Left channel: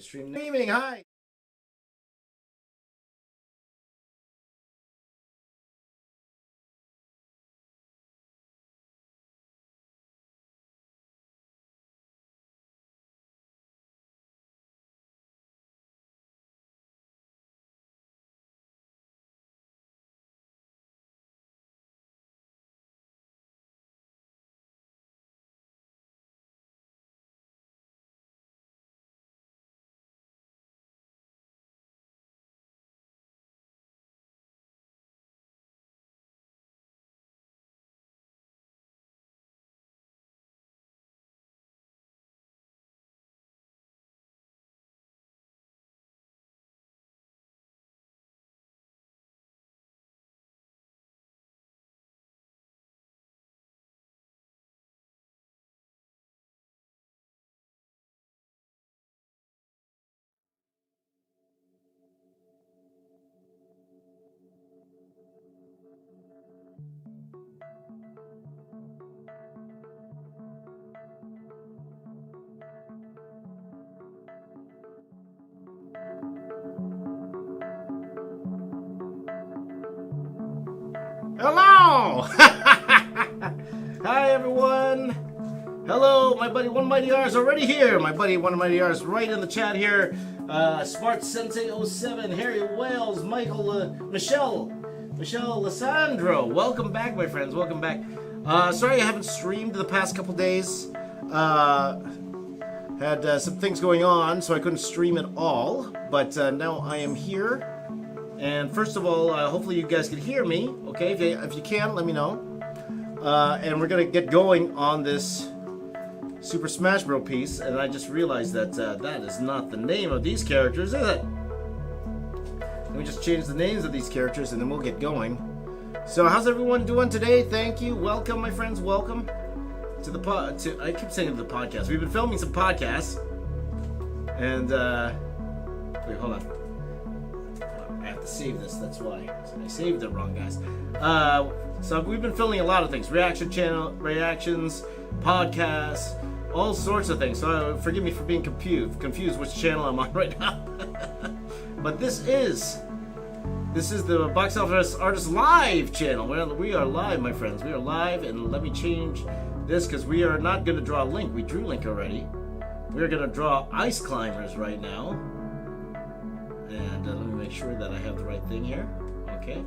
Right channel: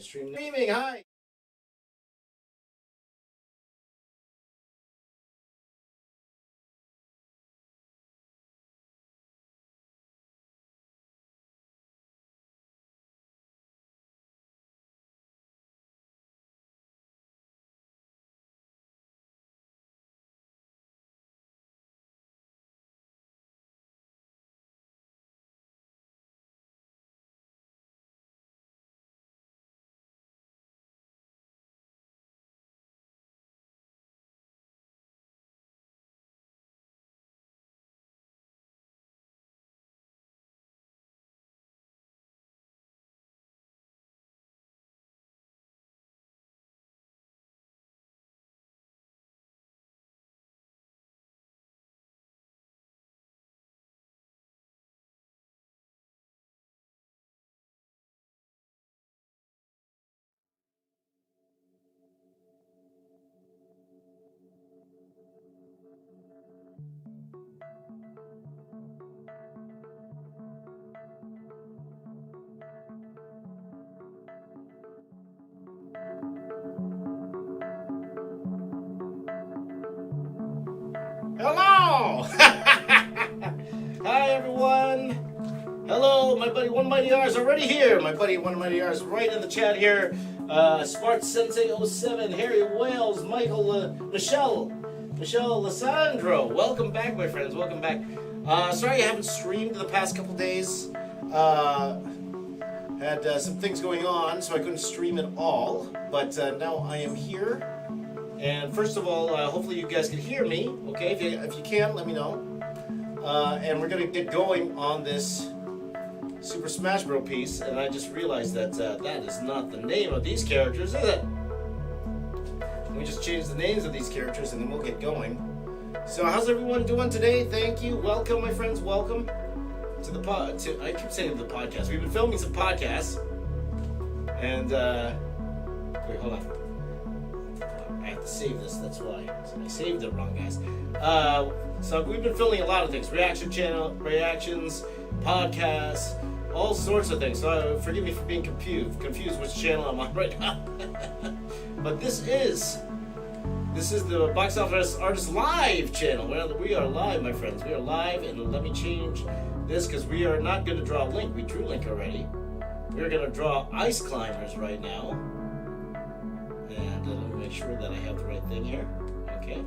Streaming, hi. Hello! Hi, everyone. Hello, my buddy One Mighty R is already here. My buddy One Mighty R is right in the chat here. Smart Sensei 07, Harry Wales, Michael, Michelle Lissandro. Welcome back, my friends. Welcome back. Sorry I haven't streamed the past couple days. Had some things going on, so I couldn't stream at all. But now I am here. And first of all, hopefully you guys can hear me. Okay, if you can, let me know. And we're gonna get going on this Super Smash Bros. Piece. And I just realized that that is not the name of these characters, is it? Let me just change the names of these characters, and then we'll get going. So, how's everyone doing today? Thank you. Welcome, my friends. Welcome to the I keep saying the podcast. We've been filming some podcasts, and wait, hold on. I have to save this, that's why. So I saved it wrong, guys. So we've been filming a lot of things. Reactions, podcasts, all sorts of things. So forgive me for being confused which channel I'm on right now. But this is the Box Office Artist Live channel. We are live, my friends. We are live, and let me change this because we are not going to draw Link. We drew Link already. We're going to draw Ice Climbers right now. And let me make sure that I have the right thing here. Okay,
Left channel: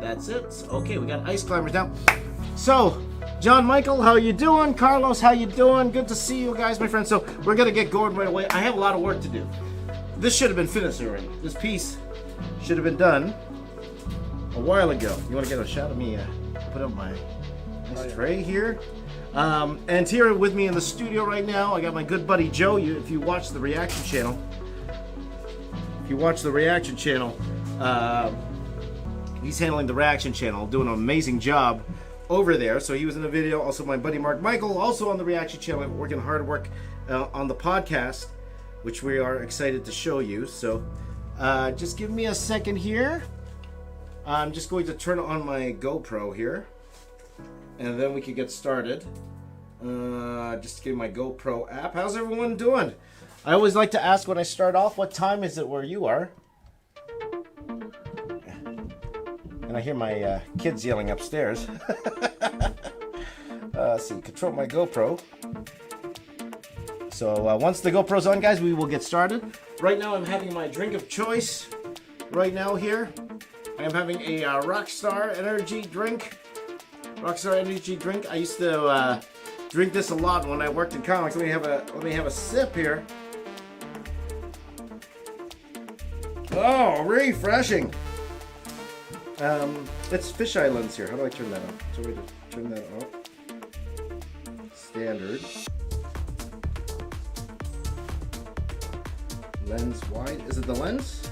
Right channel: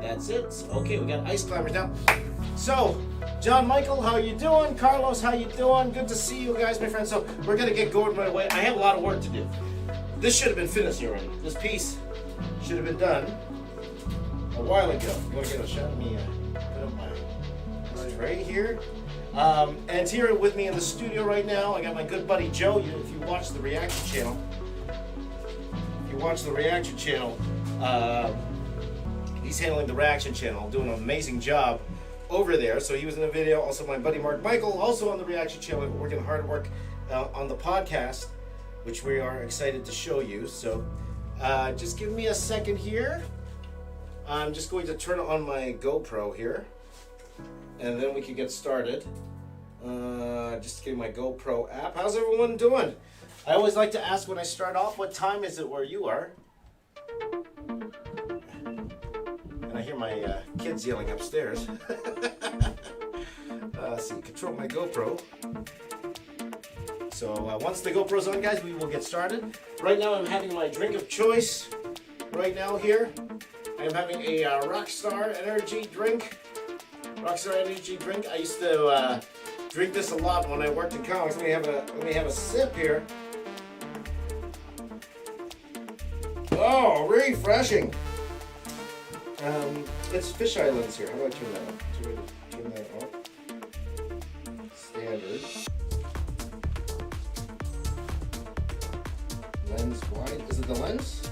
that's it. Okay, we got Ice Climbers now. So, John Michael, how you doing? Carlos, how you doing? Good to see you guys, my friends. So, we're going to get going right away. I have a lot of work to do. This should have been finished already. This piece should have been done a while ago. You want to get a shot of me? Put up my right here. And here with me in the studio right now, I got my good buddy Joe. If you watch the reaction channel, he's handling the reaction channel, doing an amazing job over there. So he was in the video. Also, my buddy Mark Michael, also on the reaction channel, working hard work on the podcast, which we are excited to show you. So just give me a second here. I'm just going to turn on my GoPro here, and then we can get started. Just give my GoPro app. How's everyone doing? I always like to ask when I start off, what time is it where you are? And I hear my kids yelling upstairs. So control my GoPro. So once the GoPro's on, guys, we will get started. Right now I'm having my drink of choice. Right now here, I'm having a Rockstar Energy drink. I used to drink this a lot when I worked in comics. Let me have a sip here. Oh, refreshing. It's fisheye lens here. How do I turn that on? Turn that on. Standard. Lens wide. Is it the lens?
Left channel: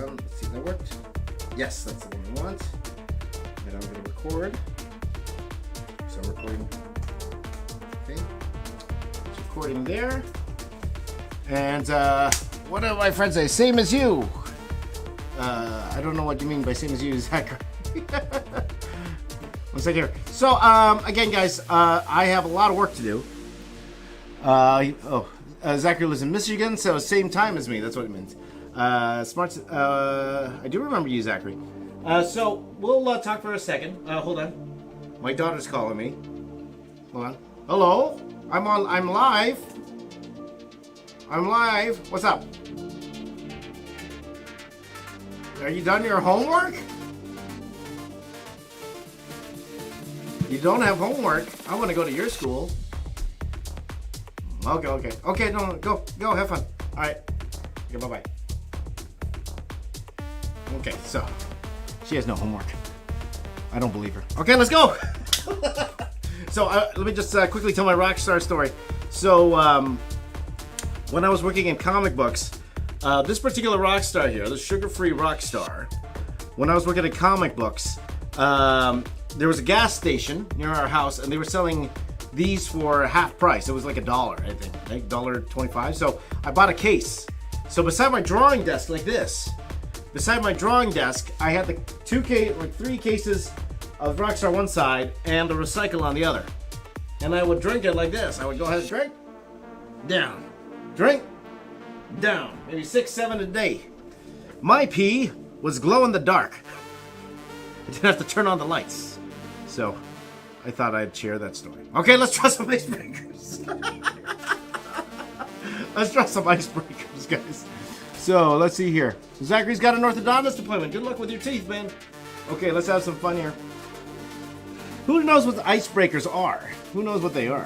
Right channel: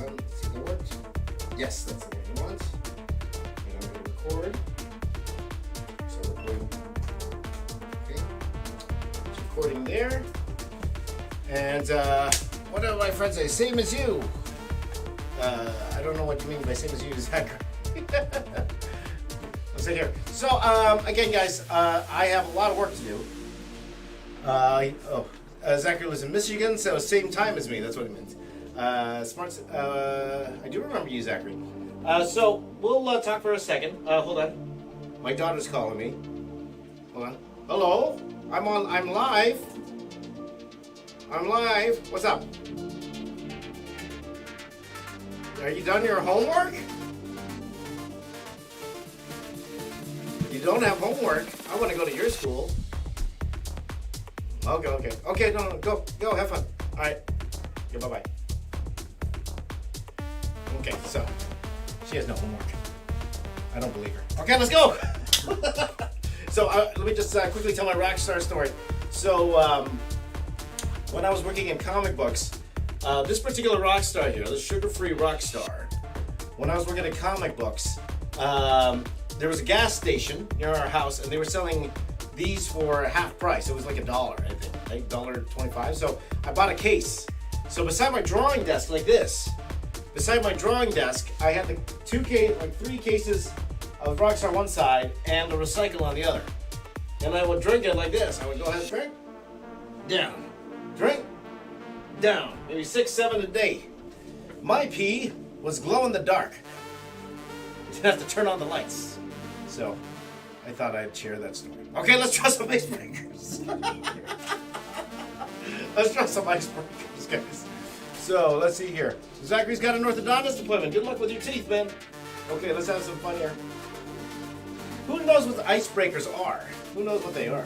See if that worked. Yes, that's the one we want. And I'm going to record. So recording. Okay. It's recording there. And what do my friends say? Same as you. I don't know what you mean by same as you, Zach. One second here. So again, guys, I have a lot of work to do. Zachary lives in Michigan, so same time as me. That's what it means. I do remember you, Zachary. So we'll talk for a second. Hold on. My daughter's calling me. Hold on. Hello? I'm live. I'm live. What's up? Are you done your homework? You don't have homework. I want to go to your school. Okay, no, go, have fun. All right, okay, bye-bye. Okay, so, she has no homework. I don't believe her. Okay, let's go! So, let me just quickly tell my rock star story. So, when I was working in comic books, this particular rock star here, the sugar-free rock star, when I was working in comic books, there was a gas station near our house, and they were selling these for half price. It was like $1, I think, $1.25. So I bought a case. So beside my drawing desk, like this, beside my drawing desk, I had the 3 cases of Rockstar one side and the recycle on the other. And I would drink it like this. I would go ahead and drink, down, drink, down. Maybe 6, 7 a day. My pee was glow in the dark. I didn't have to turn on the lights. So I thought I'd share that story. Okay, let's try some icebreakers. Let's try some icebreakers, guys. So, let's see here. Zachary's got an orthodontist appointment. Good luck with your teeth, man. Okay, let's have some fun here. Who knows what icebreakers are? Who knows what they are?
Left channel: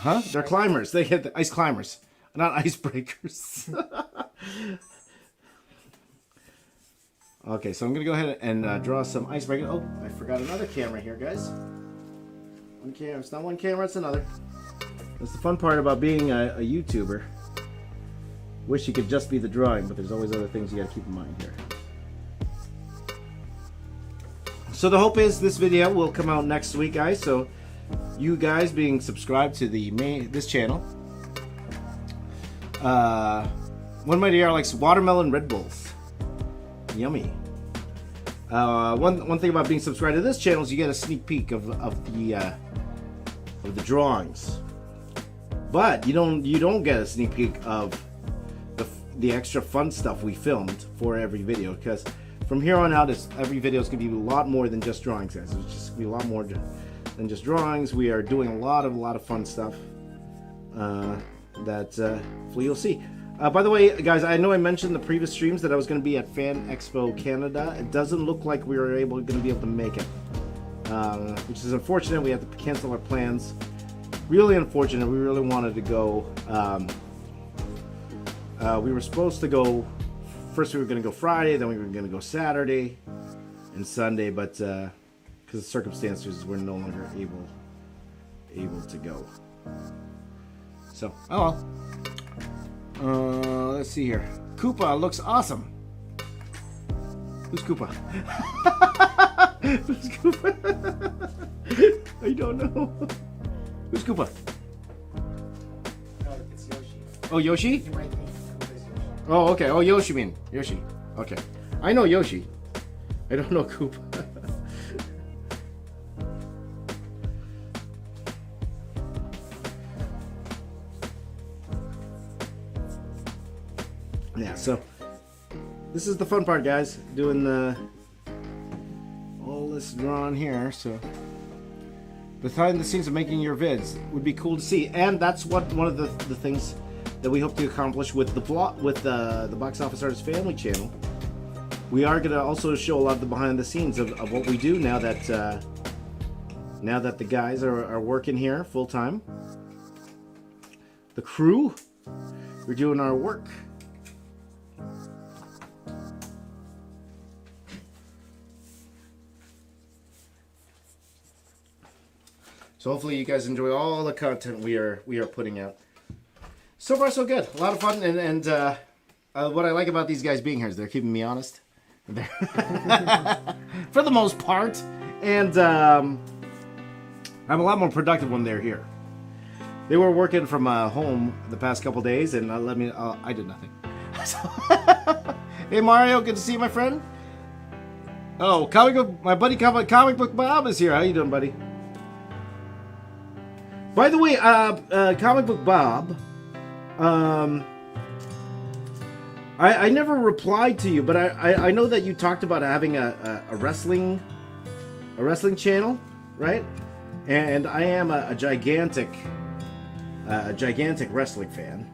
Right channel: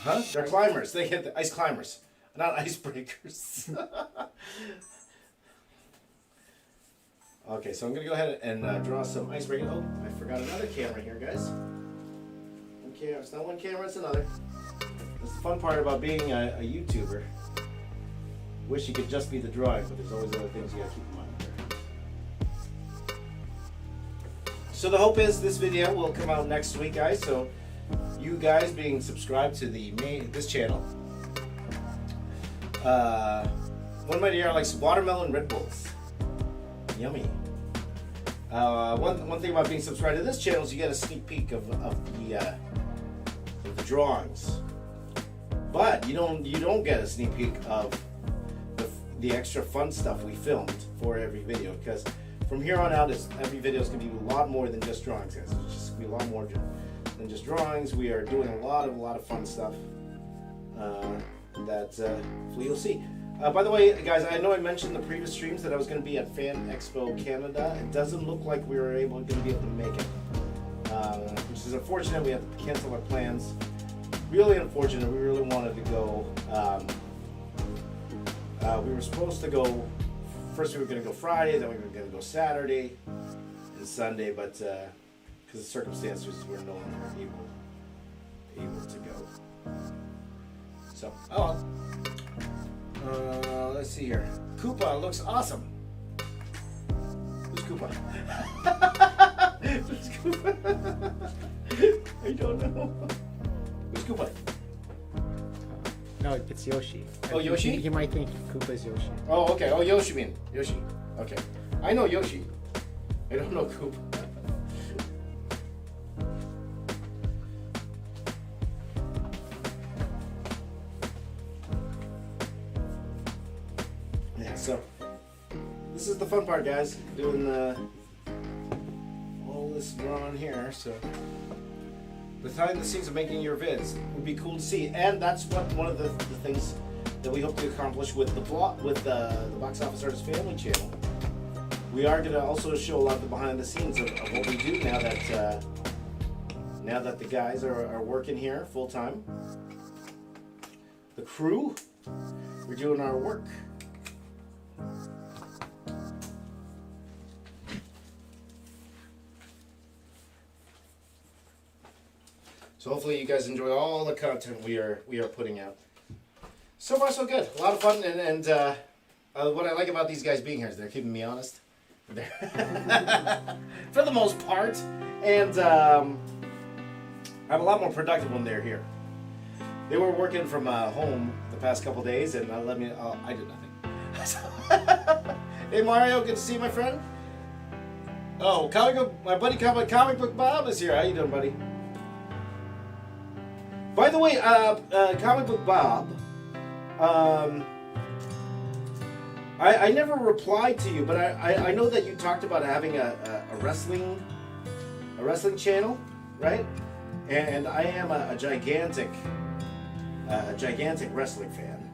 Huh? They're climbers. They hit the ice climbers, not icebreakers. Okay, so I'm going to go ahead and draw some icebreaker. Oh, I forgot another camera here, guys. One camera. It's not one camera, it's another. That's the fun part about being a YouTuber. Wish you could just be the drawing, but there's always other things you got to keep in mind here. So the hope is this video will come out next week, guys. So you guys being subscribed to this channel. One of my dear likes watermelon Red Bulls. Yummy. One thing about being subscribed to this channel is you get a sneak peek of the drawings, but you don't get a sneak peek of the extra fun stuff we filmed for every video, because from here on out, every video is going to be a lot more than just drawings, guys. It's just going to be a lot more than just drawings. We are doing a lot of fun stuff that hopefully you'll see. By the way, guys, I know I mentioned in the previous streams that I was going to be at Fan Expo Canada. It doesn't look like we were going to be able to make it, which is unfortunate. We had to cancel our plans. Really unfortunate. We really wanted to go. We were supposed to go. First, we were going to go Friday. Then we were going to go Saturday and Sunday, but because of circumstances, we're no longer able to go. So, oh well. Let's see here. Koopa looks awesome. Who's Koopa? Who's Koopa? I don't know. Who's Koopa? No, it's Yoshi. Oh, Yoshi? You might think Koopa is Yoshi. Oh, okay. Oh, Yoshi mean. Yoshi. Okay. I know Yoshi. I don't know Koopa. Yeah, so this is the fun part, guys. Doing all this drawing here. So behind the scenes of making your vids would be cool to see, and that's one of the things that we hope to accomplish with the Box Office Artist Family channel. We are going to also show a lot of the behind the scenes of what we do now that the guys are working here full time. The crew, we're doing our work. So hopefully you guys enjoy all the content we are putting out. So far so good. A lot of fun, and what I like about these guys being here is they're keeping me honest. For the most part. And I'm a lot more productive when they're here. They were working from home the past couple days, and I did nothing. Hey Mario, good to see you, my friend. Oh, my buddy Comic Book Bob is here. How you doing, buddy? By the way, Comic Book Bob, I never replied to you, but I know that you talked about having a wrestling channel, right? And I am a gigantic wrestling fan.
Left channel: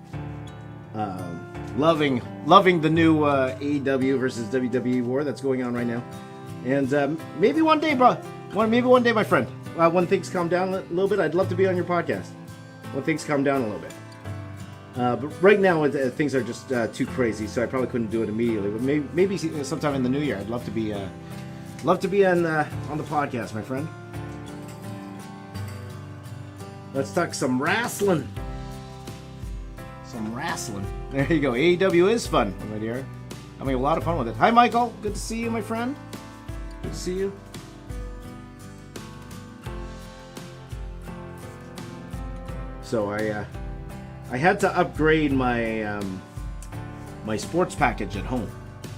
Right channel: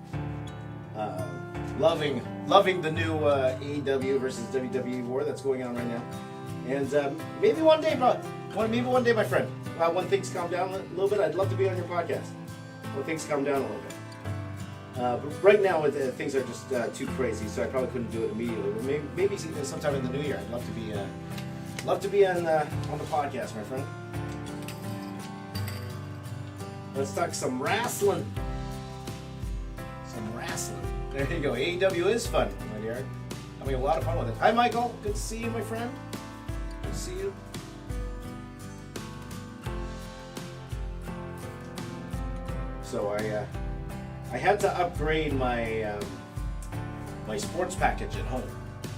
Loving the new AEW versus WWE war that's going on right now. And maybe one day, my friend, when things calm down a little bit, I'd love to be on your podcast. When things calm down a little bit. But right now, things are just too crazy, so I probably couldn't do it immediately. But maybe sometime in the new year, I'd love to be on the podcast, my friend. Let's talk some wrestling. There you go. AEW is fun, right here. I mean, a lot of fun with it. Hi, Michael. Good to see you, my friend. Good to see you. So I had to upgrade my my sports package at home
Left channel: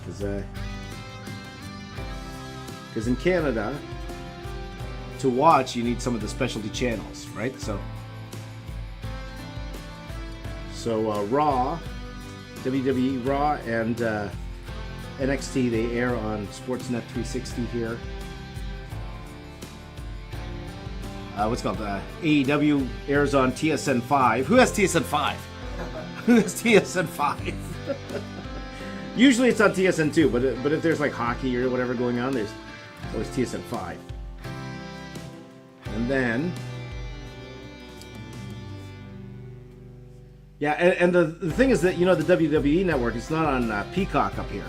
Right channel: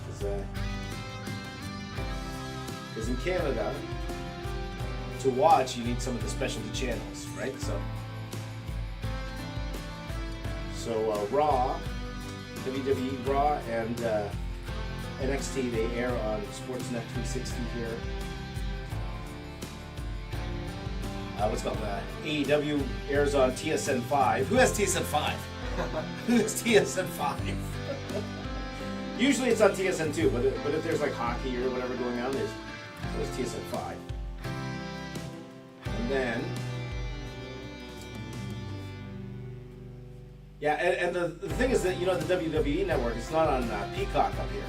because in Canada to watch you need some of the specialty channels, right? So Raw, WWE Raw, and NXT, they air on Sportsnet 360 here. What's it called? AEW airs on TSN 5. Who has TSN 5? Who has TSN 5? Usually it's on TSN 2, but if there's like hockey or whatever going on, there's TSN 5. And then, yeah, and the thing is that, you know, the WWE network, it's not on Peacock up here.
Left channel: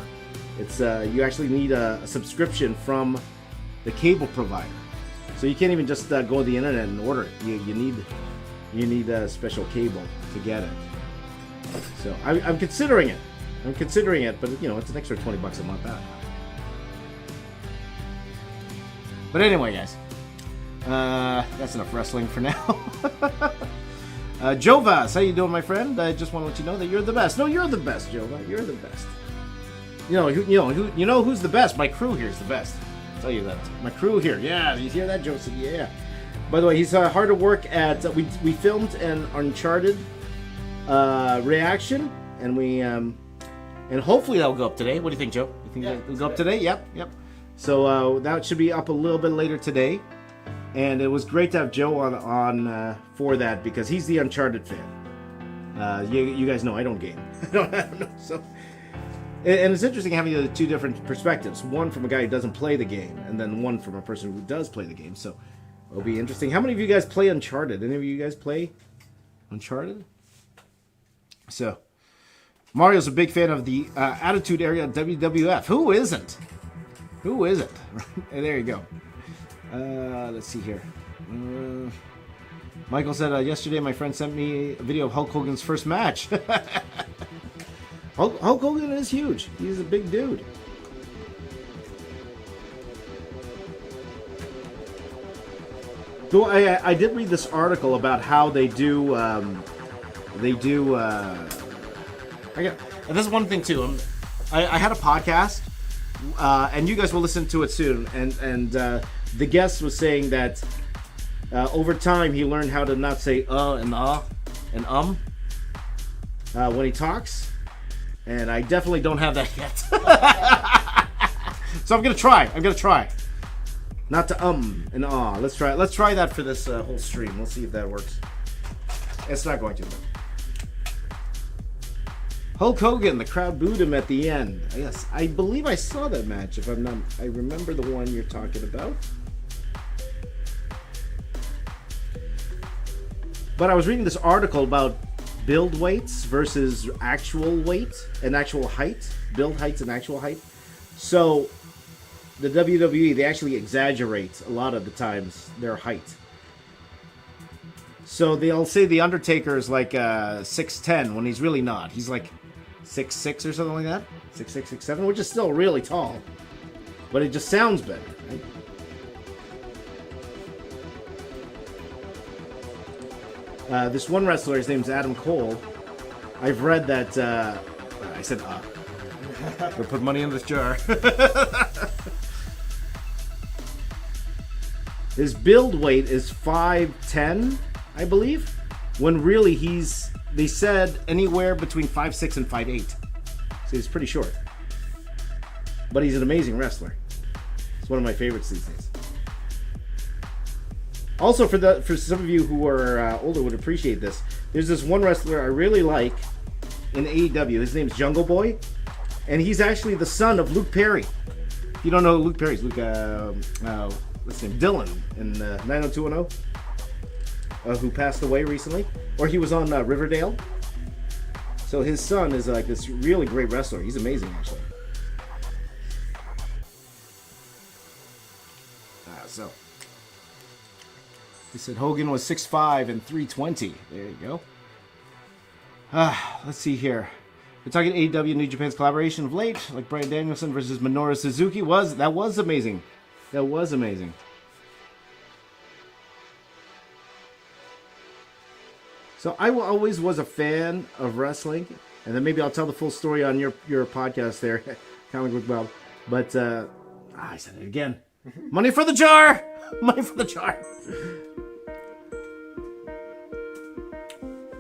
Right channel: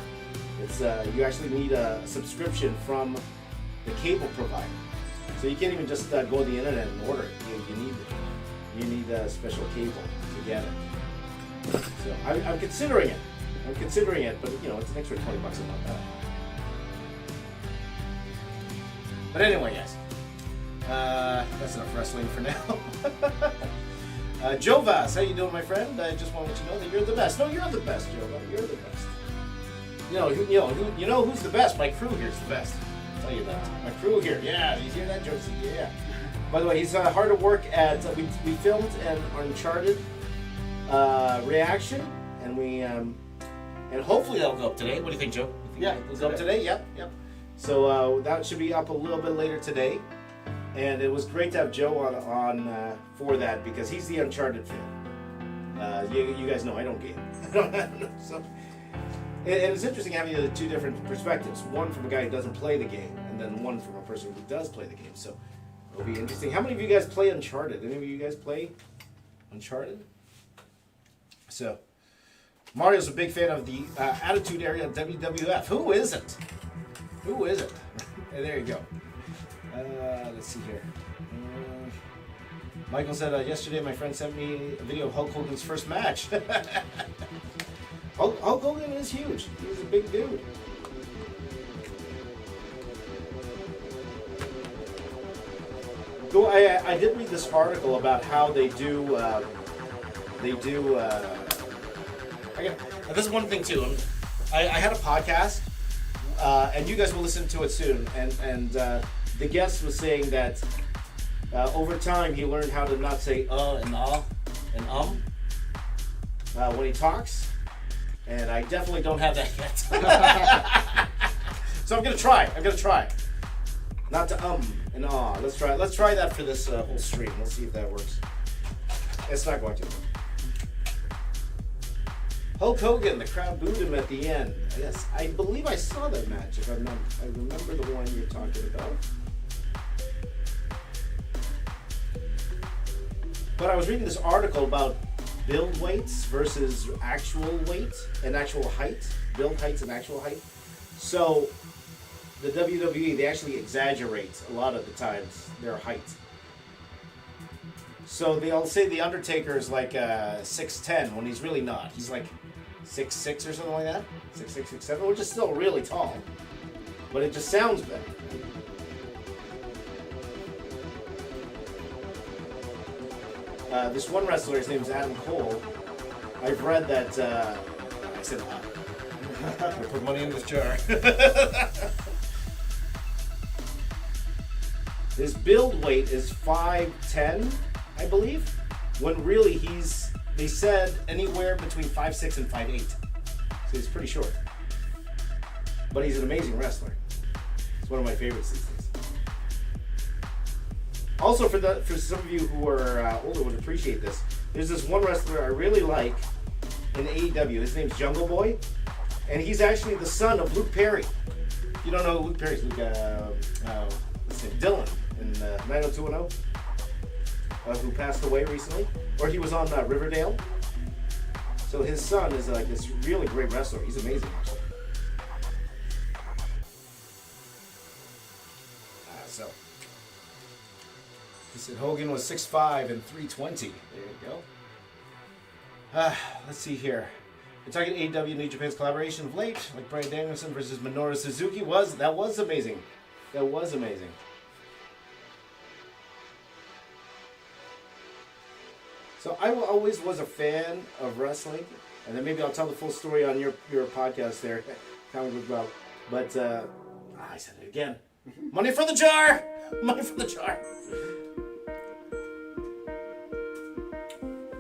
It's you actually need a subscription from the cable provider. So you can't even just go to the internet and order it. You need a special cable to get it. So I'm considering it. But you know, it's an extra $20 a month now. But anyway, guys, that's enough wrestling for now. Joe Vass, how you doing, my friend? I just want to let you know that you're the best. No, you're the best, Joe. You're the best. You know who's the best? My crew here is the best. I'll tell you that. My crew here. Yeah, you hear that, Josie? Yeah. By the way, he's hard at work at. We filmed an Uncharted reaction, and we and hopefully that'll go up today. What do you think, Joe? Yeah, it'll go up today. Yep. So that should be up a little bit later today, and it was great to have Joe on for that because he's the Uncharted fan. You guys know I don't game. I don't know. So. And it's interesting having the two different perspectives. One from a guy who doesn't play the game, and then one from a person who does play the game. So it'll be interesting. How many of you guys play Uncharted? Any of you guys play Uncharted? So Mario's a big fan of the Attitude Era WWF. Who isn't? And there you go. Let's see here. Michael said, yesterday my friend sent me a video of Hulk Hogan's first match. Hulk Hogan is huge. He's a big dude. So I did read this article about how they do. This is one thing too. I had a podcast, and you guys will listen to it soon. And the guest was saying that over time he learned how to not say and and when he talks. And I definitely don't have that yet. So I'm gonna try. Not to and ah. Let's try that for this whole stream. Let's see if that works. It's not going to. Hulk Hogan, the crowd booed him at the end. Yes, I believe I saw that match. If I'm not, I remember the one you're talking about. But I was reading this article about build weights versus actual weight and actual height. Build heights and actual height. So the WWE, they actually exaggerate a lot of the times their height. So they'll say the Undertaker is like 6'10" when he's really not. He's like 6'6" or something like that. 6'6", 6'7", which is still really tall. But it just sounds better. This one wrestler, his name's Adam Cole. I've read that. I said, we'll put money in this jar. His build weight is 5'10", I I believe, when really they said anywhere between 5'6" and 5'8". So he's pretty short. But he's an amazing wrestler. It's one of my favorites these days. Also, for some of you who are older would appreciate this, there's this one wrestler I really like in AEW. His name's Jungle Boy, and he's actually the son of Luke Perry. If you don't know who Luke Perry is, Dylan in 90210, who passed away recently, or he was on Riverdale. So his son is like this really great wrestler. He's amazing, actually. So he said Hogan was 6'5" and 320. There you go. Let's see here. We're talking AEW New Japan's collaboration of late, like Bryan Danielson versus Minoru Suzuki. That was amazing. That was amazing. So I always was a fan of wrestling, and then maybe I'll tell the full story on your podcast there, Comic Book Bob. But I said it again. Money for the jar! Money for the jar!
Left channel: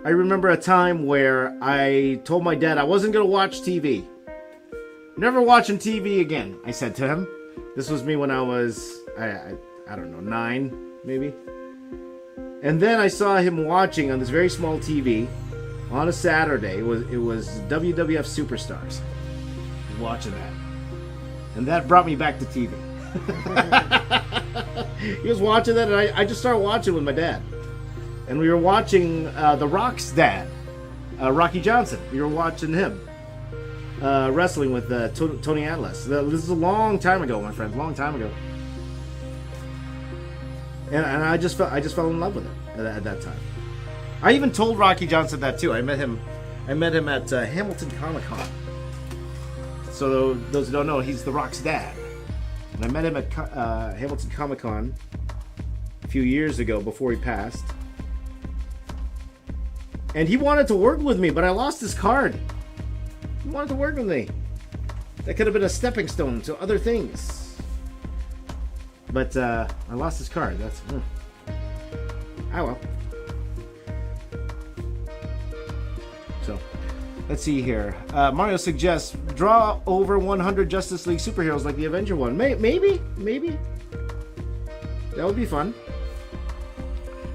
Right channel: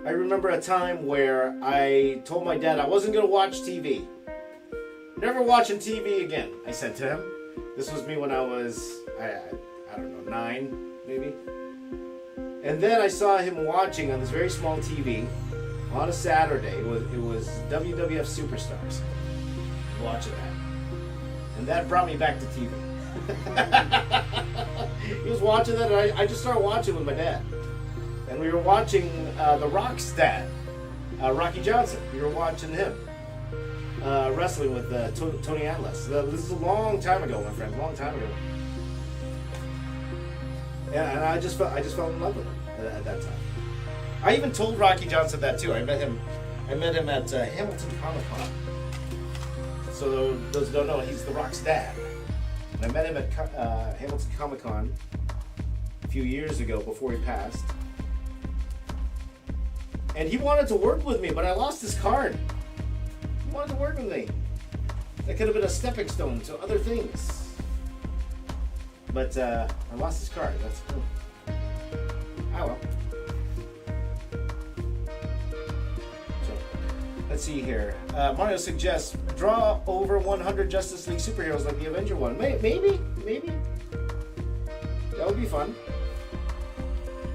I remember a time where I told my dad I wasn't going to watch TV. Never watching TV again, I said to him. This was me when I was, I don't know, 9, maybe. And then I saw him watching on this very small TV on a Saturday. It was WWF Superstars. Watching that. And that brought me back to TV. He was watching that, and I just started watching with my dad. And we were watching The Rock's dad, Rocky Johnson. We were watching him wrestling with Tony Atlas. This is a long time ago, my friend, a long time ago. And I just fell in love with him at that time. I even told Rocky Johnson that too. I met him at Hamilton Comic Con. So those who don't know, he's The Rock's dad. And I met him at Hamilton Comic Con a few years ago before he passed. And he wanted to work with me, but I lost his card. He wanted to work with me. That could have been a stepping stone to other things. But I lost his card. That's well. So let's see here. Mario suggests draw over 100 Justice League superheroes like the Avenger one. Maybe that would be fun.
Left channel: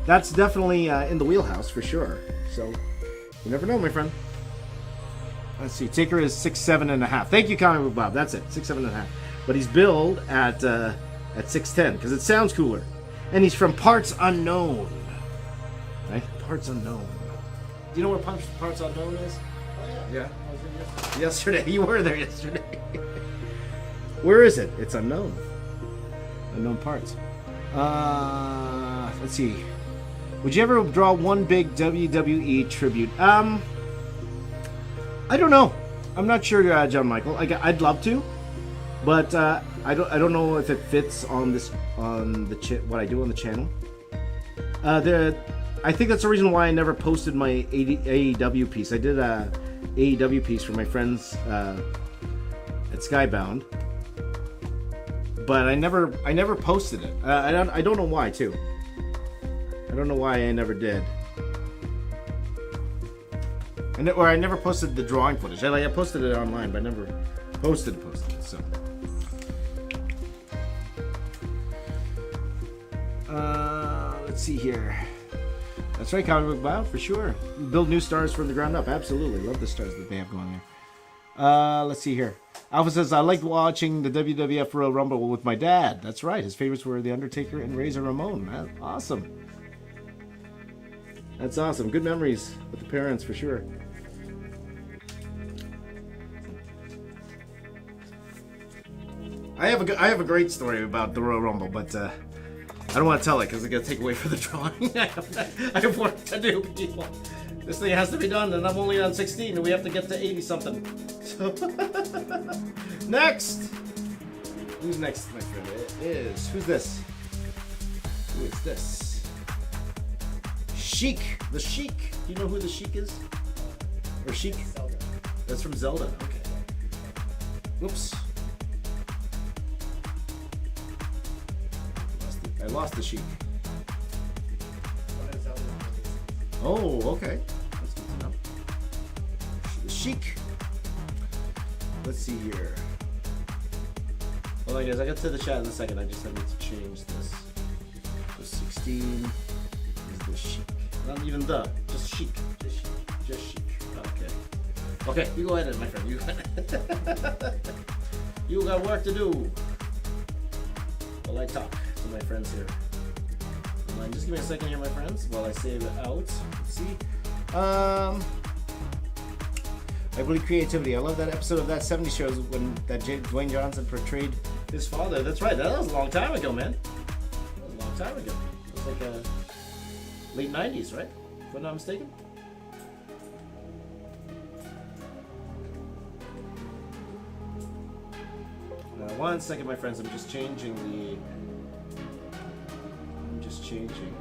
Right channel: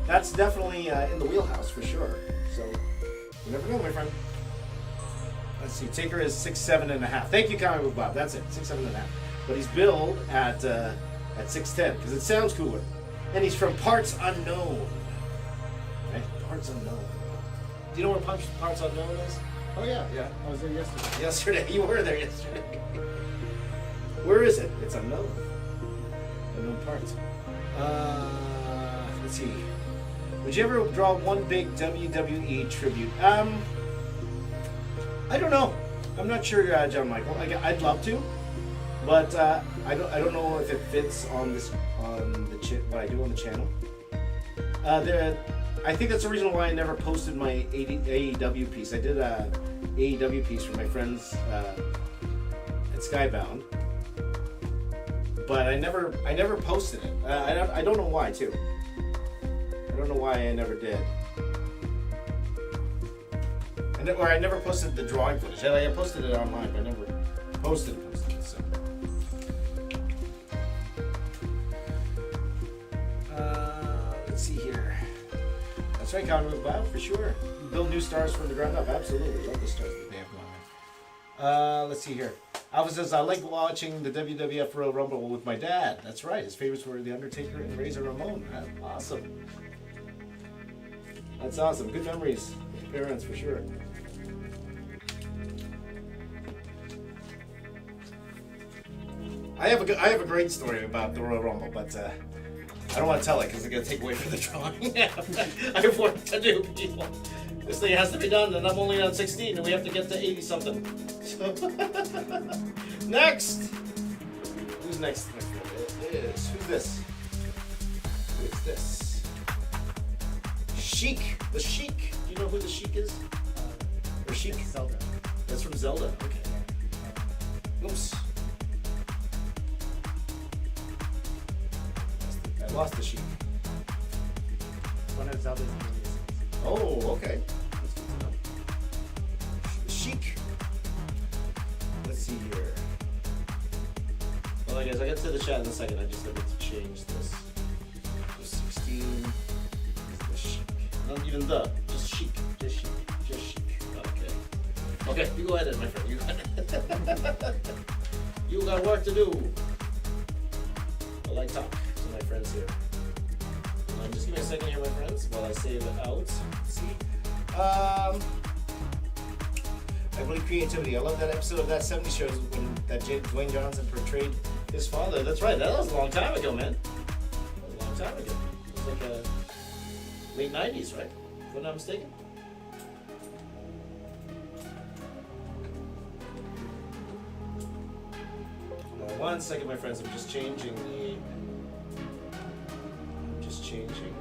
That's definitely in the wheelhouse for sure. So you never know, my friend. Let's see. Taker is 6'7.5". Thank you, Comic Book Bob. That's it, 6'7.5". But he's billed at 6'10" because it sounds cooler. And he's from Parts Unknown. Right? Parts Unknown. You know where Parts Unknown is? Oh yeah. I was there yesterday. Yesterday. You were there yesterday. Where is it? It's unknown. Unknown parts. Let's see. Would you ever draw one big WWE tribute? I don't know. I'm not sure, John Michael. I'd love to, but I don't know if it fits on what I do on the channel. I think that's the reason why I never posted my AEW piece. I did a AEW piece for my friends at Skybound, but I never posted it. I don't know why too. I don't know why I never did. Or I never posted the drawing footage. I posted it online, but I never posted it. So. Let's see here. That's right, Comic Book Bob, for sure. Build new stars from the ground up. Absolutely. Love the stars that they have going there. Let's see here. Alpha says, I like watching the WWF Royal Rumble with my dad. That's right. His favorites were The Undertaker and Razor Ramon. That's awesome. That's awesome. Good memories with the parents, for sure. I have a great story about the Royal Rumble, but I don't want to tell it because it's going to take away from the drawing. I have work to do, people. This thing has to be done, and I'm only on 16, and we have to get to 80-something. So next! Who's next? Who's this? Who is this? Sheik. The Sheik. Do you know who the Sheik is? Or Sheik? Zelda. That's from Zelda. Okay. Oops. I lost the Sheik. Oh, okay. Chic. Let's see here. Hold on, guys. I'll get to the chat in a second. I just have to change this. So 16 is the chic. Not even the. Just chic. Just chic. Just chic. Okay. Okay, you go ahead, my friend. You got work to do. While I talk to my friends here. Just give me a second here, my friends, while I save it out. See? Everybody creativity. I love that episode of that 70s show when that Dwayne Johnson portrayed his father. That's right. That was a long time ago, man. That was a long time ago. It was like late 90s, right? If I'm not mistaken. One second, my friends. I'm just changing the. Changing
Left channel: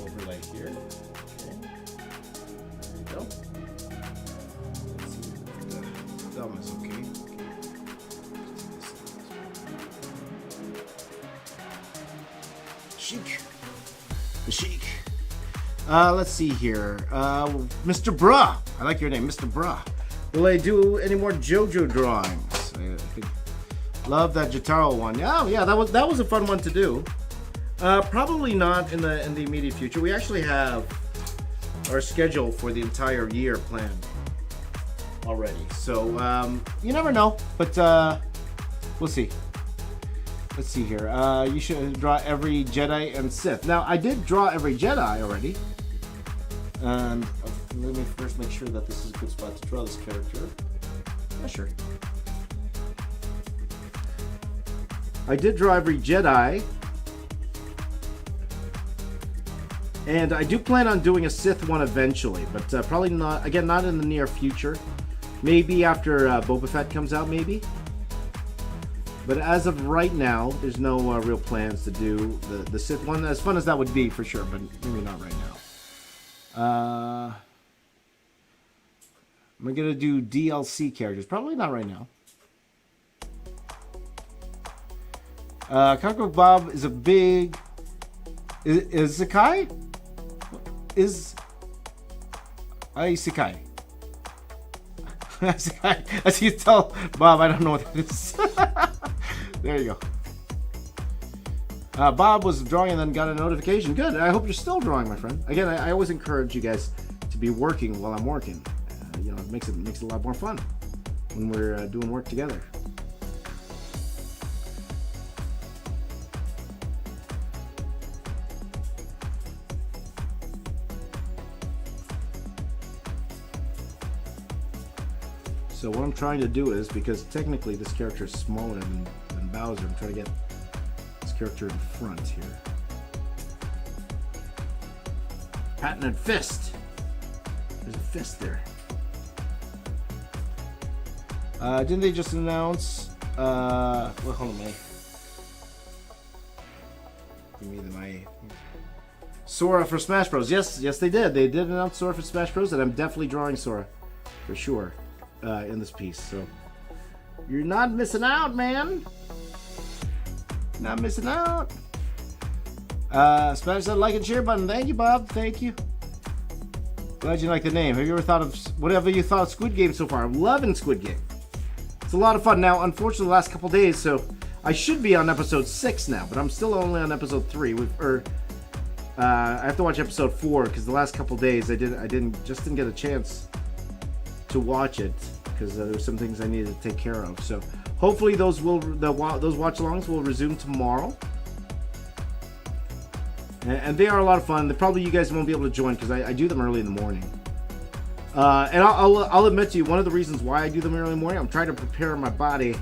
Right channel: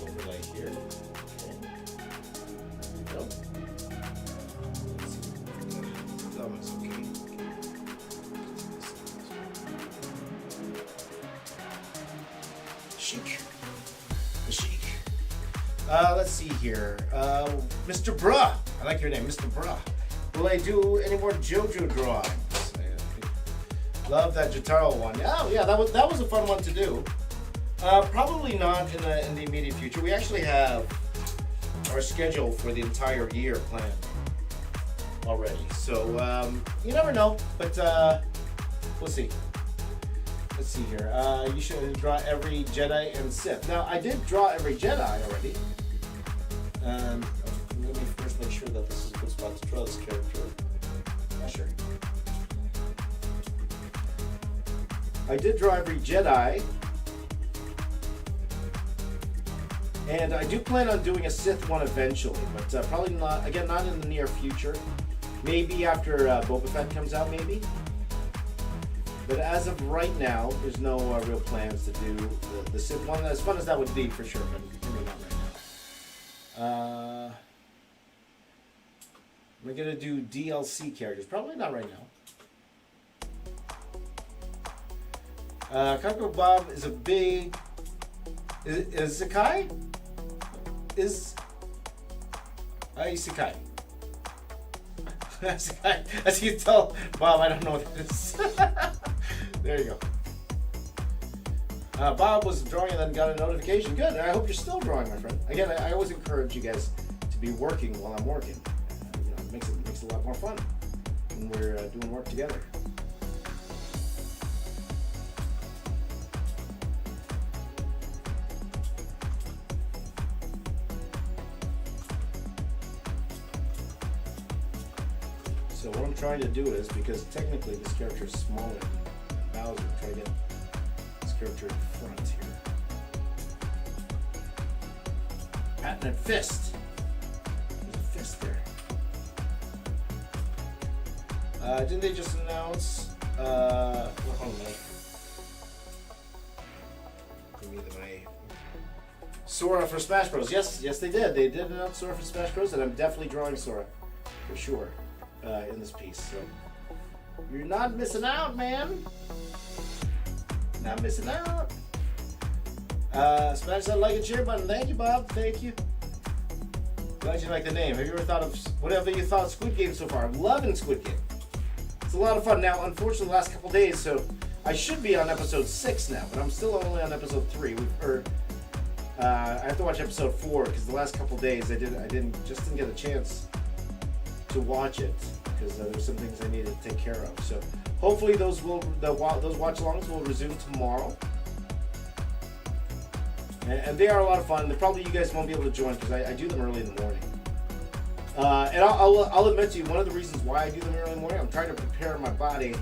overlay here. Okay. There we go. That one's okay. Chic. Chic. Let's see here. Mr. Bruh. I like your name, Mr. Bruh. Will I do any more JoJo drawings? Love that Jotaro one. Oh yeah, that was a fun one to do. Probably not in the immediate future. We actually have our schedule for the entire year planned already. So you never know, but we'll see. Let's see here. You should draw every Jedi and Sith. Now I did draw every Jedi already. Let me first make sure that this is a good spot to draw this character. Yeah, sure. I did draw every Jedi. And I do plan on doing a Sith one eventually, but probably not, again, not in the near future. Maybe after Boba Fett comes out, maybe. But as of right now, there's no real plans to do the Sith one. As fun as that would be, for sure, but maybe not right now. Am I going to do DLC characters? Probably not right now. Cockroach Bob is a big... Is Zakai? Is Isekai. As you tell Bob, I don't know what it is. There you go. Bob was drawing and then got a notification. Good. I hope you're still drawing, my friend. Again, I always encourage you guys to be working while I'm working. You know, it makes it a lot more fun when we're doing work together. So what I'm trying to do is, because technically this character is smaller than Bowser, I'm trying to get this character in front here. Patented fist! There's a fist there. Didn't they just announce... well, hold on. Give me my... Sora for Smash Bros. Yes, they did. They did announce Sora for Smash Bros. And I'm definitely drawing Sora. For sure. In this piece, so you're not missing out, man. Not missing out. Smash that like and share button. Thank you, Bob. Thank you. Glad you like the name. Have you ever thought of whatever you thought of Squid Game so far? I'm loving Squid Game. It's a lot of fun. Now, unfortunately, the last couple days, so I should be on episode 6 now, but I'm still only on episode 3. I have to watch episode 4 because the last couple days I didn't get a chance to watch it because there's some things I needed to take care of. So hopefully those watch-alongs will resume tomorrow, and they are a lot of fun. Probably you guys won't be able to join because I do them early in the morning. And I'll admit to you, one of the reasons why I do them early in the morning, I'm trying to prepare my body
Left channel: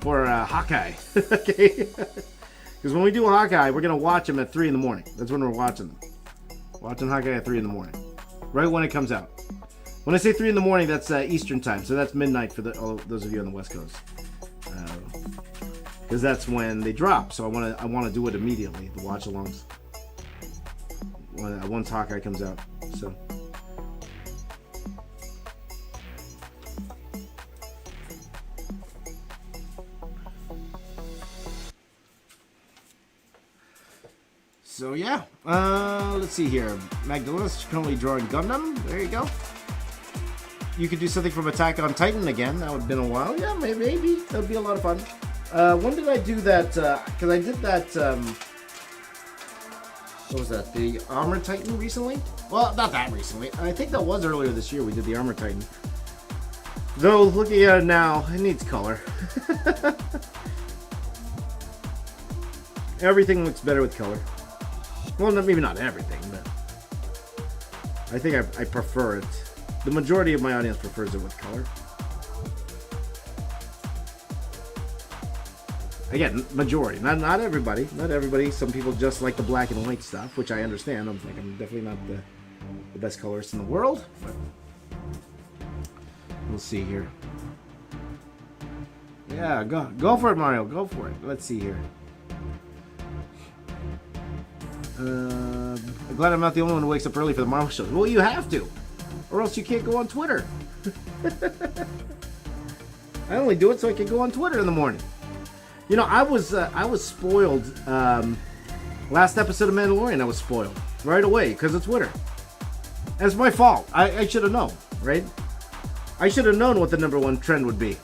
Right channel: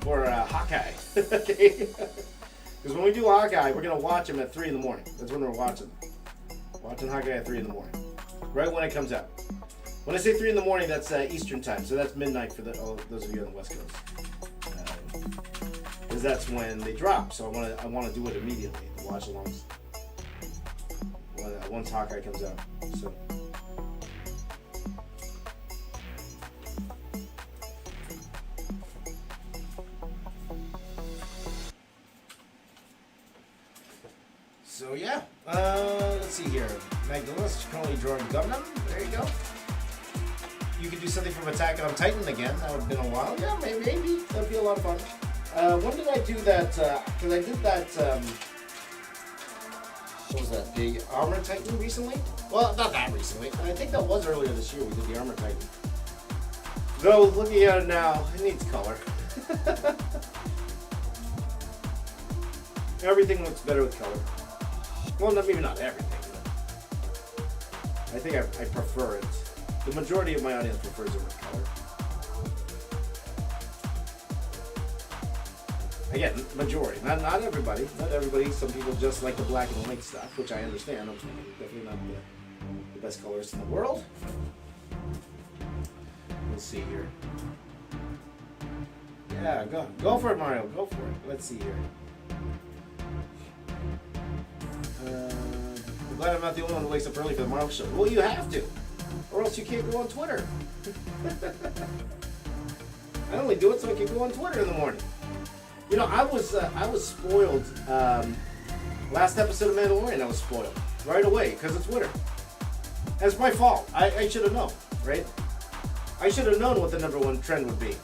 for Hawkeye. Okay, because when we do Hawkeye, we're gonna watch them at 3 in the morning. That's when we're watching them. Watching Hawkeye at 3 in the morning. Right when it comes out. When I say 3 in the morning, that's Eastern time, so that's midnight for those of you on the West Coast. Because that's when they drop, so I want to do it immediately. The watch alongs once Hawkeye comes out. So yeah. Let's see here. Magdalena's currently drawing Gundam. There you go. You could do something from Attack on Titan again. That would have been a while. Yeah, maybe. That would be a lot of fun. When did I do that? Because I did that, what was that? The Armor Titan recently? Well, not that recently. I think that was earlier this year we did the Armor Titan. Though, looking at it now, it needs color. Everything looks better with color. Well, maybe not everything, but I think I prefer it. The majority of my audience prefers it with color. Again, majority. Not everybody. Not everybody. Some people just like the black and white stuff, which I understand. I'm definitely not the best colorist in the world. We'll see here. Yeah, go for it, Mario. Go for it. Let's see here. I'm glad I'm not the only one who wakes up early for the Marvel show. Well, you have to, or else you can't go on Twitter. I only do it so I can go on Twitter in the morning. You know, I was spoiled. Last episode of Mandalorian, I was spoiled right away because of Twitter. And it's my fault. I should have known, right? I should have known what the #1 trend would be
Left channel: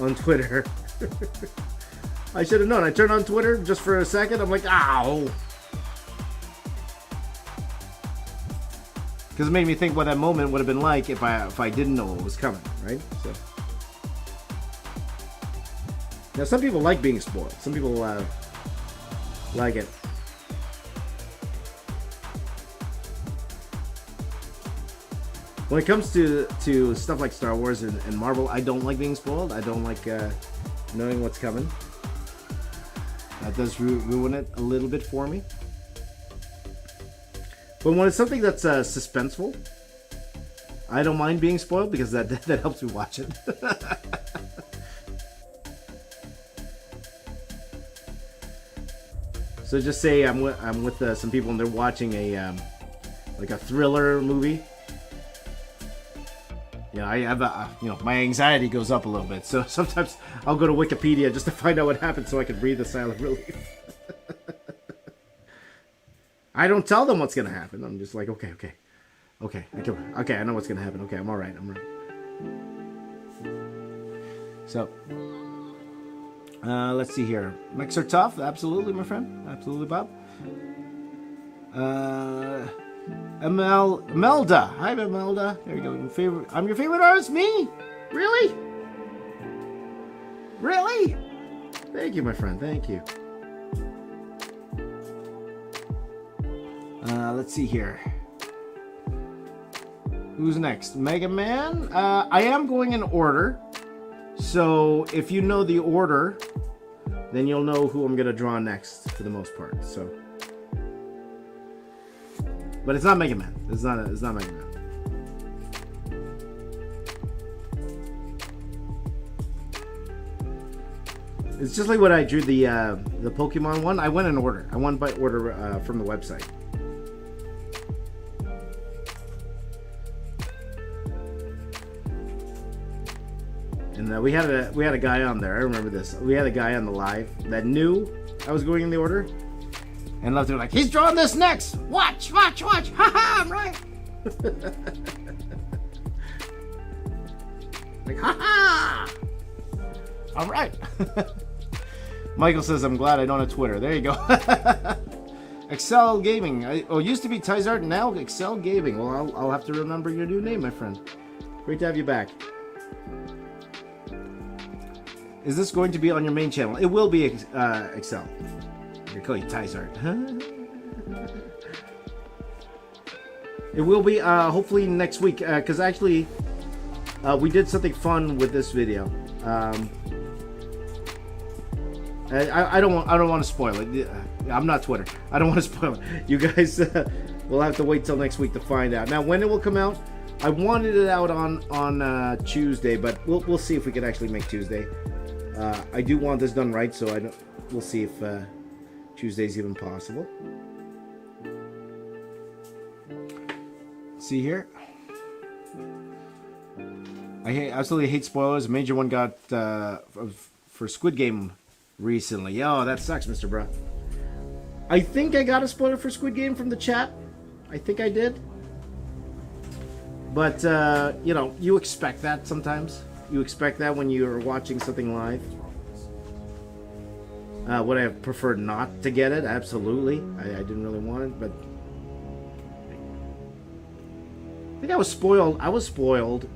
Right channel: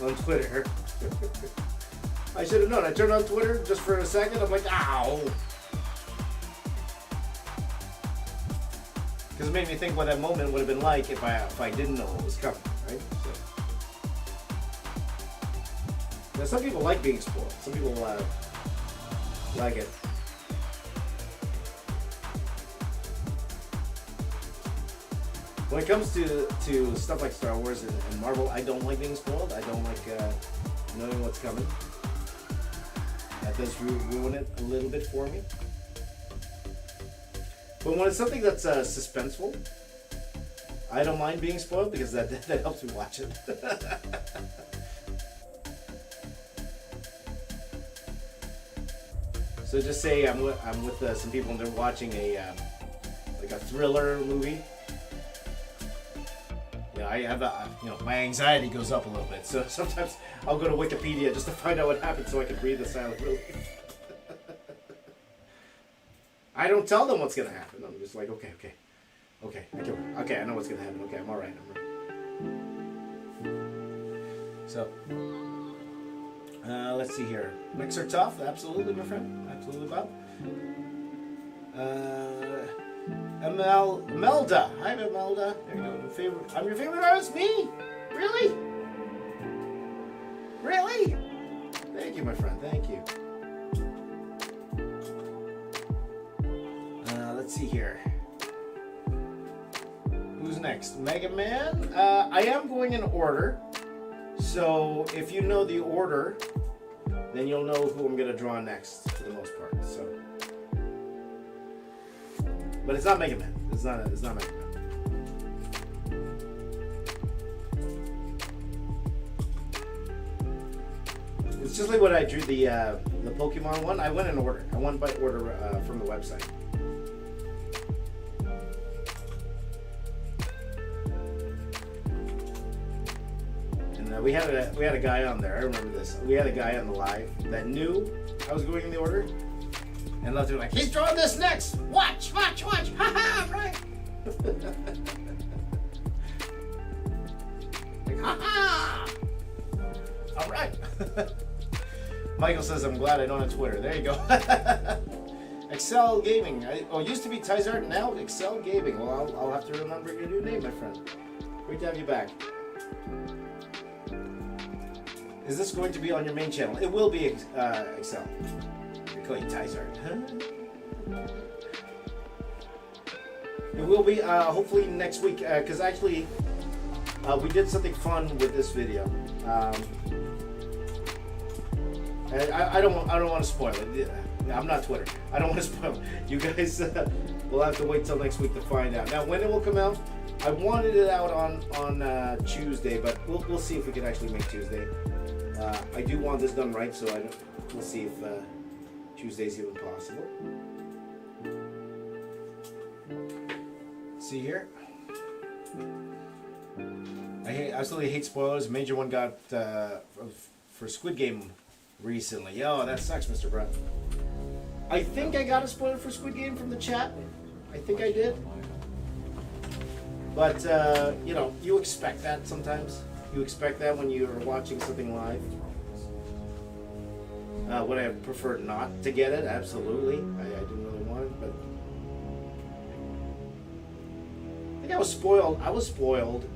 on Twitter. I should have known. I turned on Twitter just for a second. I'm like, ow. Because it made me think what that moment would have been like if I didn't know what was coming, right? So. Now, some people like being spoiled. Some people like it. When it comes to stuff like Star Wars and Marvel, I don't like being spoiled. I don't like knowing what's coming. That does ruin it a little bit for me. But when it's something that's suspenseful, I don't mind being spoiled because that helps me watch it. So just say I'm with some people and they're watching a thriller movie. I have my anxiety goes up a little bit. So sometimes I'll go to Wikipedia just to find out what happened so I can breathe a sigh of relief. I don't tell them what's gonna happen. I'm just like, okay, I know what's gonna happen. Okay, I'm all right. So, let's see here. Mechs are tough, absolutely, my friend, absolutely, Bob. Imelda, hi, Imelda. There you go. I'm your favorite artist. Me? Really? Really? Thank you, my friend. Thank you. Let's see here. Who's next? Mega Man? I am going in order. So if you know the order, then you'll know who I'm going to draw next for the most part. So, but it's not Mega Man. It's not Mega Man. It's just like when I drew the Pokemon one. I went in order. I went by order from the website. And we had a guy on there. I remember this. We had a guy on the live that knew I was going in the order, and left it like, he's drawing this next. Watch. Ha, I'm right. Like, ha. All right. Michael says, I'm glad I don't have Twitter. There you go. Excel Gaming. It used to be Tizart, now Excel Gaming. Well, I'll have to remember your new name, my friend. Great to have you back. Is this going to be on your main channel? It will be Excel. I call you Tizart. Huh? It will be hopefully next week. Because actually, we did something fun with this video. I don't want to spoil it. I'm not Twitter. I don't want to spoil it. You guys will have to wait till next week to find out. Now, when it will come out, I wanted it out on Tuesday, but we'll see if we can actually make Tuesday. I do want this done right, so we'll see if Tuesday's even possible. Let's see here. I absolutely hate spoilers. Major one got for Squid Game recently. Oh, that sucks, Mr. Bruh. I think I got a spoiler for Squid Game from the chat. I think I did. But, you know, you expect that sometimes. You expect that when you're watching something live. Would I have preferred not to get it? Absolutely. I didn't really want it, but... I think I was spoiled. I was spoiled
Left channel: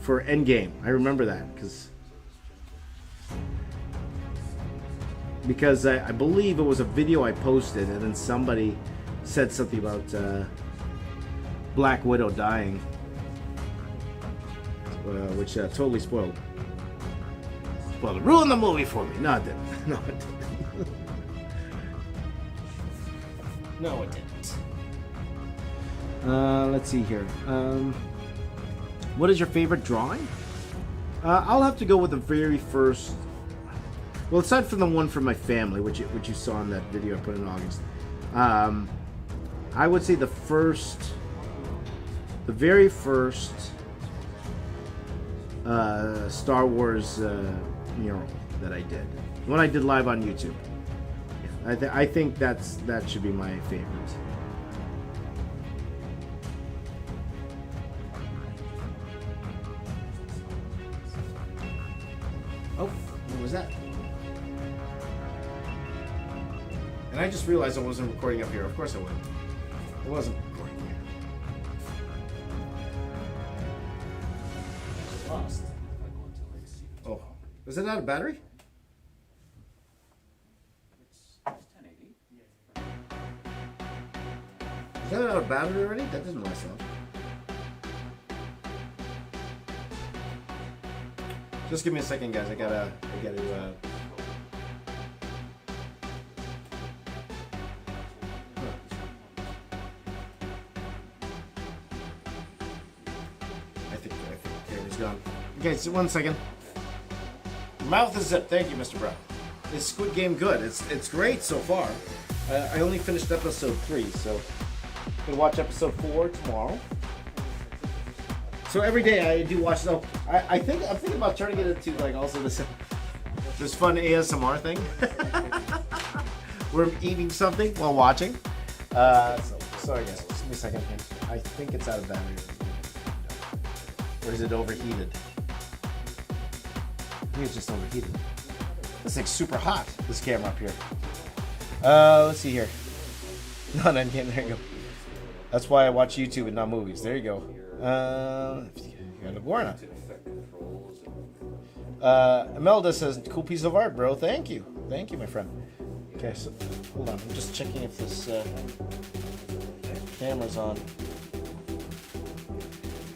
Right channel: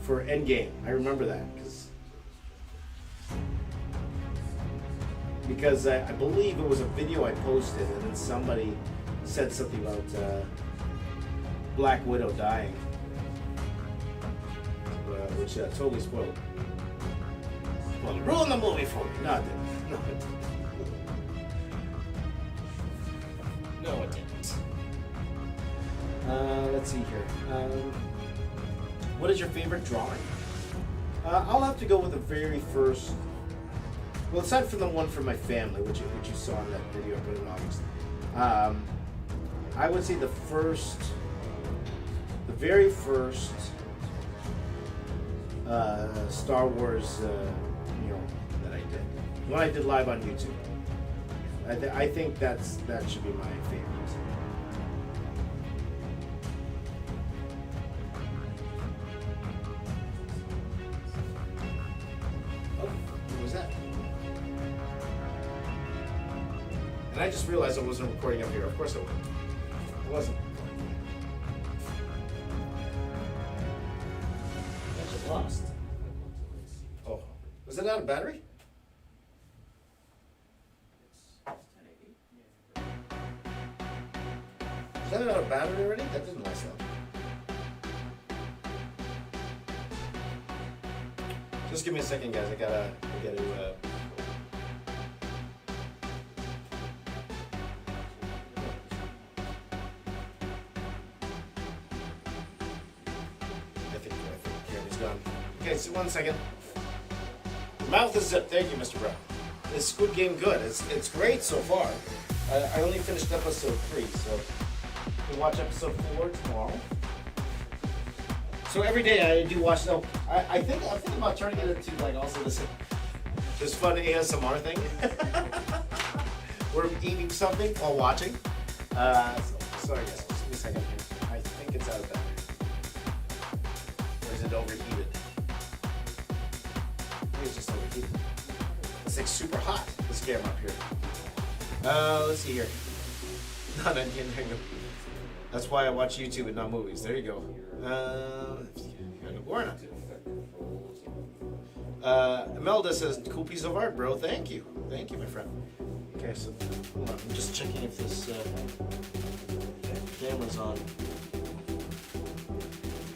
for Endgame. I remember that, because I believe it was a video I posted, and then somebody said something about Black Widow dying, which totally spoiled. Well, it ruined the movie for me. No, it didn't. No, it didn't. No, it didn't. Let's see here. What is your favorite drawing? I'll have to go with the very first. Well, aside from the one from my family, which you saw in that video I put in August, I would say the very first Star Wars mural that I did, when I did live on YouTube. I think that should be my favorite. Oh, what was that? And I just realized I wasn't recording up here. Of course I wasn't. It wasn't. I just lost. Oh, was it out of battery? Is that out of battery already? That doesn't last long. Just give me a second, guys. I gotta I think it's done. Okay, so 1 second. Your mouth is zipped. Thank you, Mr. Brown. Is Squid Game good? It's great so far. I only finished episode 3, so we'll watch episode 4 tomorrow. So every day I do watch. So I'm thinking about turning it into like also this fun ASMR thing. We're eating something while watching. Sorry guys, just give me a second. I think it's out of battery. Or is it overheated? I think it's just overheated. It's like super hot, this camera up here. Let's see here. No, there you go. That's why I watch YouTube and not movies. There you go. Warner. Imelda says, cool piece of art, bro. Thank you. Thank you, my friend. Okay, so hold on. I'm just checking if this camera's on.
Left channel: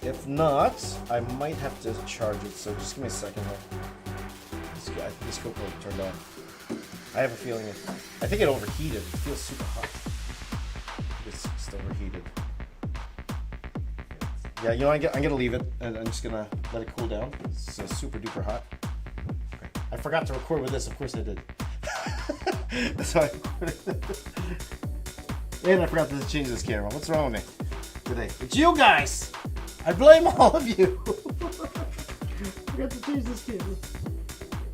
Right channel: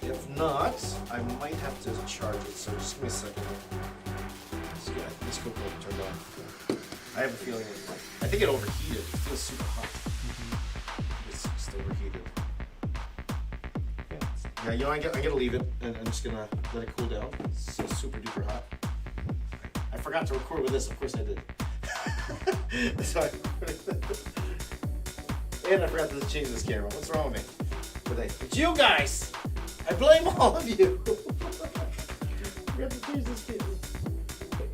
If not, I might have to charge it. So just give me a second. This cool turned on. I have a feeling. I think it overheated. It feels super hot. It's just overheated. Yeah, you know, I'm gonna leave it, and I'm just gonna let it cool down. It's so super duper hot. I forgot to record with this. Of course I did. That's how I recorded. And I forgot to change this camera. What's wrong with me today? It's you guys. I blame all of you. I forgot to change this camera.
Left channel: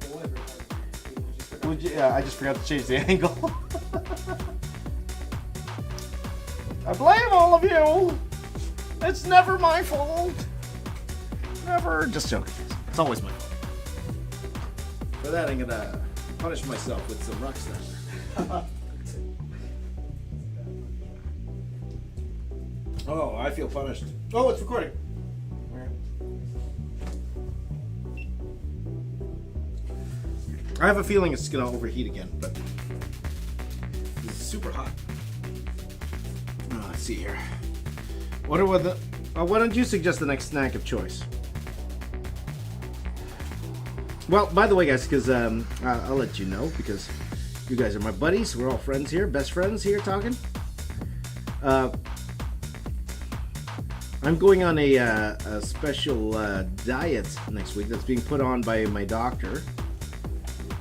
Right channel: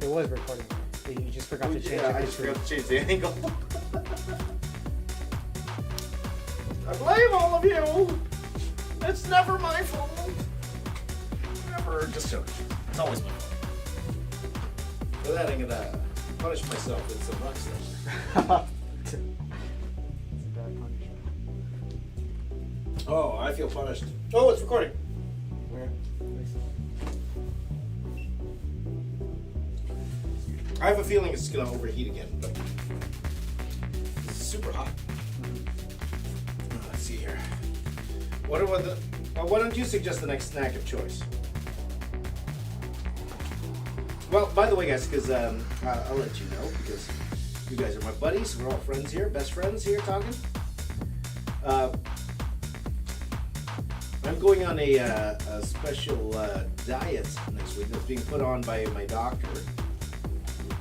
It was recording. You just forgot to change I just forgot to change the angle. I blame all of you. It's never my fault. Never. Just joking. It's always my fault. For that, I'm gonna punish myself with some rock stuff. Oh, I feel punished. Oh, it's recording. I have a feeling it's gonna overheat again, but it's super hot. Let's see here. Why don't you suggest the next snack of choice? Well, by the way, guys, because I'll let you know, because you guys are my buddies. We're all friends here, best friends here talking. I'm going on a special diet next week that's being put on by my doctor.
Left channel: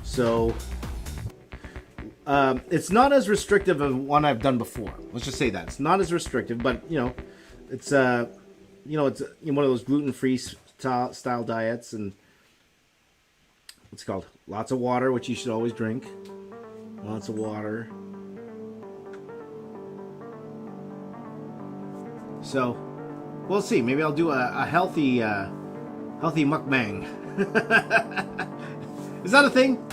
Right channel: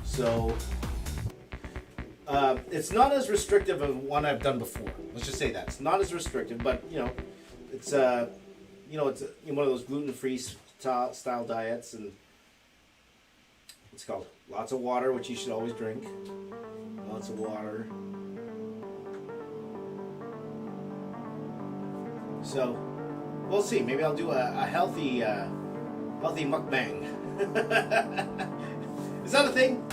So it's not as restrictive of one I've done before. Let's just say that it's not as restrictive, but it's one of those gluten-free style diets, and what's it called? Lots of water, which you should always drink. Lots of water. So we'll see. Maybe I'll do a healthy mukbang. Is that a thing?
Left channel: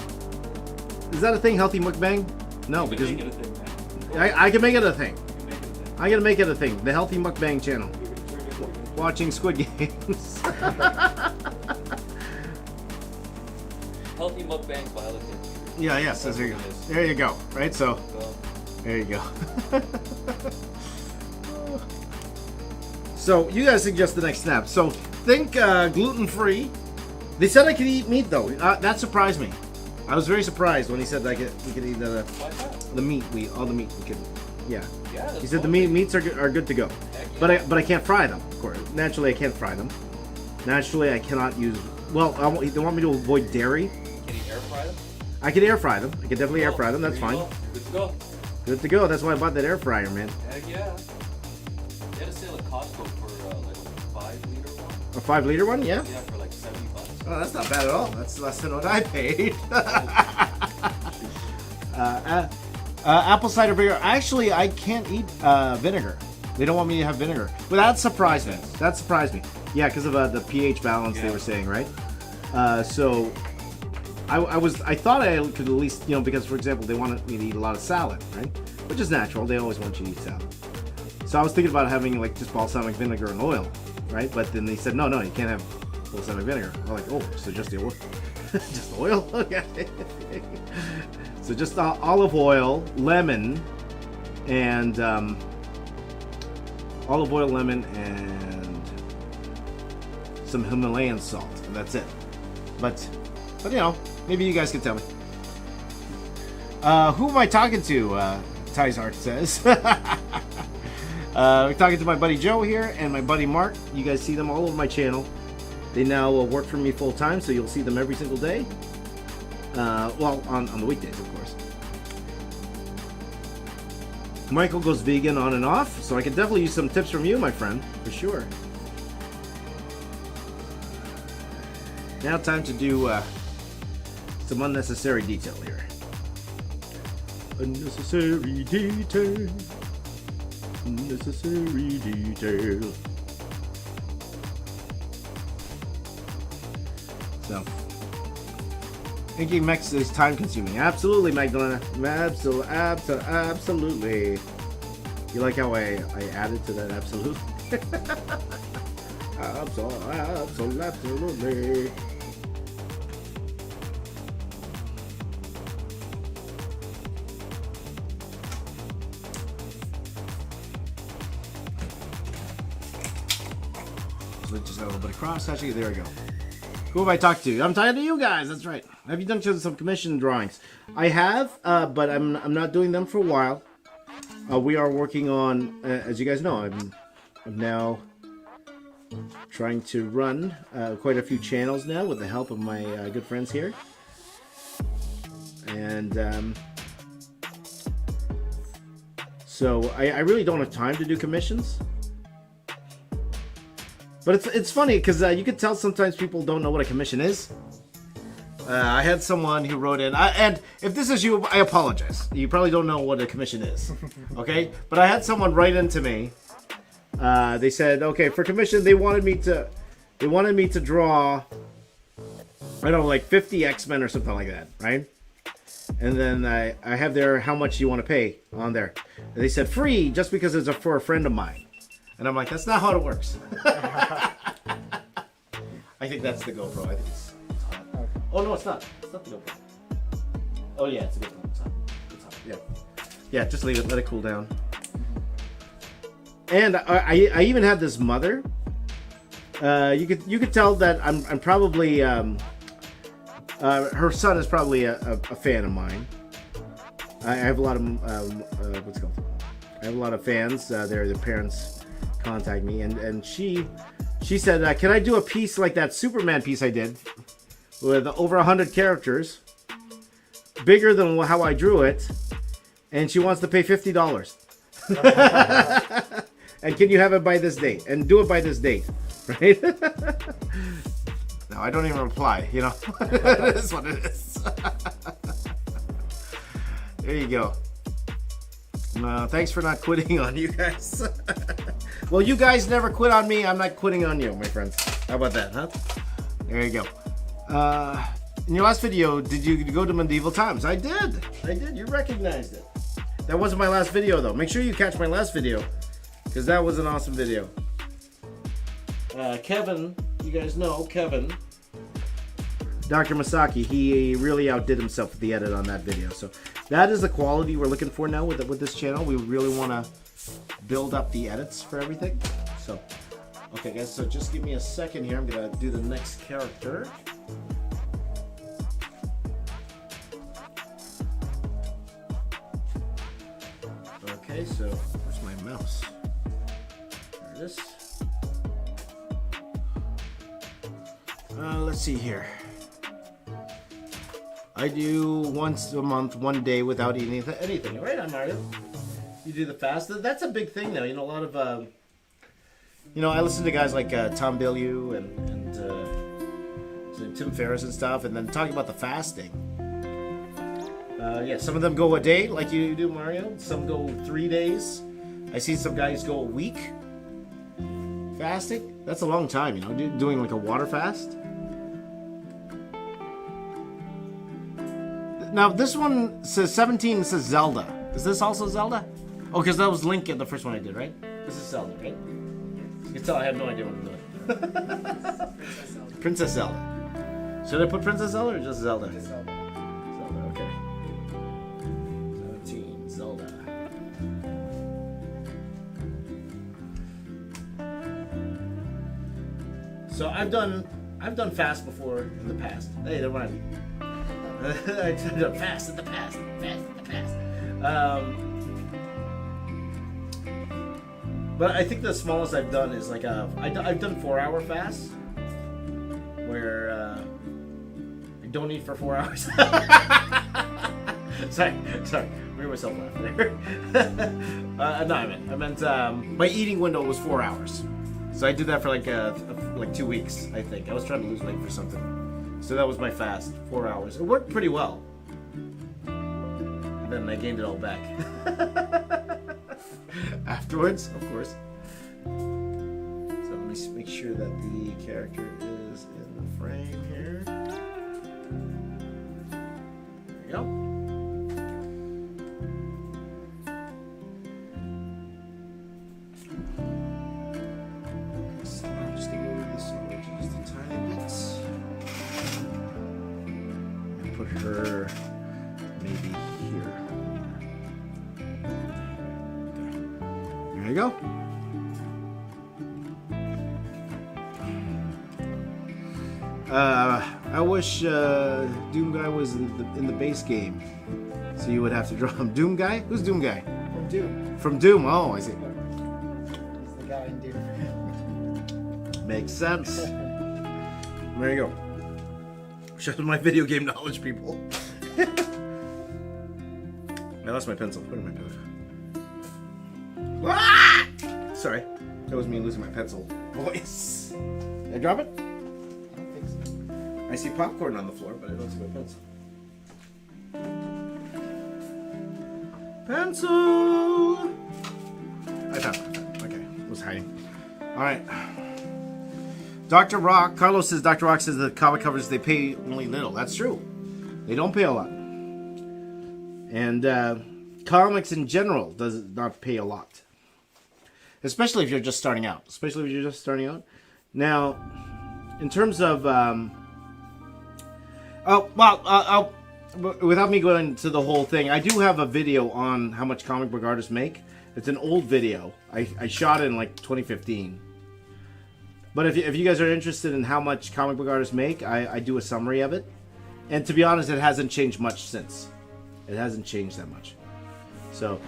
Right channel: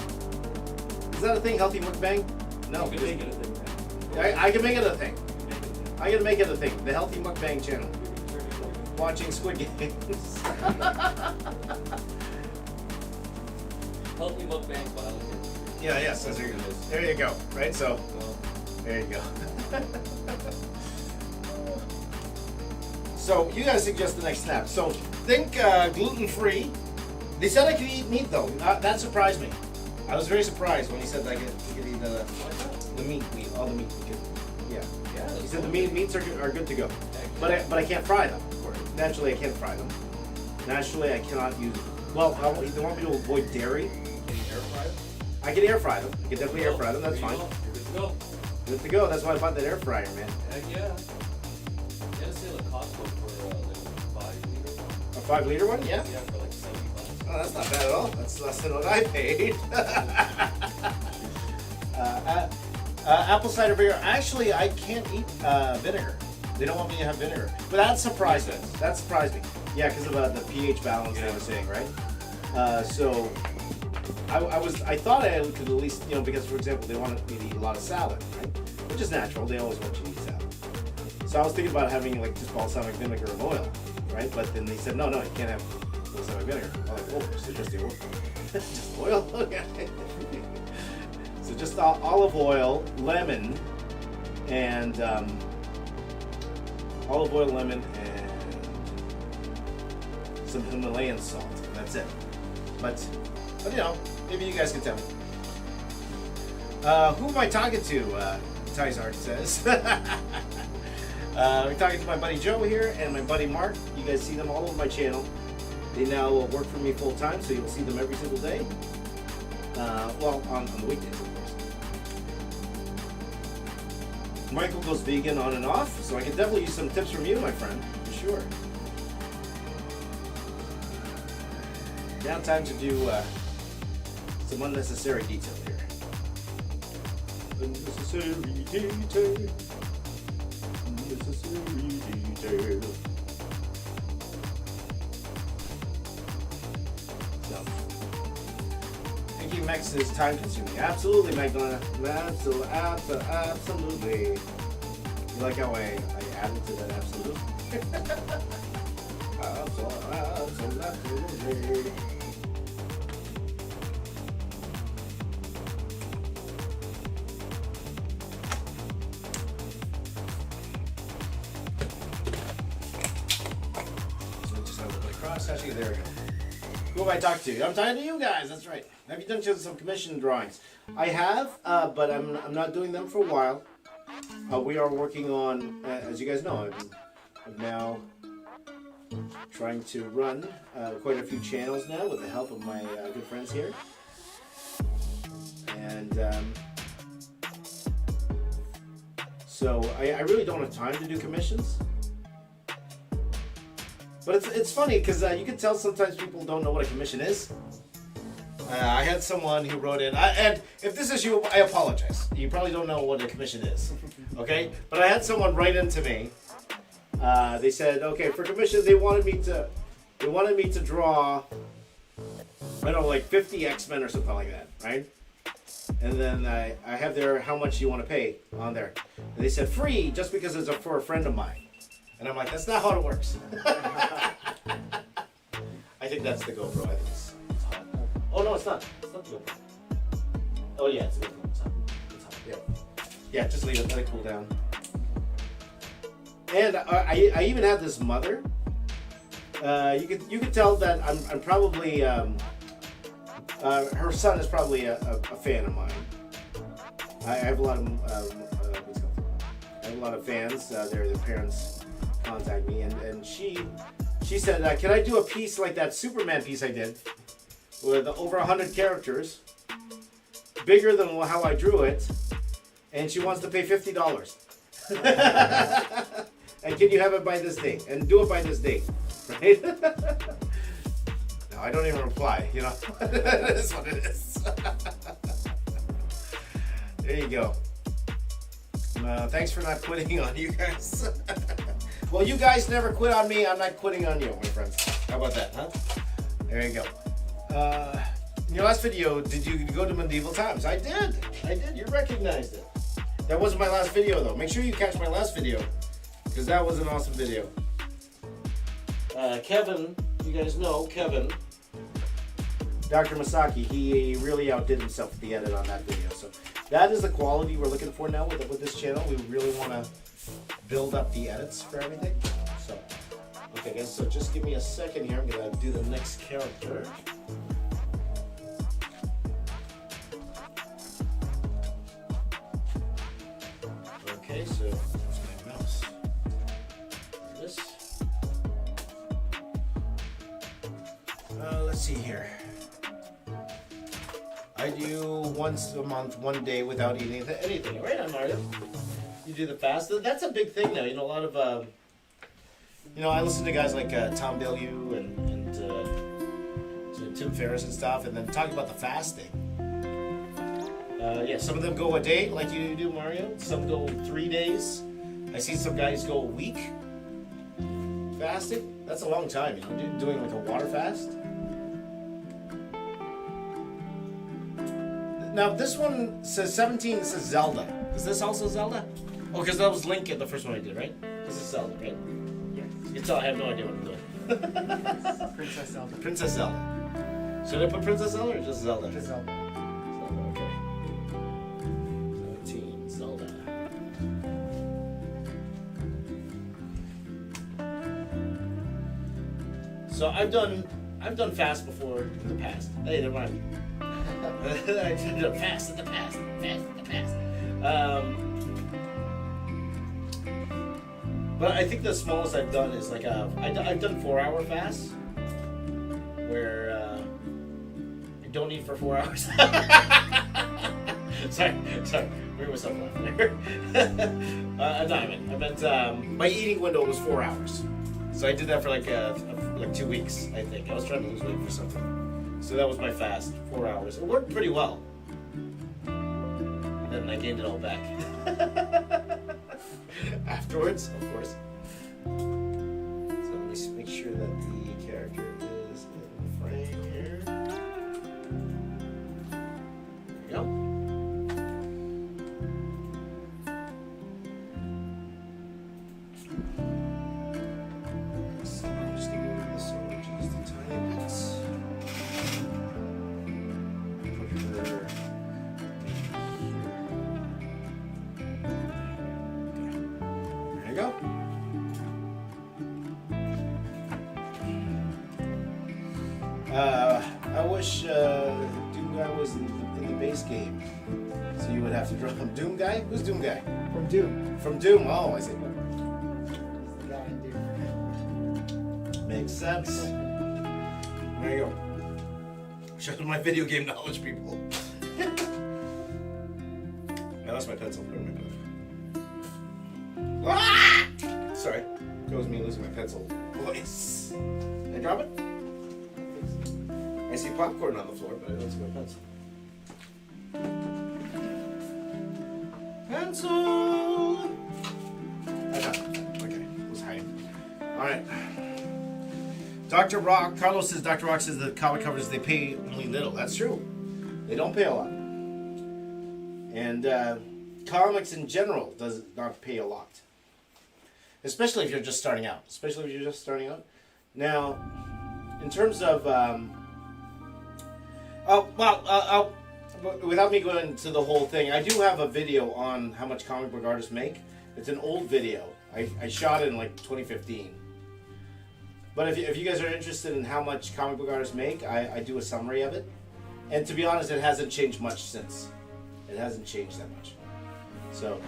Is that a thing? Healthy mukbang? No, You can make it a thing, man. I can make it a thing. You can make it a thing. I gotta make it a thing. The Healthy Mukbang channel. Watching Squid Games. Healthy mukbang biology. Yeah, yes, there you go. There you go. Right, so there you go. So you guys suggest the next snap. So think gluten-free. They said I could eat meat though. That surprised me. I was very surprised when he said that we could eat the meat. All the meat. We could, yeah. He said the meats are good to go. Yeah. But I can't fry them. Of course, naturally I can't fry them. Naturally I cannot use. Well, they want me to avoid dairy. Can you air fry them? I can air fry them. I can definitely air fry them. That's fine. Good to go. Good to go. That's why I bought that air fryer, man. Heck yeah. You had a sale at Costco for like a 5-liter one. A 5-liter one, yeah. Yeah, for like $70. Oh, that's not bad at all. That's less than what I paid. Apple cider vinegar. Actually, I can't eat vinegar. They don't want me to have vinegar. But that surprised me. That surprised me. Yeah, because of the pH balance they were saying, right? So I thought I could at least, because for example, they wanted me to eat a lot of salad, right? Which is natural. They always want you to eat salad. So I was thinking about having like just balsamic vinegar and oil, right? But then they said, no, you can't have balsamic vinegar. I'm like, oh, so just the oil? Just oil? Okay. So just olive oil, lemon, and olive oil, lemon, and some Himalayan salt. That's it. But maybe you guys can tell me. Who am I talking to? Tizart says. We're talking to my buddy Joe here and my buddy Mark. You guys see them all over my channel. They now work for me full time, so you'll see them every single day. Well, on the weekdays, of course. Michael goes vegan on and off, so I can definitely use some tips from you, my friend, for sure. Now time to do some unnecessary detail here. Unnecessary detail. Unnecessary detail. So, thinking Mex is time consuming. Absolutely, Magdalena. Absolutely. You like how I added to that absolute? Absolutely. Actually, there we go. Who have I talked to? I'm talking to you guys. That's right. Have you done some commission drawings? I have, but I'm not doing them for a while. We are working on, as you guys know, I'm now trying to run quite a few channels now with the help of my good friends here, and so I really don't have time to do commissions. But it's funny because you can tell sometimes people don't know what a commission is. I had someone who wrote in, and if this is you, I apologize. You probably don't know what a commission is, okay? But I had someone write into me. They said, okay, for commission, they wanted me to draw, I don't know, like 50 X-Men or something like that, right? And then I have there how much you want to pay on there. And they said free just because it's for a friend of mine. And I'm like, that's not how it works. I think that's the GoPro. I think it's hot. Oh no, it's not. It's not the GoPro. Oh yeah, it's the GoPro. It's hot. It's hot. Yeah. Yeah, just leave it. Let it cool down. And I even had this mother. You could tell that I'm probably her son is probably a fan of mine. I have a lot of what's it called? I have a lot of fans. Their parents contact me, and she said, can I do a piece like that Superman piece I did with over 100 characters, bigger than how I drew it, and she wants to pay $50. And can you have it by this date? And do it by this date, right? No, I don't even reply, That's what it is. There you go. Thanks for not quitting on you guys. Well, you guys never quit on me. I'm not quitting on you, my friends. How about that, huh? There you go. In your last video, did you go to medieval times? I did. You recognized it. That wasn't my last video, though. Make sure you catch my last video, because that was an awesome video. Kevin, you guys know Kevin, Dr. Masaki, he really outdid himself with the edit on that video. So that is the quality we're looking for now with this channel. We really want to build up the edits for everything. So, okay guys, so just give me a second here. I'm going to do the next character. Okay, so where's my mouse? There it is. Let's see here. I do once a month, one day without eating anything. Right on, Mario. You do the fast. That's a big thing now. You know, a lot of, I listen to guys like Tom Bilyeu and Tim Ferriss and stuff, and then talking about the fasting. Yeah, some of them go a day, like you do, Mario. Some go 3 days. I see some guys go a week fasting. That's a long time, you know, doing like a water fast. Now, this one says 17, says Zelda. Is this also Zelda? Oh, because that was Link in the first one I did, right? This is Zelda, right? Yes. I have no idea what I'm doing. Princess Zelda. Princess Zelda. Should I put Princess Zelda or just Zelda? Just Zelda. Okay. 17, Zelda. So I've done fast before in the past. Hey, they're right. I did fast in the past. But I think the smallest I've done is like I've done 4-hour fasts where I don't eat for 4 hours. sorry, made myself laugh there. No, I meant my eating window was 4 hours, so I did that for like 2 weeks. I think I was trying to lose weight for something. So that was my fast, 4 hours. It worked pretty well. Then I gained it all back. Afterwards, of course. So let me just make sure that the character is in the frame here. There we go. So I'm just going to move this over just a tiny bit. Put her maybe here. There you go. I wish Doom Guy was in the base game, so you would have to draw him. Doom Guy? Who's Doom Guy? From Doom. From Doom. Oh, I see. He's the guy in Doom. Makes sense. There you go. Show them my video game knowledge, people. I lost my pencil. Where did my pencil? Sorry. That was me losing my pencil. Voice. Did I drop it? I see popcorn on the floor, but I don't see my pencil. Pencil! I found it. Okay, it was hiding. Alright. Dr. Rock, Carlos says, Dr. Rock says the comic covers, they pay only little. That's true. They don't pay a lot. And comics in general does not pay a lot. Especially if you're just starting out. Now, in terms of... without me going into the whole thing, I do have a video on how much comic book artists make. It's an old video. I shot it in like 2015. But if you guys are interested in how much comic book artists make, I do a summary of it. And to be honest, it hasn't changed much since. It hasn't changed that much. So,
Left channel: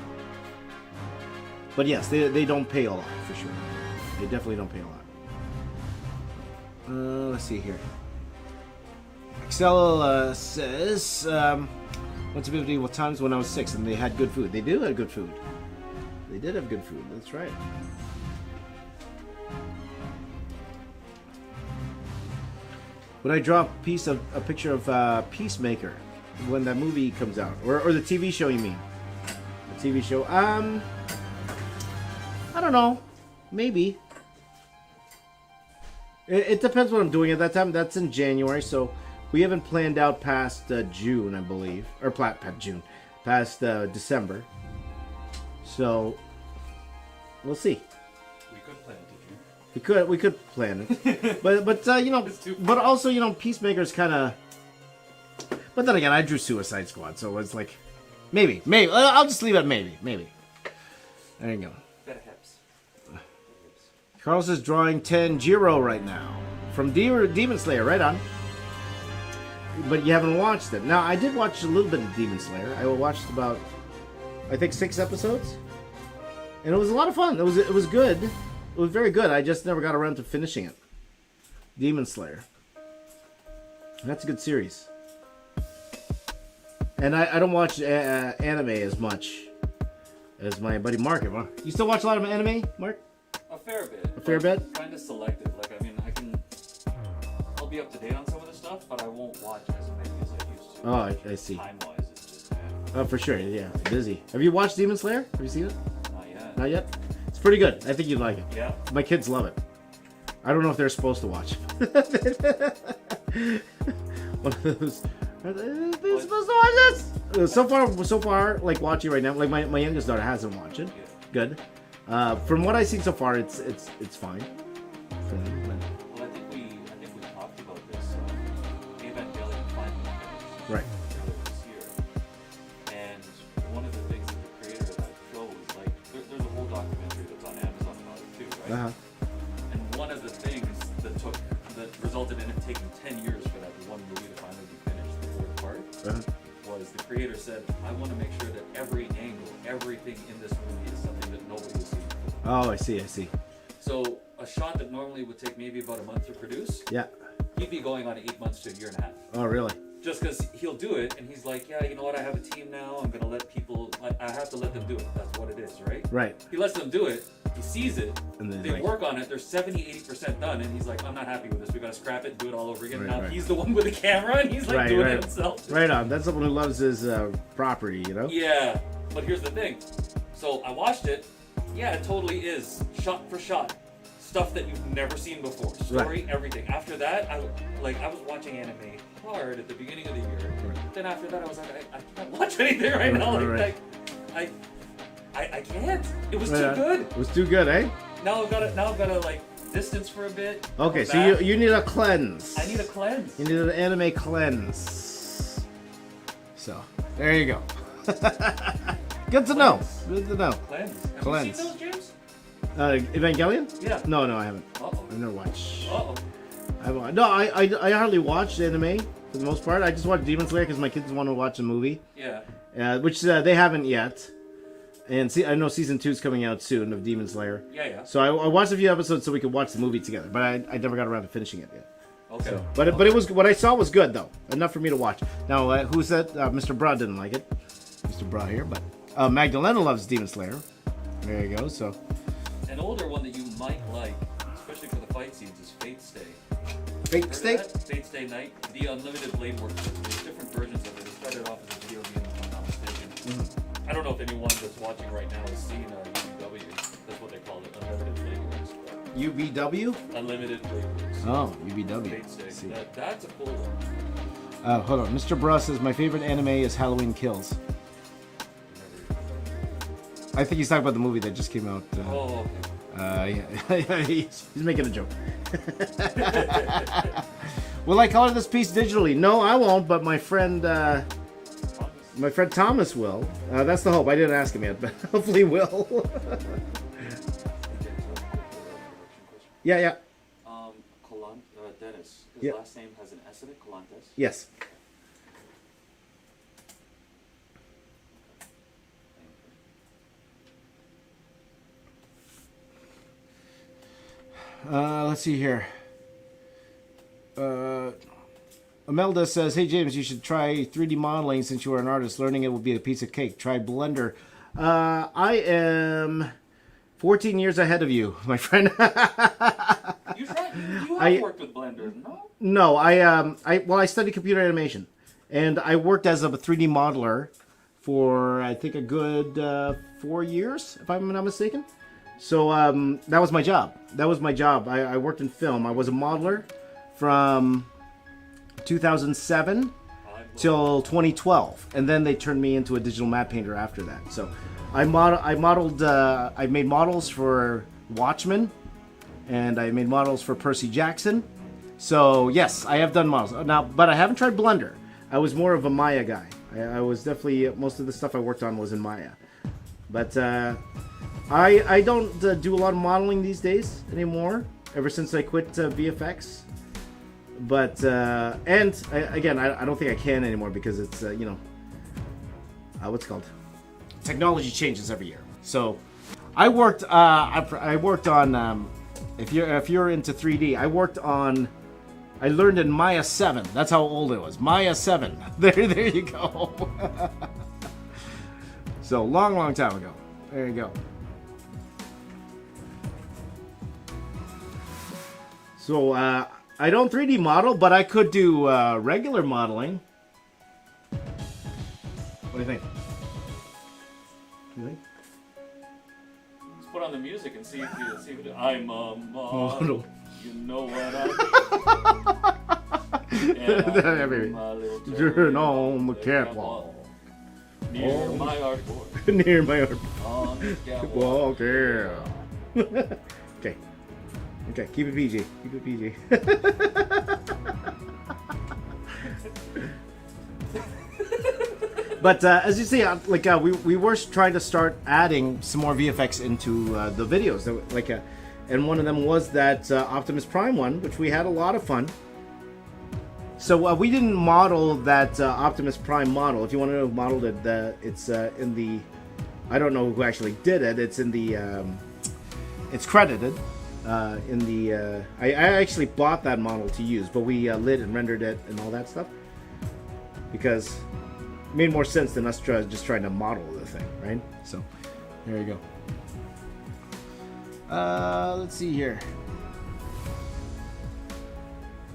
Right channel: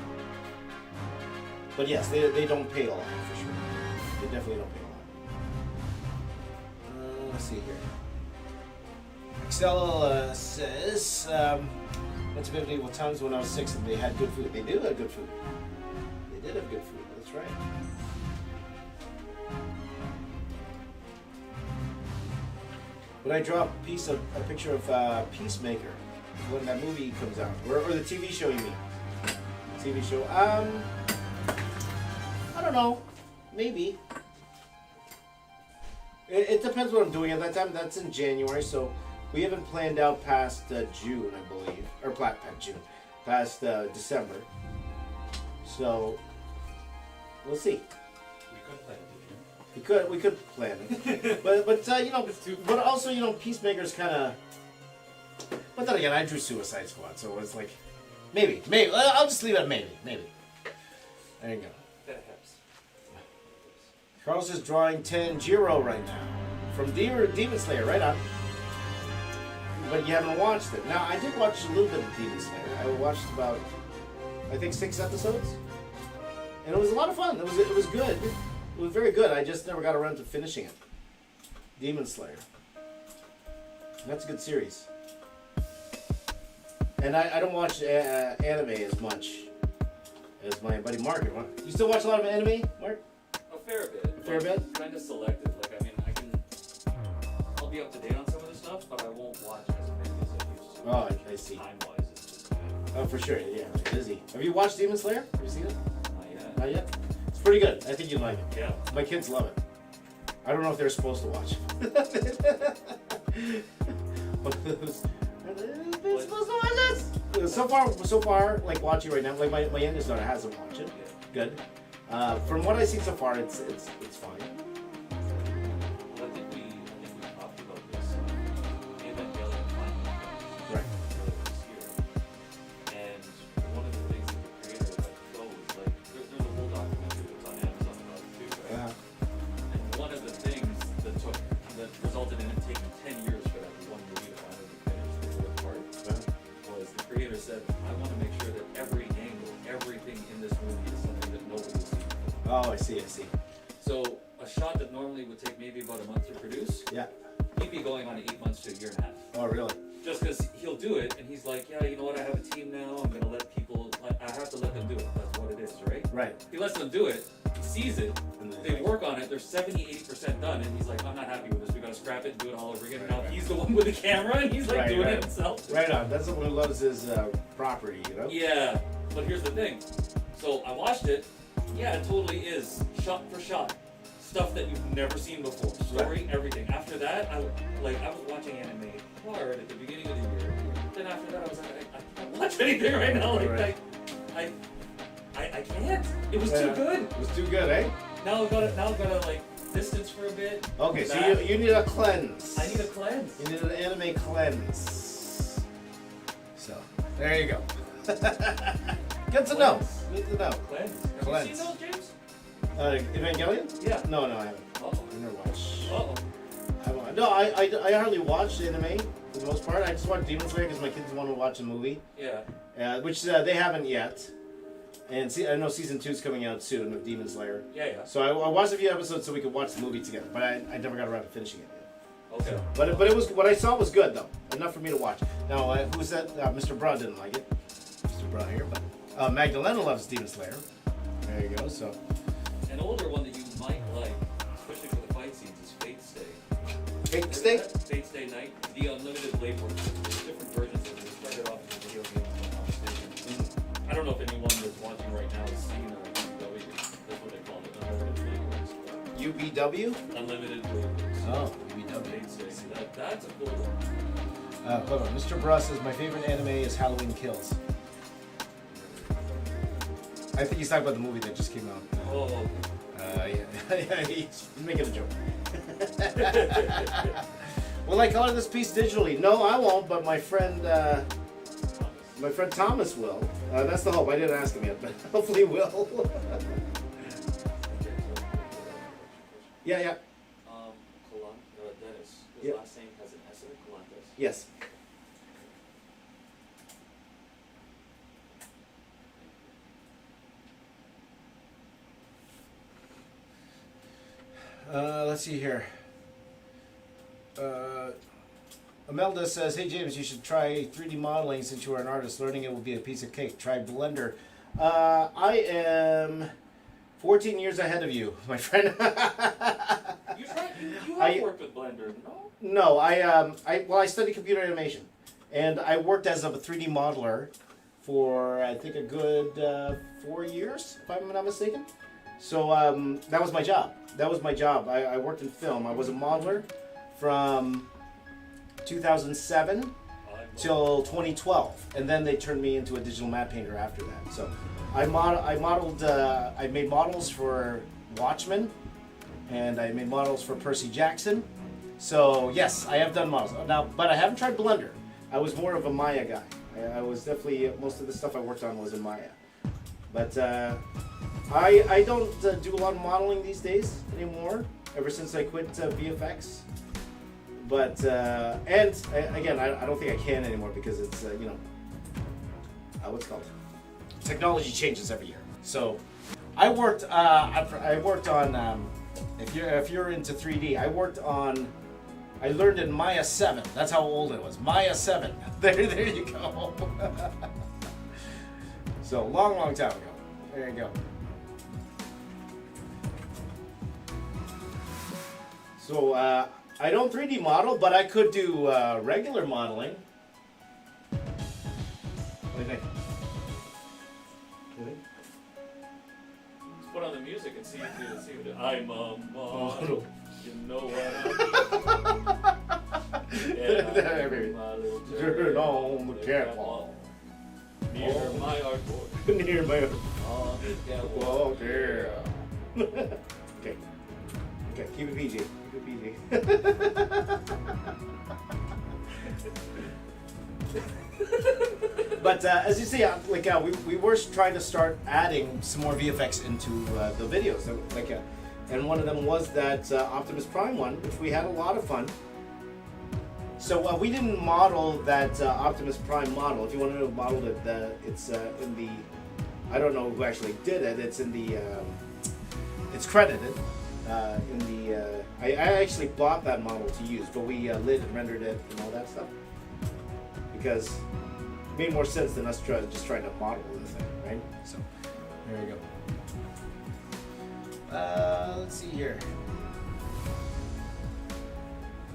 but yes, they don't pay a lot, for sure. They definitely don't pay a lot. Let's see here. Excel says, what's the medieval times when I was 6 and they had good food. They did have good food. They did have good food, that's right. Would I draw a picture of Peacemaker when that movie comes out? Or the TV show, you mean? The TV show? I don't know. maybe. It depends what I'm doing at that time. That's in January, so we haven't planned out past June, I believe, or past June, past December. So we'll see. We could plan it, but you know, but also you know, Peacemaker's kind of. But then again, I drew Suicide Squad, so it's like, maybe. I'll just leave it at maybe. There you go. Carl's is drawing Tanjiro right now from Demon Slayer, right on. But you haven't watched it. Now, I did watch a little bit of Demon Slayer. I watched about, I think, 6 episodes, and it was a lot of fun. It was good. It was very good. I just never got around to finishing it. Demon Slayer. That's a good series. And I don't watch anime as much as my buddy Mark. You still watch a lot of anime, Mark? A fair bit. A fair bit? Kind of selective. Like, I mean, I'll be up to date on some of the stuff, but I won't watch as many as I used to. Oh, I see. Time-wise, it's just... Oh, for sure, yeah. Busy. Have you watched Demon Slayer? Have you seen it? Not yet. Not yet? It's pretty good. I think you'd like it. Yeah. My kids love it. I don't know if they're supposed to watch it. One of those... Are they supposed to watch this? So far, like watching right now, like my youngest daughter hasn't watched it. Yeah. Good. From what I've seen so far, it's fine. Well, I think we talked about this. Evangelion finally finished Right. earlier this year. And one of the things that the creator of that show is like, there's a whole documentary that's on Amazon about it too, right? Uh-huh. And one of the things that resulted in it taking 10 years for that one movie to finally be finished, the fourth part, was the creator said, I want to make sure that every angle, everything in this movie is something that nobody has seen before. Oh, I see. So a shot that normally would take maybe about a month to produce, Yeah. he'd be going on 8 months to a year and a half. Oh, really? Just because he'll do it, and he's like, yeah, you know what, I have a team now, I'm going to let people, I have to let them do it. That's what it is, right? Right. He lets them do it, he sees it, And then, they like- work on it, they're 70-80% done, and he's like, I'm not happy with this, we got to scrap it, do it all over again. Right, Now right. he's the one with the camera, and he's like doing Right. it himself. Right on. That's someone who loves his property, you know? Yeah, but here's the thing. So I watched it. Yeah, it totally is shot for shot stuff that you've never seen before. Story, everything. After that, I was watching anime hard at the beginning of the year. Then after that, I was like, I can't watch anything right now. Right. I can't. It was too good. It was too good, eh? Now I've gotta like distance for a bit. Okay, come so back. you need a cleanse. I need a cleanse. You need an anime cleanse. So, there you go. Good to know. Good to know. Cleanse. Have Cleanse. you seen those, James? Evangelion? Yeah. No, I haven't. Uh-oh. I've never watched. Uh-oh. No, I hardly watched anime for the most part. I just watched Demon Slayer because my kids want to watch a movie. Yeah. Which they haven't yet. And I know season 2 is coming out soon of Demon Slayer. Yeah. So I watched a few episodes so we could watch the movie together. But I never got around to finishing it yet. Okay. So, but it was what I saw was good though, enough for me to watch. Now who said Mr. Broad didn't like it? Mr. Broad here, but Magdalena loves Demon Slayer. There you go. So An older one that you might like, especially for the fight scenes, is Fate Stay. Fate Heard Stay? of that? Fate Stay Night, the Unlimited Blade Work. There's different versions of it. It started off as a video game, if I'm not mistaken. I don't know if anyone that's watching right now has seen UBW. That's what they call it, Unlimited Blade Works. UBW? Unlimited Blade Works. Oh, UBW. Fate Stay. That's a cool one. Hold on. Mr. Bruss says my favorite anime is Halloween Kills. I think he's talking about the movie that just came out. Oh, Yeah. He's making a joke. Will I color this piece digitally? No, I won't, but my friend Thomas will. That's the hope. I didn't ask him yet, but hopefully he will. Yeah. Dennis. His Yep. last name has an S in it, Colantes. Yes. Let's see here. Imelda says, "Hey James, you should try 3D modeling since you are an artist. Learning it will be a piece of cake. Try Blender." I am 14 years ahead of you, my friend. You have worked with Blender, no? No, I studied computer animation, and I worked as a 3D modeler for I think a good 4 years, if I'm not mistaken. So that was my job. I worked in film. I was a modeler from 2007 till 2012, and then they turned me into a digital matte painter after that. So I made models for Watchmen, and I made models for Percy Jackson. So yes, I have done models now, but I haven't tried Blender. I was more of a Maya guy. I was definitely, most of the stuff I worked on was in Maya. But I don't do a lot of modeling these days anymore, ever since I quit VFX. But, again, I don't think I can anymore because it's, what's it called? Technology changes every year. So I worked on, if you're into 3D, I learned in Maya 7. That's how old it was. Maya 7. There you go. So long time ago. There you go. So I don't 3D model, but I could do regular modeling. What do you think? Let's put on the music and see if you I'm a model. You know what I'm Turn on the catwalk. Near my artboard. Near my artboard. On the catwalk. Okay. Okay, keep it PG. Keep it PG. But as you see, we were trying to start adding some more VFX into the videos. And one of them was that Optimus Prime one, which we had a lot of fun. So we didn't model that Optimus Prime model. If you want to know who modeled it, it's in the. I don't know who actually did it. It's in the. It's credited in the. I actually bought that model to use, but we lit and rendered it and all that stuff because it made more sense than us just trying to model the thing, right? So there you go. Let's see here.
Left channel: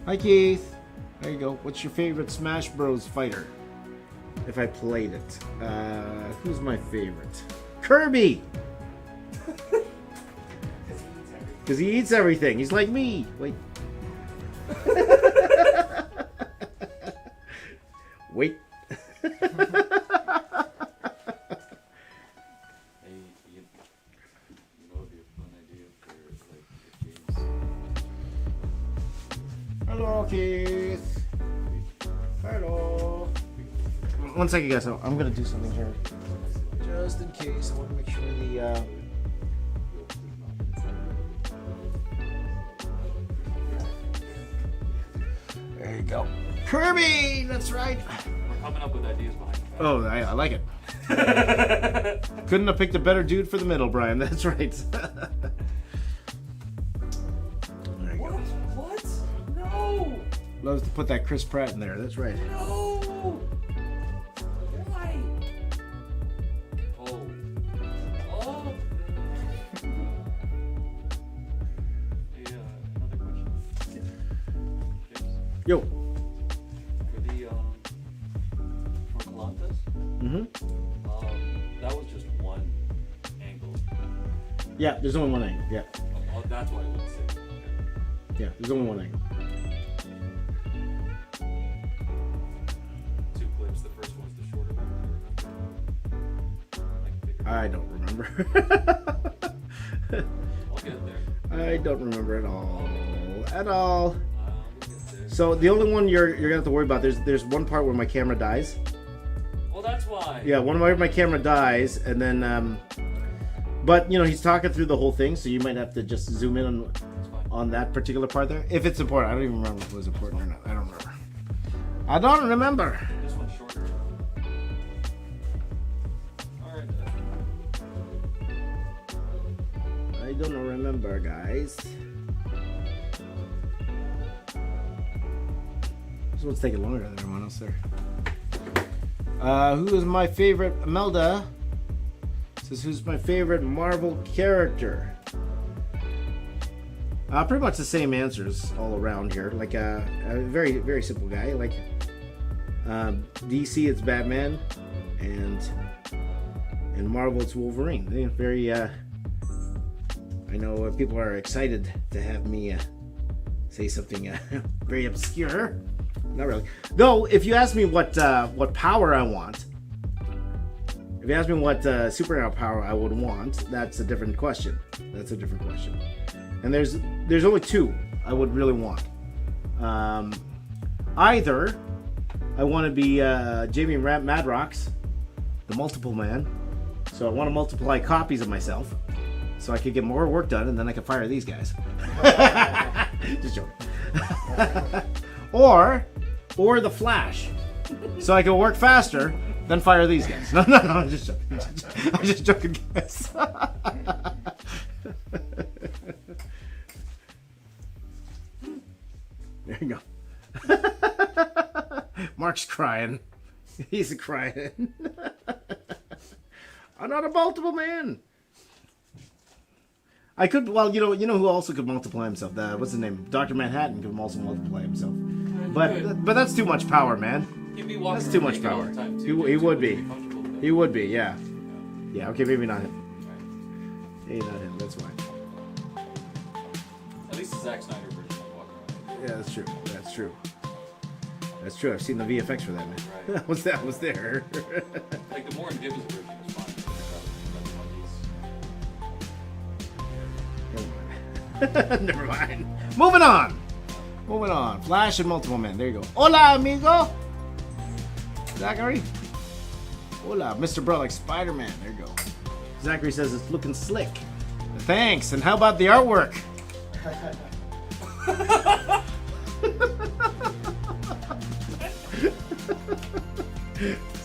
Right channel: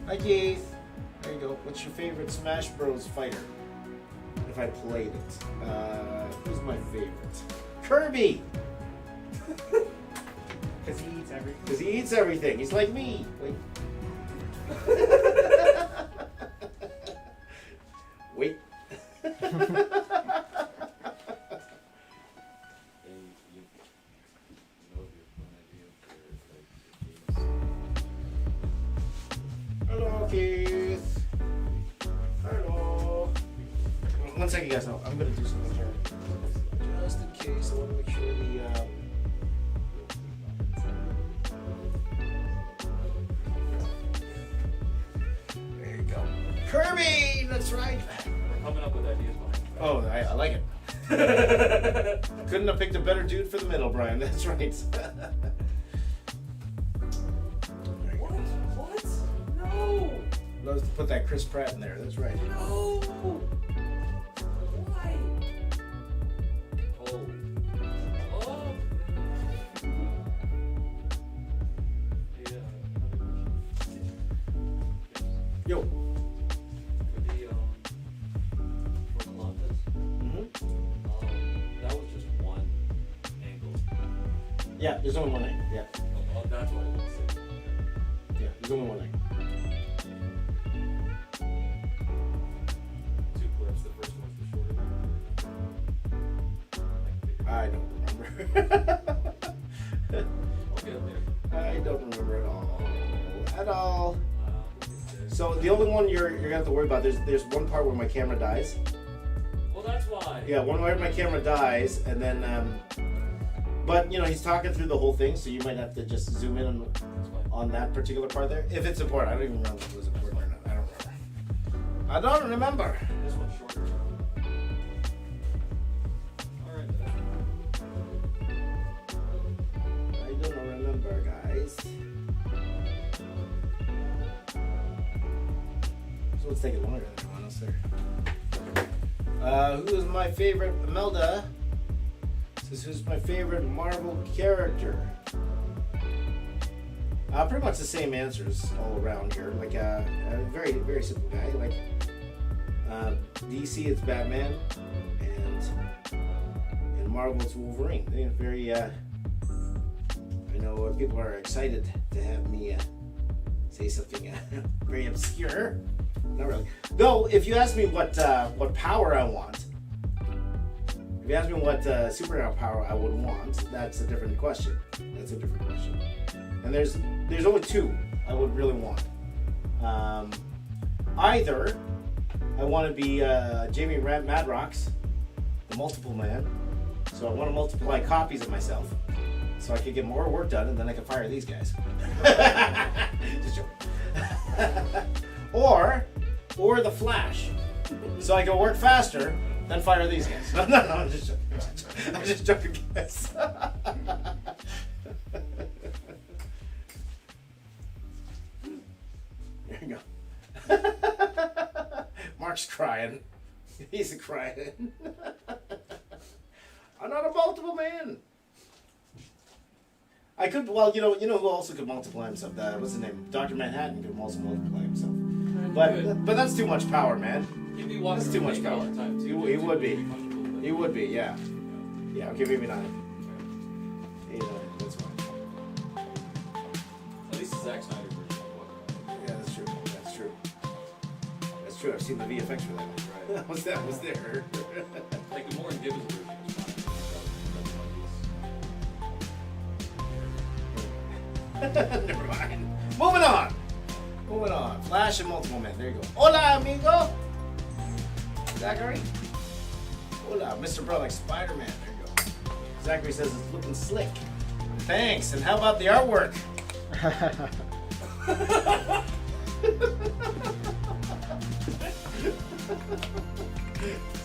Hi Keith. There you go. What's your favorite Smash Bros. Fighter? If I played it. Who's my favorite? Kirby! Because he eats everything. He's like me. Wait. Wait. Hello, Keith. Hello. One second, guys. I'm gonna do something here, just in case. I want to make sure the. There you go. Kirby. That's right. We're coming up with ideas behind it. Oh, I like it. Couldn't have picked a better dude for the middle, Brian. That's right. What? No! Loves to put that Chris Pratt in there. That's right. No! Why? Oh. Yeah, another question. Yo. For the, for Atlantis, that was just one angle. Yeah, there's only one angle. Yeah. Oh, that's why I didn't say. Yeah, there's only one angle. Two clips. The first one's the shorter one. I don't remember. I'll get there. I don't remember at all. At all. We'll get there. So the only one you're gonna have to worry about, there's one part where my camera dies. Well, that's why. Yeah, my camera dies, and then but he's talking through the whole thing, so you might have to just zoom in on that particular part there. If it's important, I don't even remember if it was important or not. I don't remember. This one's shorter. Alright. I don't remember, guys. This one's taking longer than everyone else there. Who is my favorite? Imelda says, who's my favorite Marvel character? Pretty much the same answers all around here. Like a very, very simple guy. Like DC, it's Batman, and Marvel, it's Wolverine. Very know people are excited to have me say something very obscure. Not really. Though, if you ask me what power I want, if you ask me what superhero power I would want, that's a different question. That's a different question. And there's only two I would really want. Either I want to be Jamie Madrox, the Multiple Man. So I want to multiply copies of myself, so I could get more work done, and then I can fire these guys. Just joking. Or the Flash, so I can work faster, then fire these guys. No, I'm just joking. I'm just joking, guys. There you go. Mark's crying. He's crying. I'm not a multiple man. I could, well, you know who also could multiply himself? What's his name? Dr. Manhattan could also multiply himself. But that's too much power, man. He'd be walking That's too much naked all power. the time, too. He would be. Comfortable with it. He would be, yeah. Yeah, okay, maybe not him. Maybe not him, that's fine. At least the Zack Snyder version of walking around. Yeah, that's true. That's true. That's true. I've seen the VFX for that, man. Right. What's that? What's there? Like the Warren Gibbons version was fine. Never mind. Moving on. Flash and multiple men. There you go. Hola, amigo. Zachary. Hola, Mr. Bro, like Spider-Man. There you go. Zachary says it's looking slick. Thanks. And how about the artwork?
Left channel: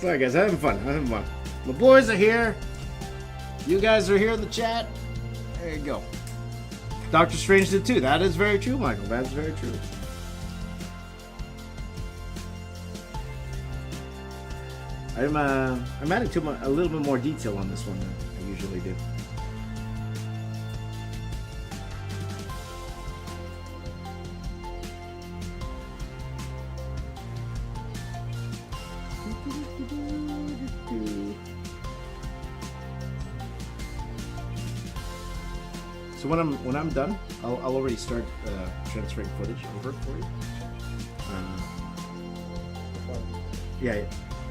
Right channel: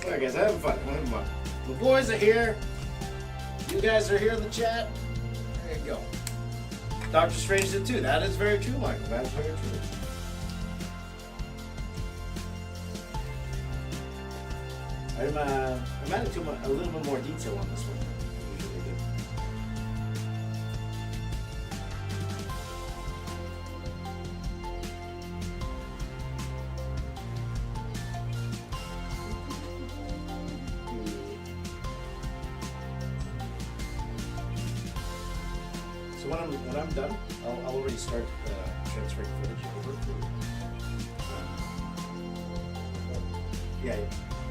Sorry, guys. I'm having fun. The boys are here. You guys are here in the chat. There you go. Doctor Strange did too. That is very true, Michael. That is very true. I'm adding a little bit more detail on this one than I usually do. So when I'm done, I'll already start transferring footage over for you.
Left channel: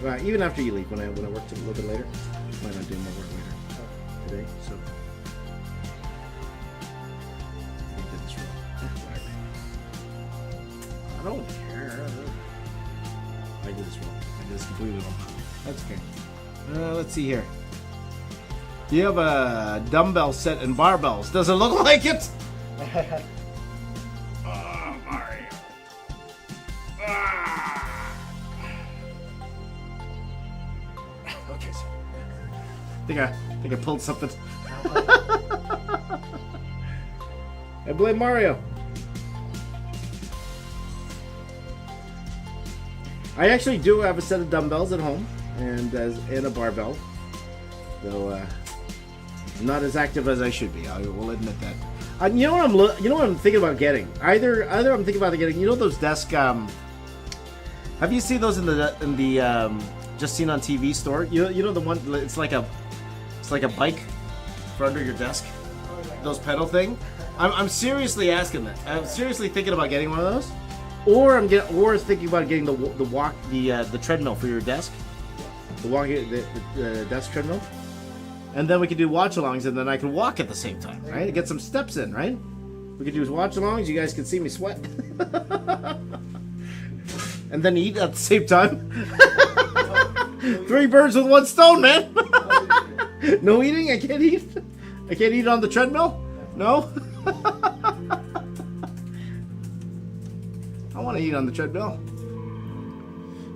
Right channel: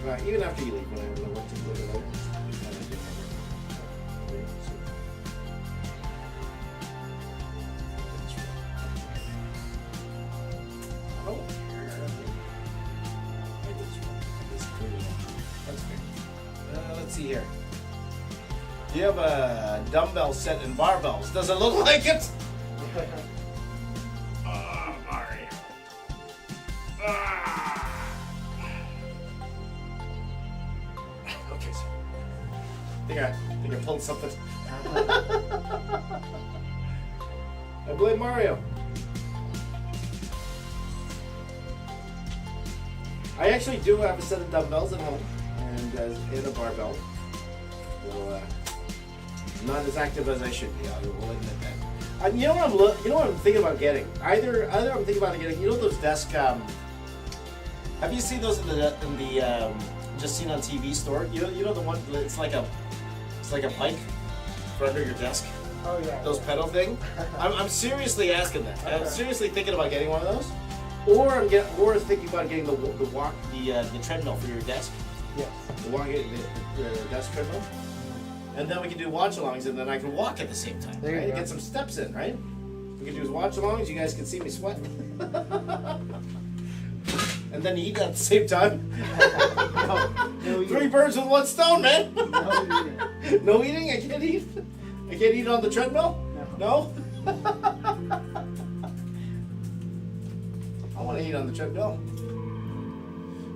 Yeah, even after you leave, when I work a little bit later, might not be more work later. Okay, so. I don't care. I did this wrong. I just completely wrong. That's okay. Let's see here. Do you have a dumbbell set and barbells? Does it look like it? Oh, Mario. Okay. I think I pulled something. I blame Mario. I actually do have a set of dumbbells at home and a barbell. So I'm not as active as I should be. I will admit that. You know what I'm thinking about getting? Either I'm thinking about getting. You know those desk. Have you seen those in the Just Seen on TV store? You know the one. It's like a bike for under your desk. Oh yeah. Those pedal thing. I'm seriously asking that. I'm seriously thinking about getting one of those. Or thinking about getting the treadmill for your desk. The desk treadmill. And then we can do watch-alongs, and then I can walk at the same time, There you right? go. Get some steps in, right? We can do watch-alongs. You guys can see me sweat. And then eat at the same time. 3 birds with 1 stone, man. No eating? I can't eat? I can't eat on the treadmill? No? I want to eat on the treadmill.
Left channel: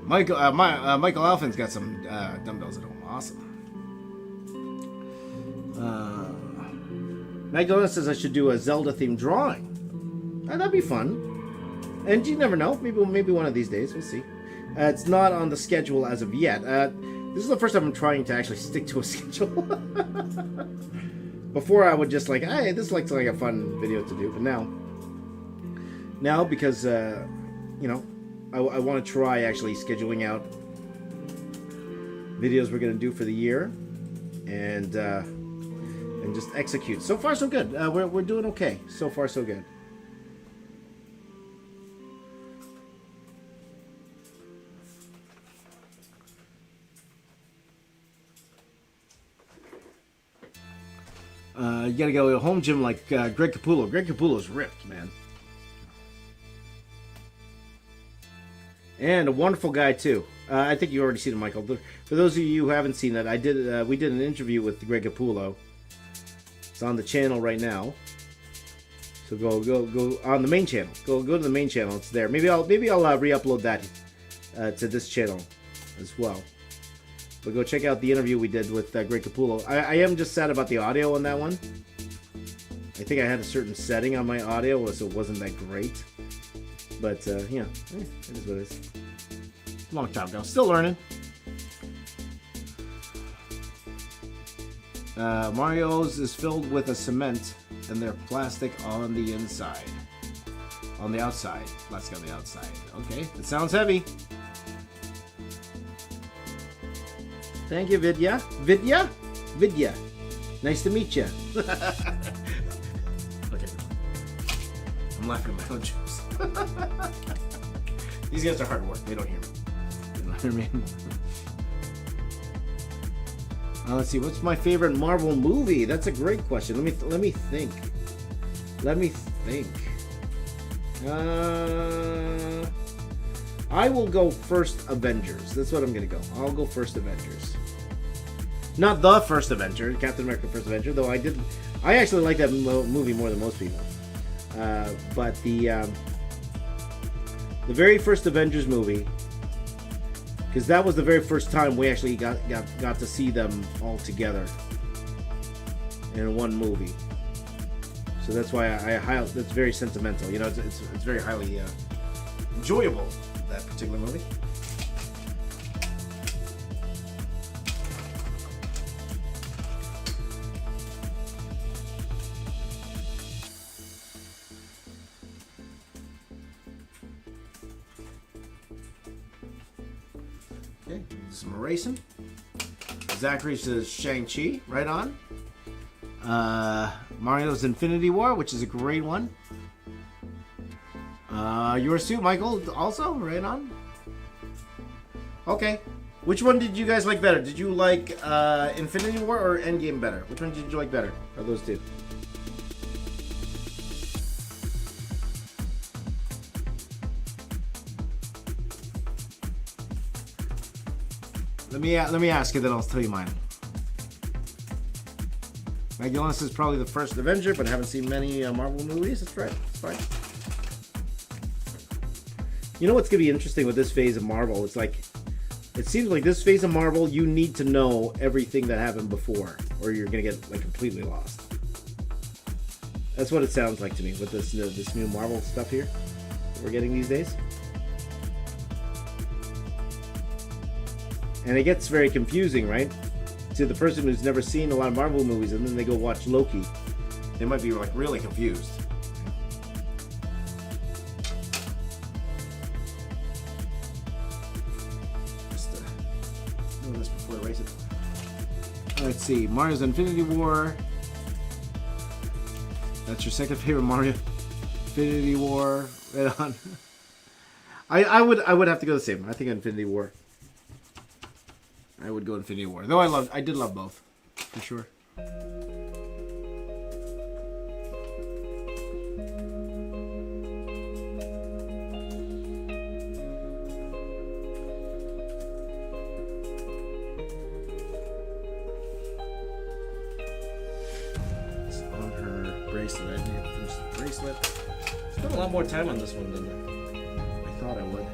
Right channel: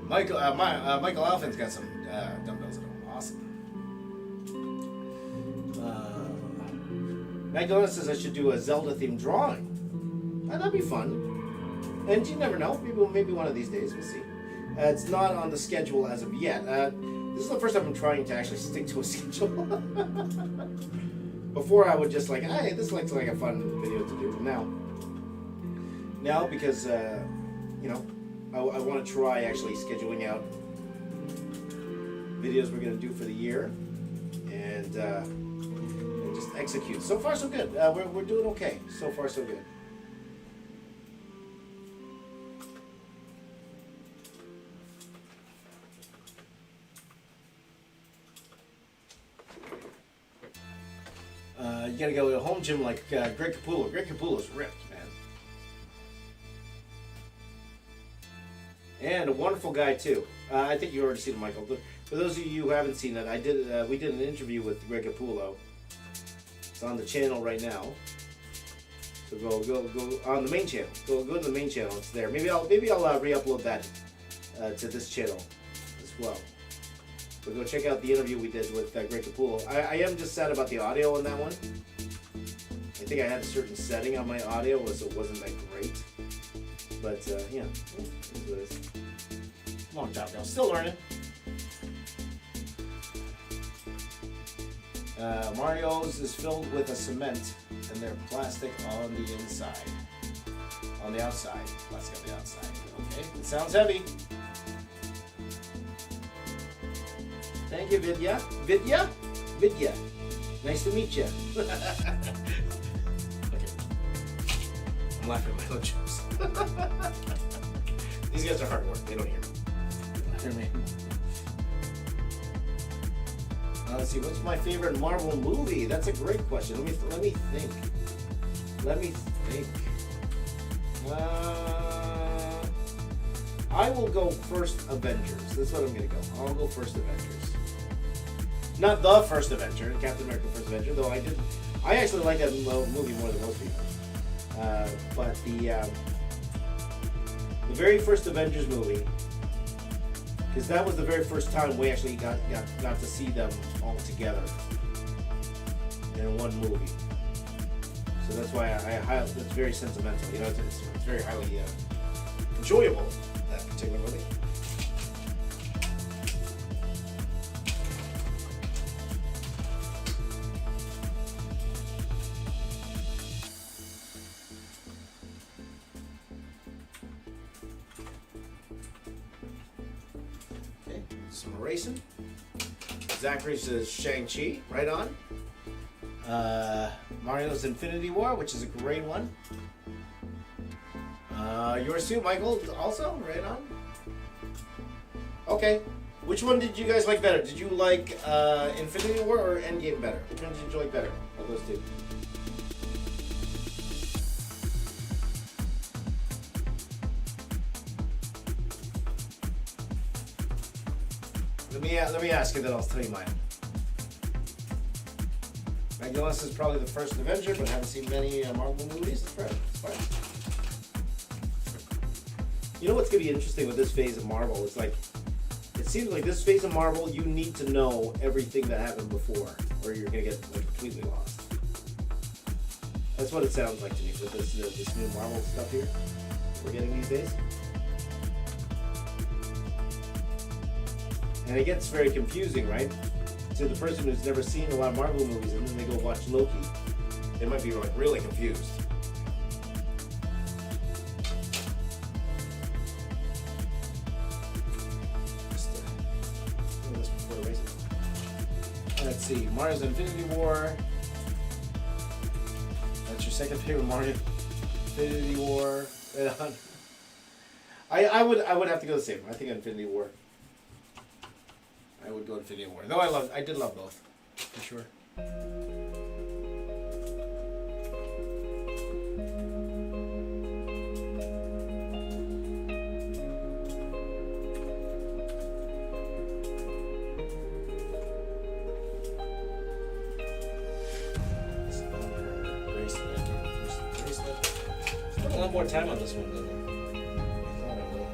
Michael Alphin's got some dumbbells at home. Awesome. Magdalena says I should do a Zelda-themed drawing. That'd be fun. And you never know. Maybe one of these days. We'll see. It's not on the schedule as of yet. This is the first time I'm trying to actually stick to a schedule. Before I would just like, hey, this looks like a fun video to do. But now because I want to try actually scheduling out videos we're going to do for the year, and just execute. So far, so good. We're doing okay. So far, so good. You gotta go to a home gym like Greg Capullo. Greg Capullo's ripped, man. And a wonderful guy too. I think you already seen him, Michael. But for those of you who haven't seen that, we did an interview with Greg Capullo. It's on the channel right now. So go on the main channel. Go to the main channel. It's there. Maybe I'll re-upload that to this channel as well. But go check out the interview we did with Greg Capullo. I am just sad about the audio on that one. I think I had a certain setting on my audio, so it wasn't that great. But yeah, it is what it is. Long time ago. Still learning. Mario's is filled with a cement, and they're plastic on the inside. On the outside. Plastic on the outside. Okay, it sounds heavy. Thank you, Vidya. Vidya? Vidya. Nice to meet you. Okay. I'm laughing at my own jokes. These guys are hard work. They don't hear me. You know what I mean? Let's see. What's my favorite Marvel movie? That's a great question. Let me think. Let me think. I will go first Avengers. That's what I'm gonna go. I'll go first Avengers. Not the first Avenger, Captain America: First Avenger, though I actually like that movie more than most people. But the very first Avengers movie, because that was the very first time we actually got to see them all together in one movie. So that's why it's very sentimental. You know, it's very highly enjoyable, that particular movie. Okay, some erasing. Zachary says Shang-Chi, right on. Mario's Infinity War, which is a great one. Yours too, Michael, also, right on. Okay, which one did you guys like better? Did you like Infinity War or Endgame better? Which one did you like better of those two? Let me ask you, then I'll tell you mine. Magellan is probably the first Avenger, but I haven't seen many Marvel movies. That's right. That's fine. You know what's going to be interesting with this phase of Marvel? It's like, it seems like this phase of Marvel, you need to know everything that happened before, or you're going to get like completely lost. That's what it sounds like to me with this new Marvel stuff here that we're getting these days. And it gets very confusing, right? To the person who's never seen a lot of Marvel movies, and then they go watch Loki, they might be like really confused. Let's see, Mario's Infinity War. That's your second favorite Mario. Infinity War. Right on. I would have to go the same. I think Infinity War. I would go Infinity War. Though I did love both, for sure. Spent a lot more time on this one than I thought I would.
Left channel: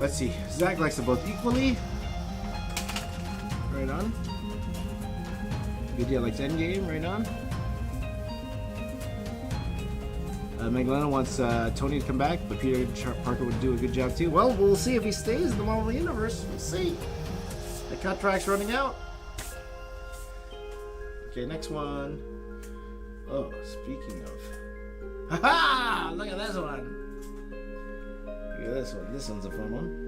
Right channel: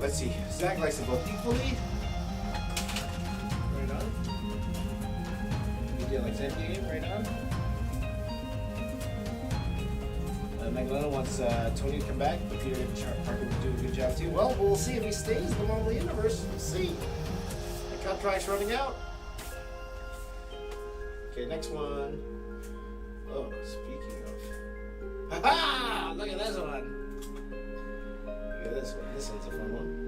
Let's see. Zach likes them both equally. Right on. Vidya likes Endgame. Right on. Magdalena wants Tony to come back, but Peter Parker would do a good job too. Well, we'll see if he stays in the Marvel Universe. Let's see. The contract's running out. Okay, next one. Oh, speaking of. Ha-ha! Look at this one. Look at this one. This one's a fun one.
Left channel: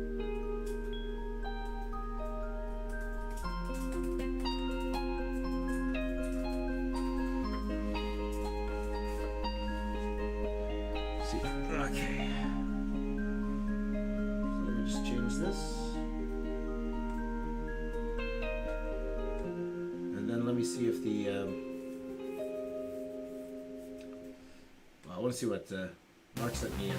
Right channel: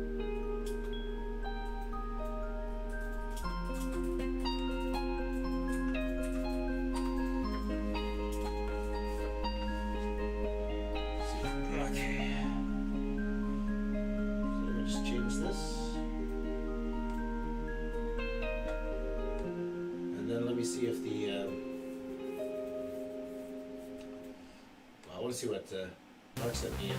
See if the well, I want to see what Mark sent me.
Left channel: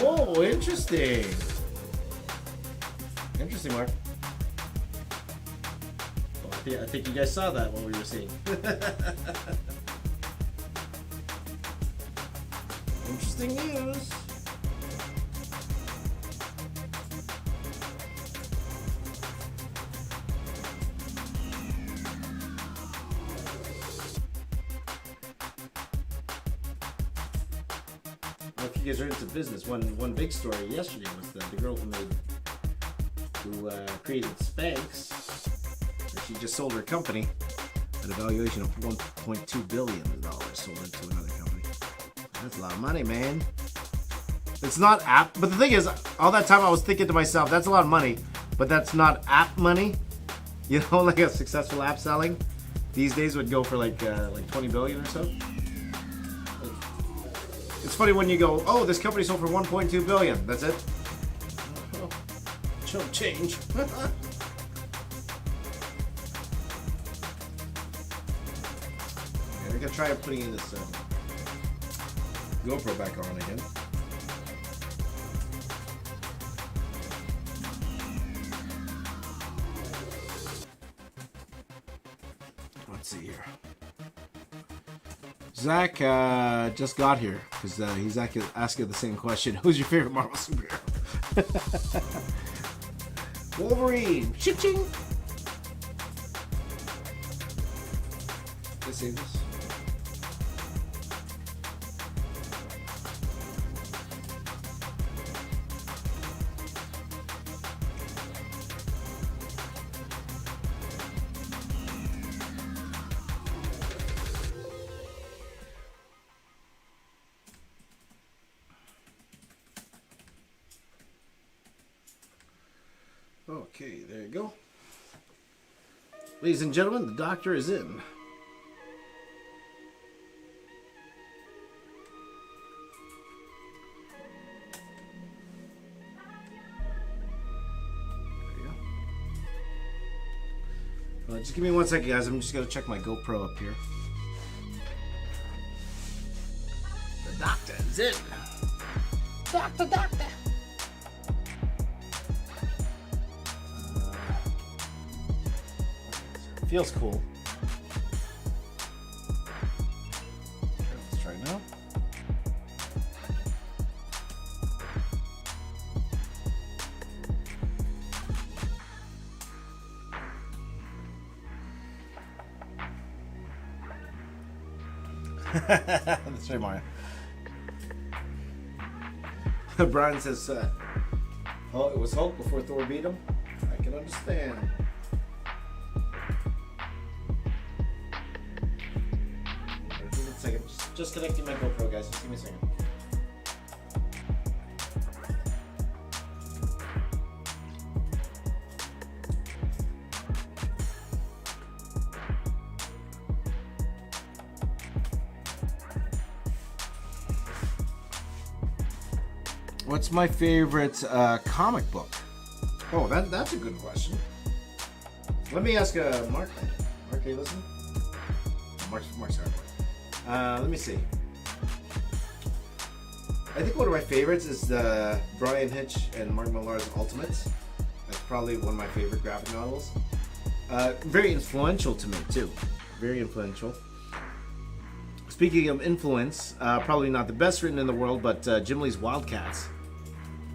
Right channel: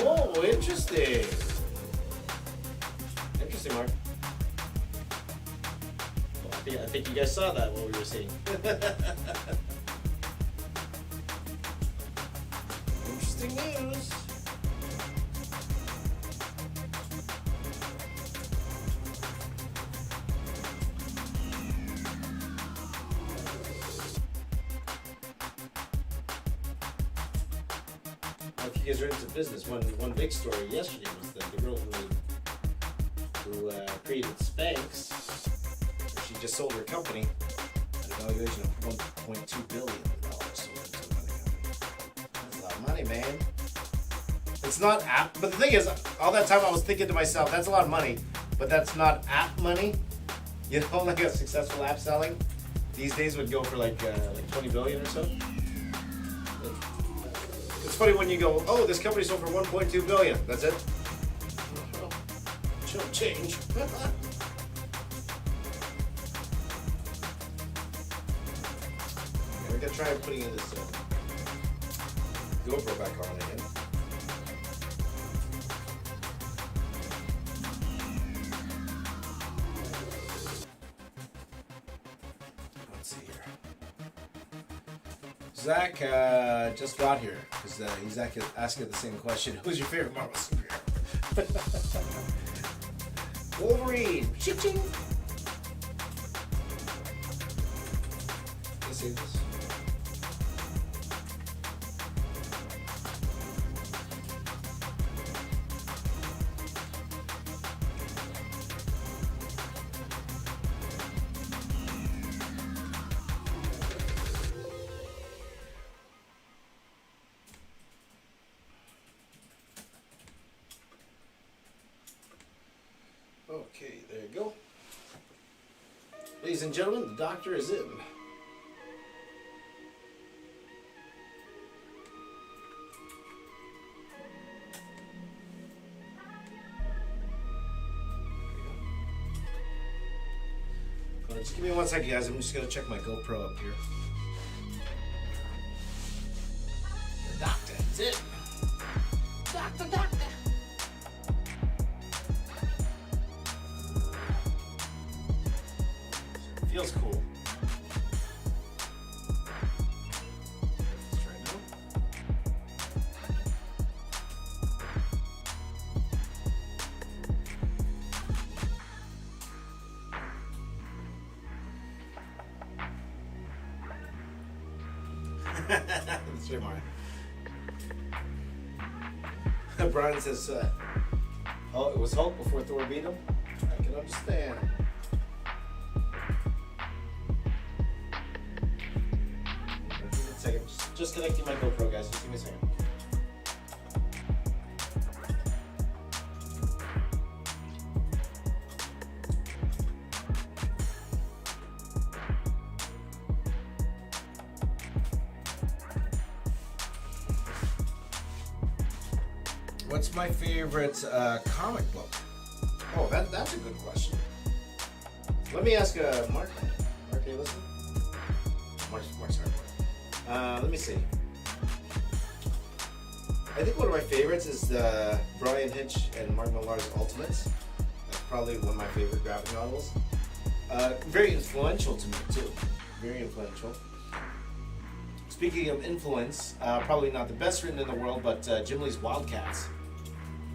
Oh, interesting. Interesting, Mark. Well, I think you guys saw that what we were seeing. Interesting news. You guys are into business. One big story yesterday was the girl who created Spanx. She just sold her company at a valuation of $1.2 billion. Sold it to another company. That's a lot of money, man. It's not app, but the thing is, all that time I was thinking to myself, that's a lot of money, but that's not app money. You know, like a successful app selling these days would go for like 20 billion or so. It's funny when you go, oh, this company sold for 1.2 billion. That's it. Oh, chump change. Yeah, we're gonna try putting in this GoPro back on again. Let's see here. Zach just got here because he's asking the same question. Who's your favorite Marvel superhero? Wolverine. Ching. Let's see this. Okay, there you go. Ladies and gentlemen, the doctor is in. Just give me 1 second, guys. I'm just going to check my GoPro up here. The doctor is in. Doctor. Feels cool. Let's try now. Let's try Mario. Brian says, oh, it was Hulk before Thor beat him? I can understand. Just connecting my GoPro, guys. Just give me a second. What's my favorite comic book? Oh, that's a good question. Let me ask Mark. Mark, are you listening? Mark's not. Let me see. I think one of my favorites is Brian Hitch and Mark Millar's Ultimates. That's probably one of my favorite graphic novels. Very influential to me too. Very influential. Speaking of influence, probably not the best written in the world, but Jim Lee's Wildcats,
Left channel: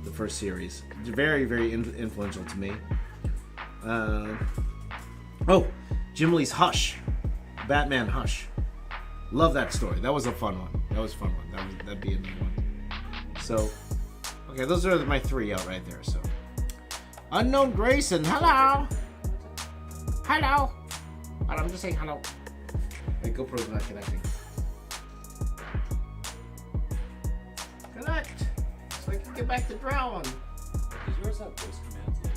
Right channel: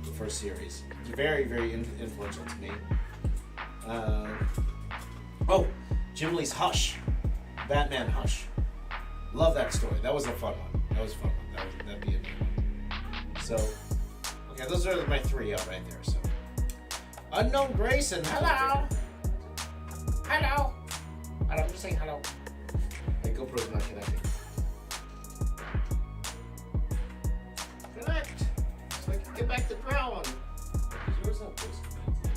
the first series. Very, very influential to me. Oh, Jim Lee's Hush, Batman Hush. Love that story. That was a fun one. That'd be a good one. So, okay, those are my 3 out right there. So, Unknown Grayson, hello. Hello. I'm just saying hello. The GoPro's not connecting. Connect, so I can get back to brown. Does yours have voice commands?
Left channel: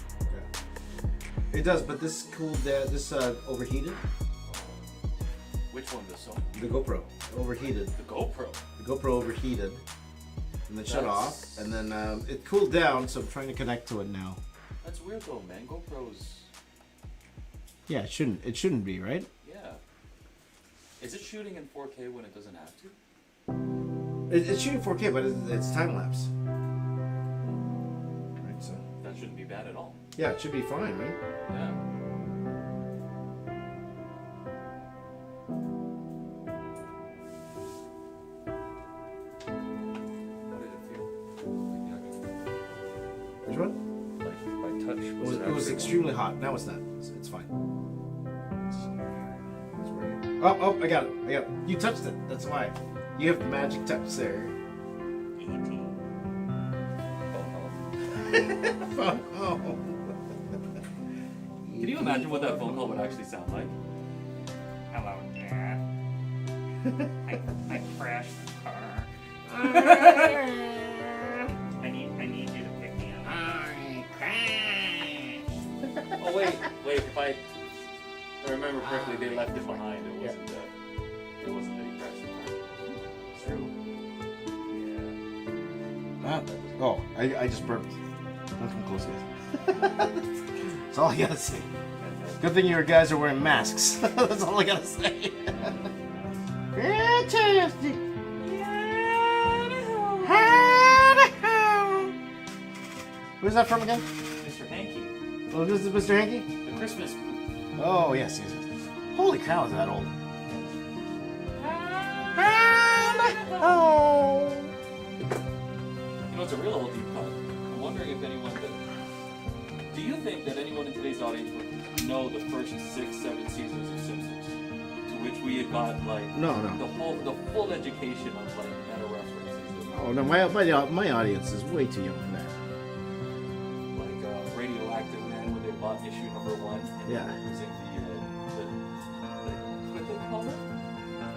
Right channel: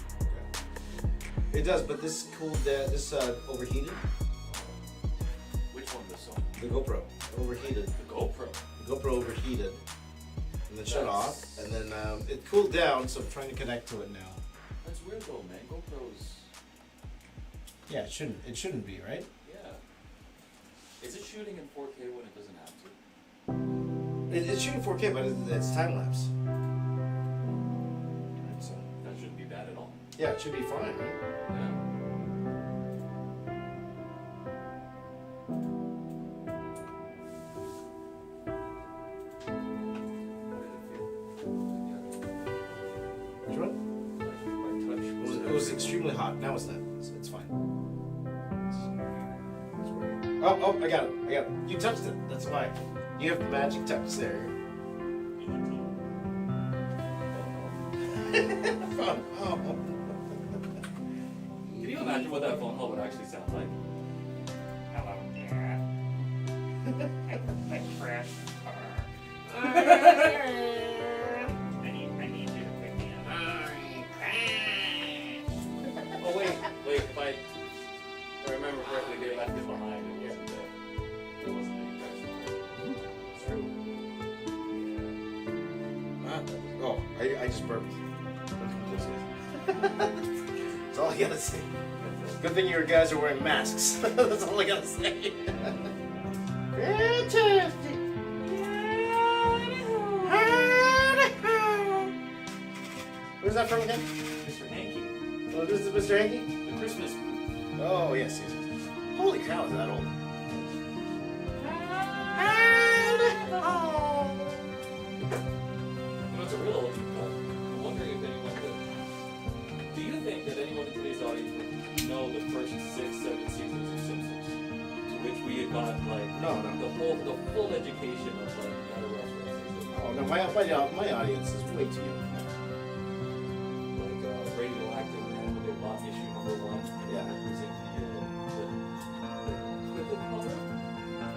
It does, but this cooled. This overheated. Which one? This one? The GoPro overheated. The GoPro. The GoPro overheated, and then shut That's- off, and then it cooled down. So I'm trying to connect to it now. That's weird though, man. GoPros. Yeah, it shouldn't. It shouldn't be, right? Yeah. Is it shooting in 4K when it doesn't have to? It's shooting 4K, but it's time lapse. Right, so That shouldn't be bad at all. yeah, it should be fine, right? Yeah. How did it feel? Which one? Like by touch? It was extremely hot. Now it's not. It's fine. Oh, I got it. You touched it. That's why. You have the magic touch there. Oh. Can you imagine what that phone call would actually sound like? Hello, Dad. I crashed the car. I need you to pick me up. Oh wait, if I remember correctly, they left it behind. It wasn't any crash. It's true. Yeah. Oh, I just burped. Don't come close, guys. That's all I gotta say. Good thing you guys are wearing masks. That's all I gotta say. Fantastic. Where's that from again? Mr. Hanky, Oh, this is Mr. Hanky? the Christmas. Oh, yes. Holy cow, is that old? You know, it's a real old cut. I'm wondering if anyone could. Do you think that anyone in today's audience would know the first 6, 7 seasons of Simpsons, to which we had got like No. the full education of like meta references, Oh, no, my audience is way too young for that. like Radioactive Man when they bought issue number 1. And Yeah. It was in what did they call it?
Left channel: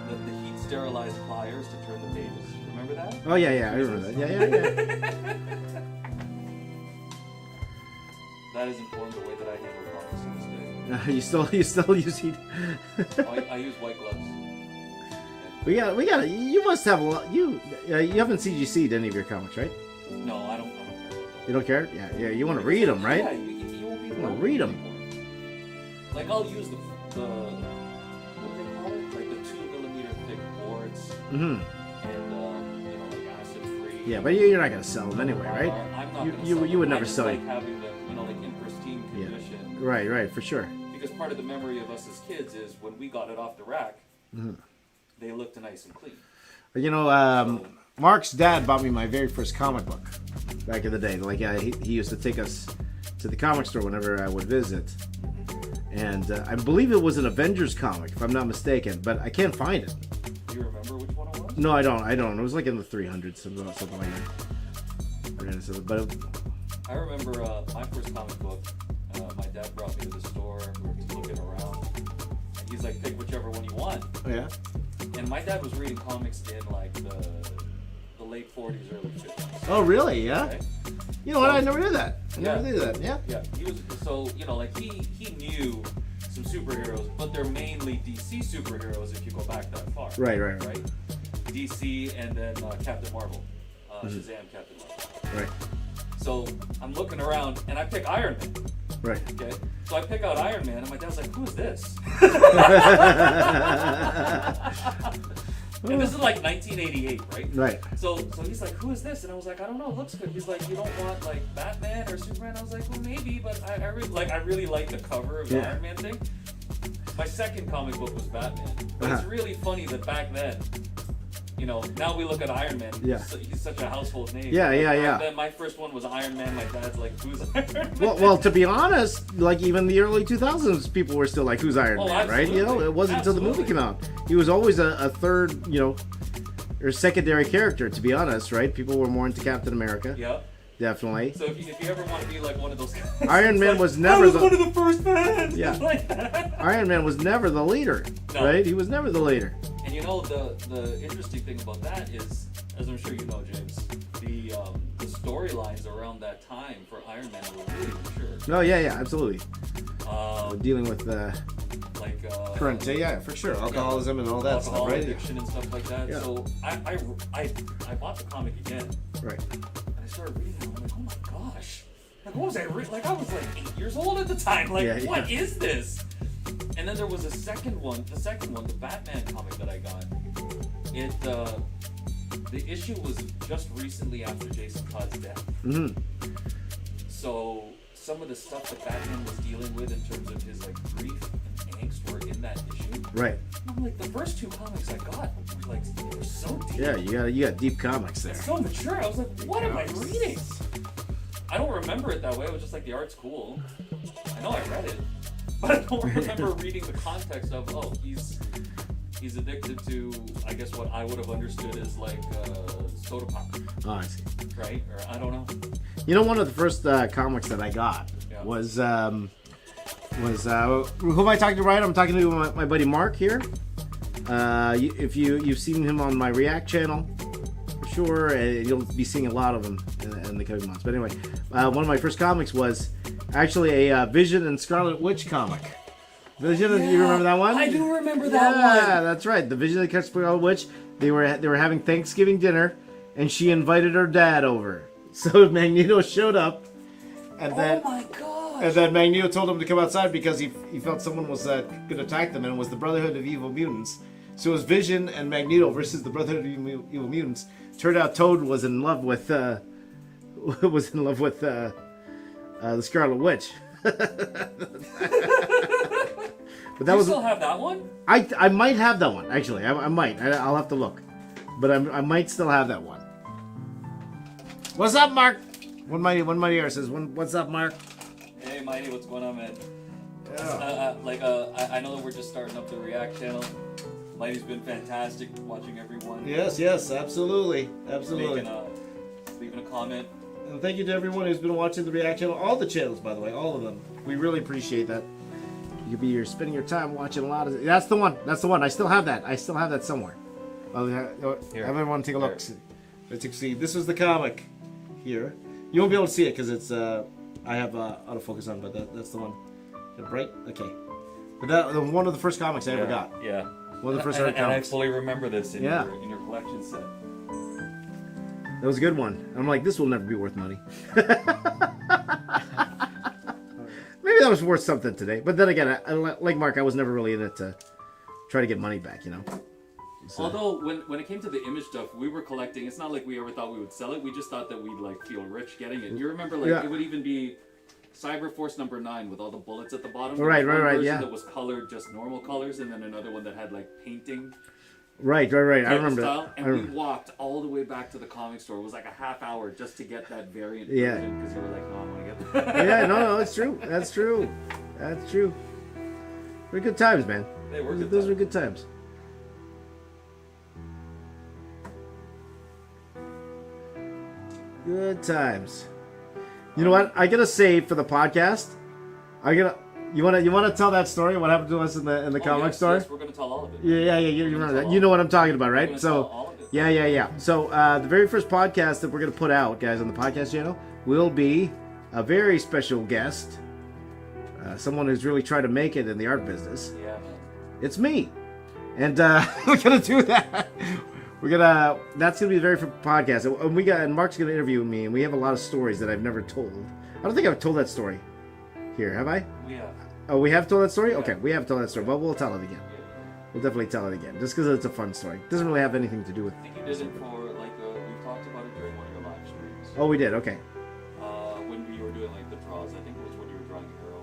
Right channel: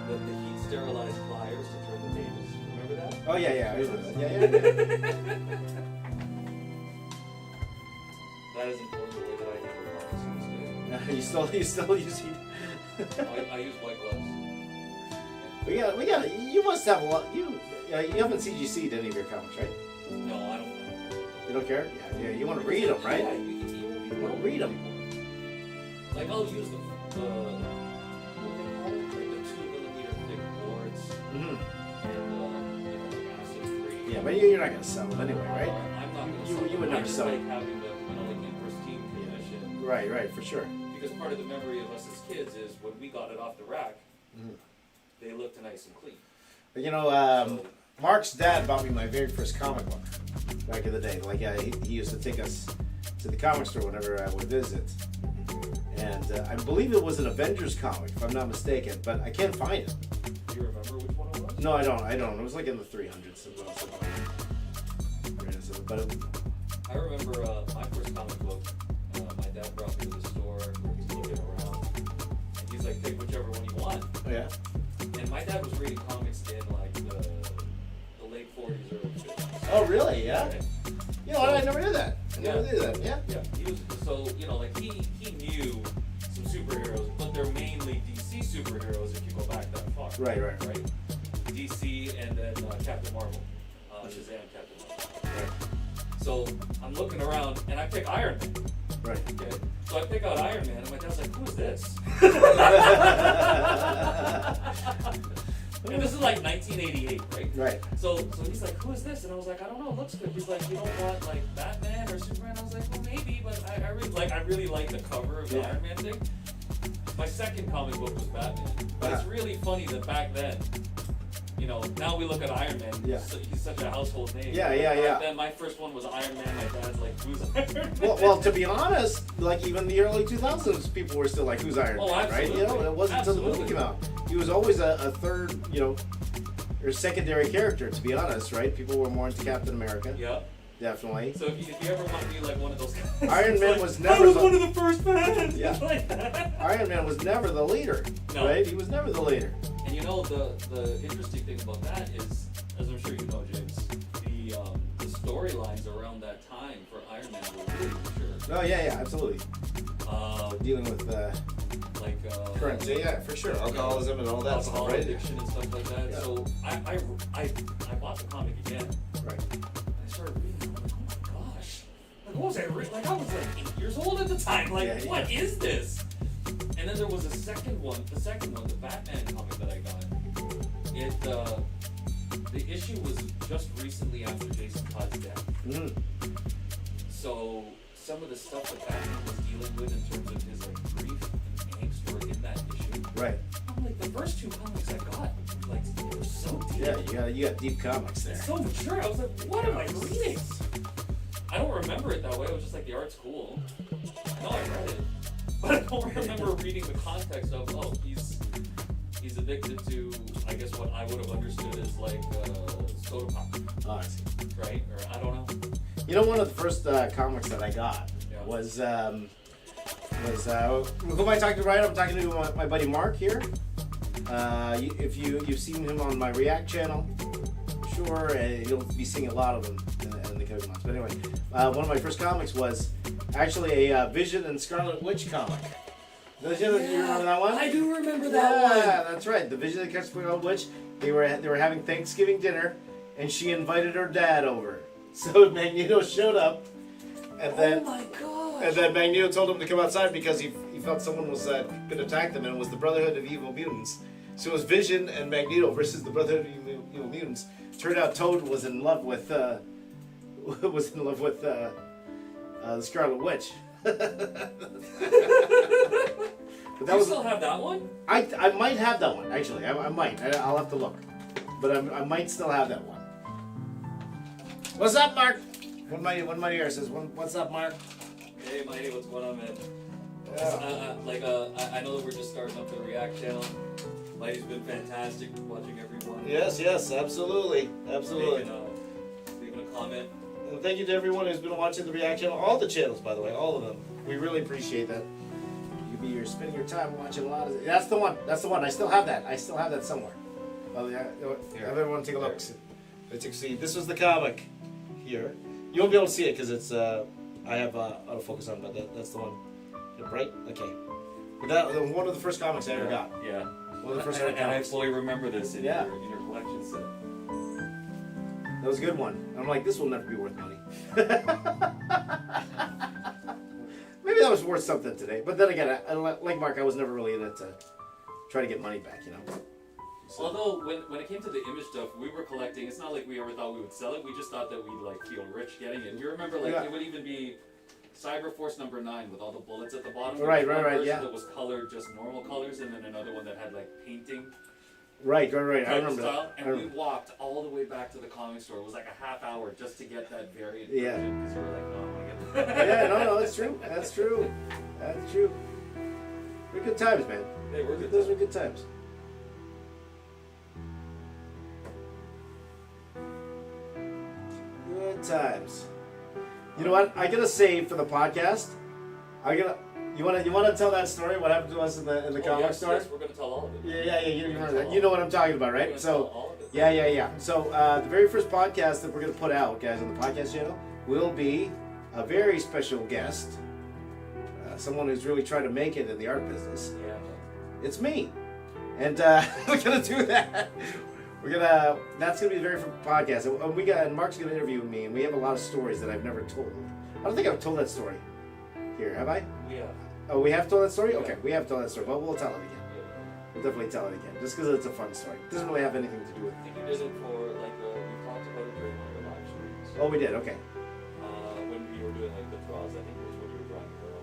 The heat sterilized pliers to turn the pages. Remember that? Oh, yeah, I remember that. Yeah. That has informed the way that I handle comics to this day. You still use heat. I use white gloves. We got. You must have a lot. You haven't CGC'd any of your comics, right? No, I don't care. You don't care? Yeah. You want to read them, right? Yeah, you won't be You want to read them. Like I'll use the what do they call it? Like the 2mm thick boards Mm-hmm. and like acid free. Yeah, but you're not gonna sell them anyway, right? I'm not You- gonna you- sell you them. would I never just sell like it. having them, like in pristine condition. Right, for sure. Because part of the memory of us as kids is when we got it off the rack, Mm-hmm. they looked nice and clean. But Mark's dad bought me my very first comic book back in the day. Like he used to take us to the comic store whenever I would visit, and I believe it was an Avengers comic, if I'm not mistaken. But I can't find it. Do you remember which one it was? No, I don't. It was like in the 300s, something like that. But I remember my first comic book. My dad brought me to the store. We were looking around, and he's like, "Pick whichever one you want." yeah. And my dad was reading comics in like the late 40s, early 50s. Oh, really? Yeah. Right? You know what? I never knew that. I Yeah. never knew that. Yeah. Yeah. He was so like he knew some superheroes, but they're mainly DC superheroes if you go back that far. Right. Right. DC and then Captain Marvel, Shazam, Captain Marvel. Right. So I'm looking around and I pick Iron Man. Right. Okay. So I pick out Iron Man and my dad's like, "Who's this?" And this is like 1988, right? Right. So he's like, "Who is this?" And I was like, "I don't know. It looks good." He's like, "You don't want like Batman or Superman?" I was like, "Well, maybe, but I really like the cover of the Yeah. Iron Man thing." My second comic book was Batman, but it's really funny that back then you know, now we look at Iron Man. Yeah. He's such a household name. Yeah, Like, yeah, yeah. Then my first one was Iron Man. My dad's like, who's Iron Man? Well, to be honest, like even the early 2000s, people were still like, "Who's Iron Oh, Man?" Right? You know, absolutely. it wasn't until the movie Absolutely. came out. He was always a third, you know, or secondary character. To be honest, right? People were more into Captain America, Yeah. definitely. So if you ever want to be like one of those guys, Iron it's Man like, was never I was the- one of the first fans. Yeah. Like that. Iron Man was never the leader, No. right? He was never the leader. And you know the interesting thing about that is, as I'm sure you know, James, the storylines around that time for Iron Man were really mature. No, yeah, absolutely. Dealing with Like current, yeah, for sure, alcoholism and all that stuff, alcohol right? addiction and stuff like that. Yeah. So I bought the comic again. Right. I started reading. I'm like, oh my gosh! Like, what was I reading? Like, I was like 8 years old at the time. Like, Yeah, what is this? And then there was a second one. The second one, the Batman comic that I got. The issue was just recently after Jason Todd's death. Mm-hmm. So some of the stuff that Batman was dealing with in terms of his like grief and angst were in that issue. Right. I'm like, the first two comics I got, like, they were so deep. Yeah, you got deep comics there. So mature. I was like, what am I reading? I don't remember it that way. It was just like the art's cool. I know I read it, but I don't remember reading the context of, oh, he's addicted to, I guess what I would have understood as like soda pop, Oh, I see. right? Or I don't know. You know, one of the first comics that I got Yeah. was who am I talking to? Right, I'm talking to my buddy Mark here. If you've seen him on my React channel, for sure, you'll be seeing a lot of them in the coming months. But anyway, one of my first comics was actually a Vision and Scarlet Witch comic. Vision, you remember that one? I do remember that one. Yeah, that's right. The Vision and Scarlet Witch. They were having Thanksgiving dinner, and she invited her dad over. So Magneto showed up, and then. Oh my god. And then Magneto told him to come outside because he felt someone was going to attack them, and it was the Brotherhood of Evil Mutants. So it was Vision and Magneto versus the Brotherhood of Evil Mutants. Turned out Toad was in love with the Scarlet Witch. But Do you still have that one? I might have that one actually. I might. I'll have to look, but I might still have that one. What's up, Mark? One mighty says, "What's up, Mark?" Hey, Mighty, what's going on, man? Yeah. I know that we're just starting up the React channel. Mighty's been fantastic watching everyone. Yes, absolutely. Leaving a comment. And thank you to everyone who's been watching the React channel, all the channels, by the way, all of them. We really appreciate that. You could be here spending your time watching a lot of. That's the one. I still have that somewhere. Oh, yeah. Here. Have everyone take a look. Let's see. This was the comic here. You won't be able to see it because it's. I have autofocus on, but that's the one. Right? Okay. But that one of the first comics I ever got. Yeah. One of the first And I comics. fully remember this in Yeah. your collection set. That was a good one. And I'm like, this will never be worth money. Maybe that was worth something today. But then again, like Mark, I was never really in it to try to get money back, you know? So, Although, when it came to the image stuff, we were collecting. It's not like we ever thought we would sell it. We just thought that we'd like feel rich getting it. You remember, like, Yeah. it would even be Cyberforce number 9 with all the bullets at the bottom. Right, There was one right, version yeah. That was colored just normal colors, and then another one that had like painting. right. I type remember style, that. And we walked all the way back to the comic store. It was like a half hour just to get that variant Yeah. version because we were like, no, I'm gonna get that. Yeah, no, that's true. That's true. That's true. They're good times, man. They were good. Those were good times. Good times. You know what? I gotta save for the podcast. You wanna tell that story? What happened to us in the comic store? Yes, we're gonna tell all of it. Yeah. You We're gonna remember tell that? all You know of what I'm talking about, We're right? gonna So. tell all of it. Yeah. So the very first podcast that we're going to put out, guys, on the podcast channel will be a very special guest, someone who's really trying to make it in the art business. Yeah, man. It's me, and we're going to do that. That's going to be the very first podcast, and Mark's going to interview me, and we have a lot of stories that I've never told. I don't think I've told that story here, have I? We have. Oh, we have told that story. Yeah. Okay, we have told that story. Well, we'll tell it again. We'll definitely tell it again, just because it's a fun story. It doesn't really have anything to do with. I think you did it for like we talked about it during one of your live streams. Oh, we did. Okay. When you were doing like the draws, I think it was when you were drawing the girl.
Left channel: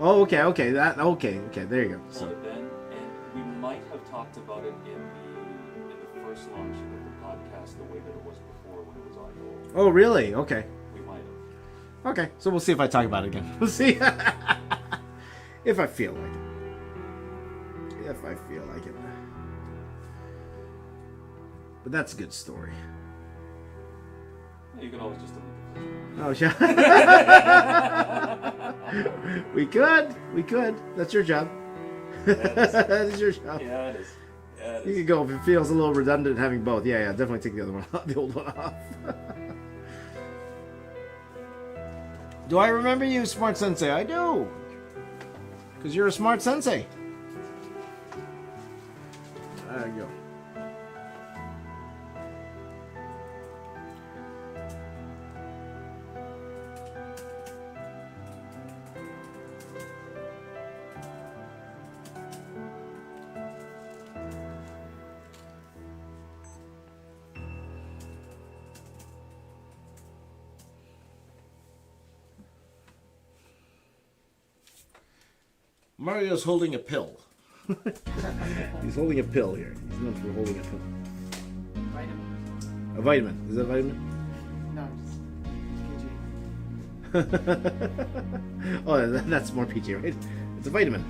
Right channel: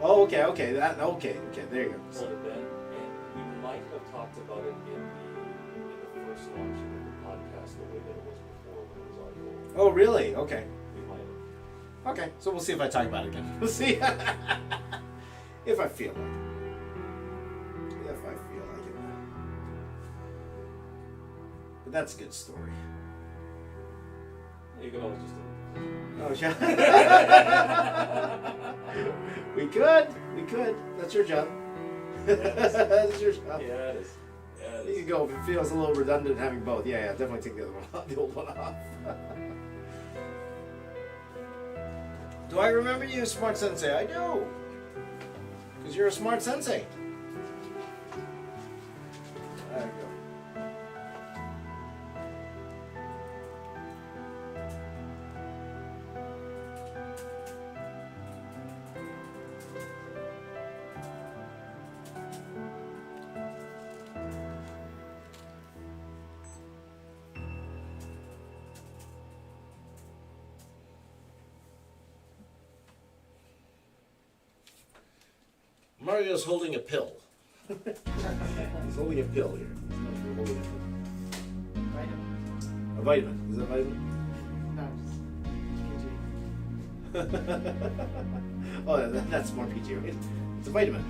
Oh, okay. Okay. There you go. Pulled it then, and we might have talked about it in the first launch Oh, really? Okay. We might have. Okay, so we'll see if I talk about it again. We'll see if I feel like it. If I feel like it. But that's a good story. You can always just delete it. Oh, yeah. We could. That's your job. That's your job. Yeah, it is. Yeah, it You is. can go if it feels a little redundant having both. Yeah, definitely take the other one off, the old one off. Do I remember you, Smart Sensei? I do. Because you're a smart sensei. There you go. Mario's holding a pill. He's holding a pill here. He's known for holding a pill. Vitamin. A vitamin. Is that a vitamin? No, just PG. Oh, that's more PG, right? It's a vitamin.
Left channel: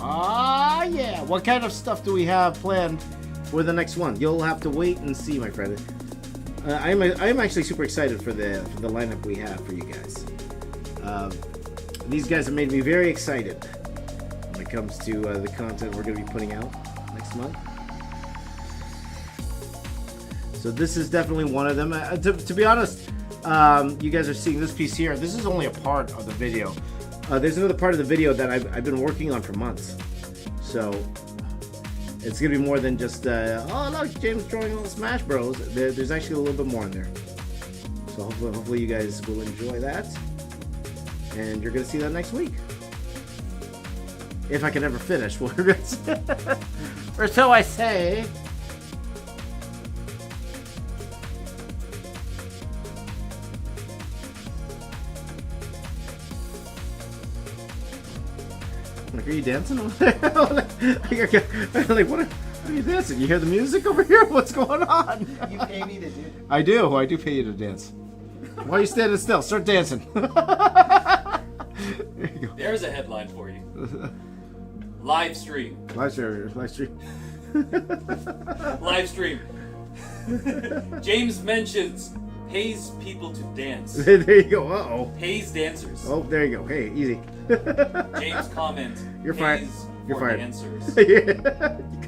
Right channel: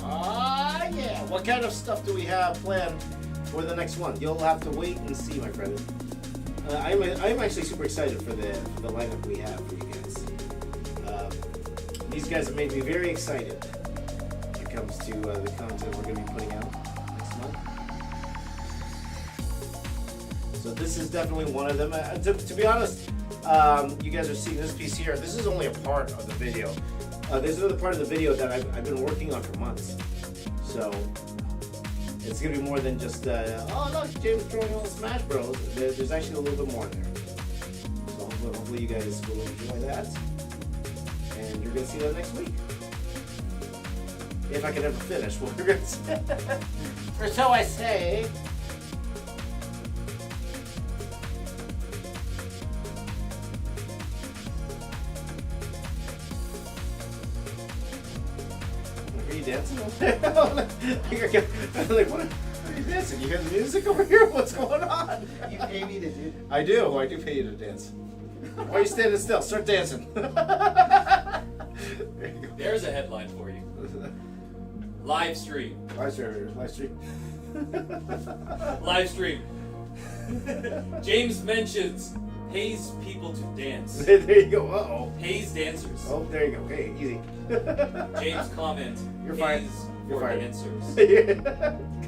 Ah, yeah. What kind of stuff do we have planned for the next one? You'll have to wait and see, my friend. I'm actually super excited for the lineup we have for you guys. These guys have made me very excited when it comes to the content we're going to be putting out next month. So this is definitely one of them. To be honest, you guys are seeing this piece here. This is only a part of the video. There's another part of the video that I've been working on for months. So it's going to be more than just, oh look, James drawing all Smash Bros. There's actually a little bit more in there. So hopefully you guys will enjoy that. And you're going to see that next week. If I can ever finish. Or so I say. Are you dancing over there? I'm like, what are you dancing? You hear the music over here? What's going on? You pay me to do it. I do pay you to dance. Why are you standing still? Start dancing. There you go. There's a headline for you. Live stream. Live stream. Live stream. James mentions pays people to dance. There you go. Uh-oh. Pays dancers. Oh, there you go. Hey, easy. James comment. You're fired. Pays You're for fired. dancers. Yeah.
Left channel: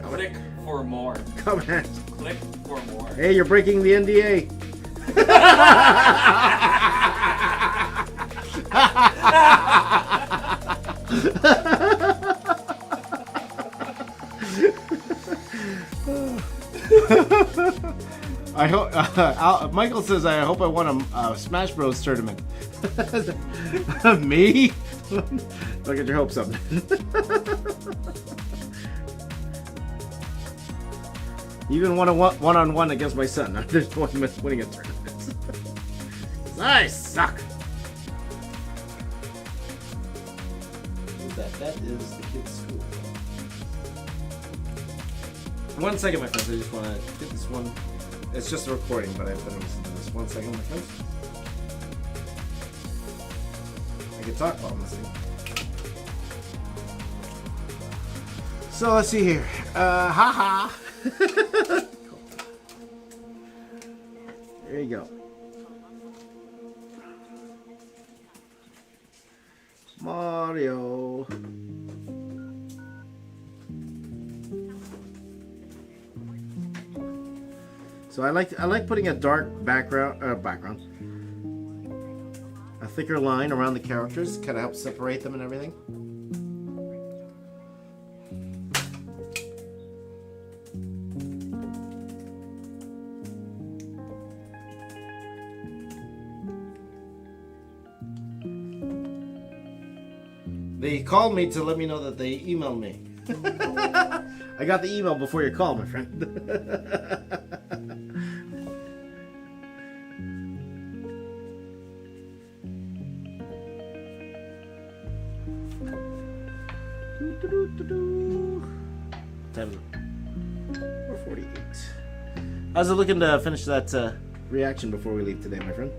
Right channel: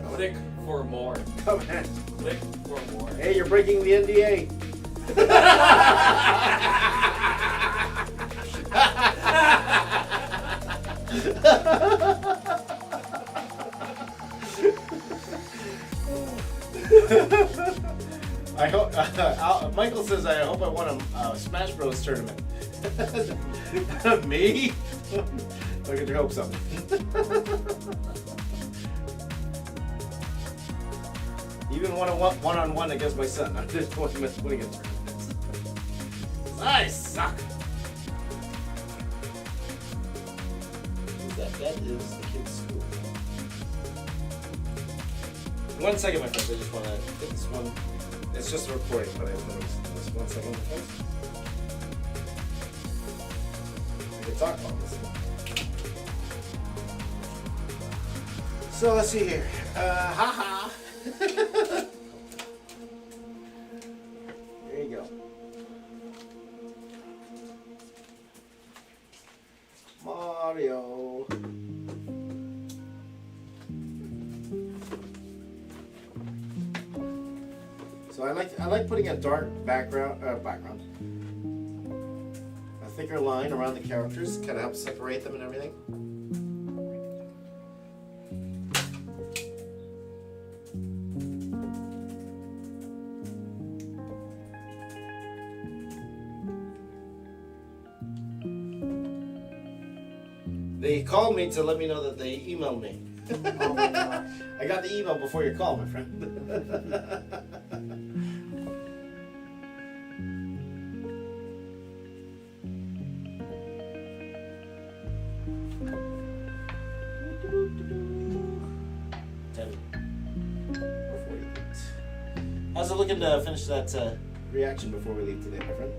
Click for more. Come on. Click for more. Hey, you're breaking the NDA. I hope Michael says I hope I won a Smash Bros tournament. Me? Don't get your hopes up. Even won a one-on-one against my son. I just want him winning a tournament. I suck. That is the kid's school. 1 second, my friends. I just want to get this one. It's just a recording, but I want to just 1 second, my friends. I can talk about this. So let's see here. Haha. There you go. Mario. So I like putting a dark background, a thicker line around the characters, kind of helps separate them and everything. They called me to let me know that they emailed me. I got the email before your call, my friend. How's it looking to finish that reaction before we leave today, my friend?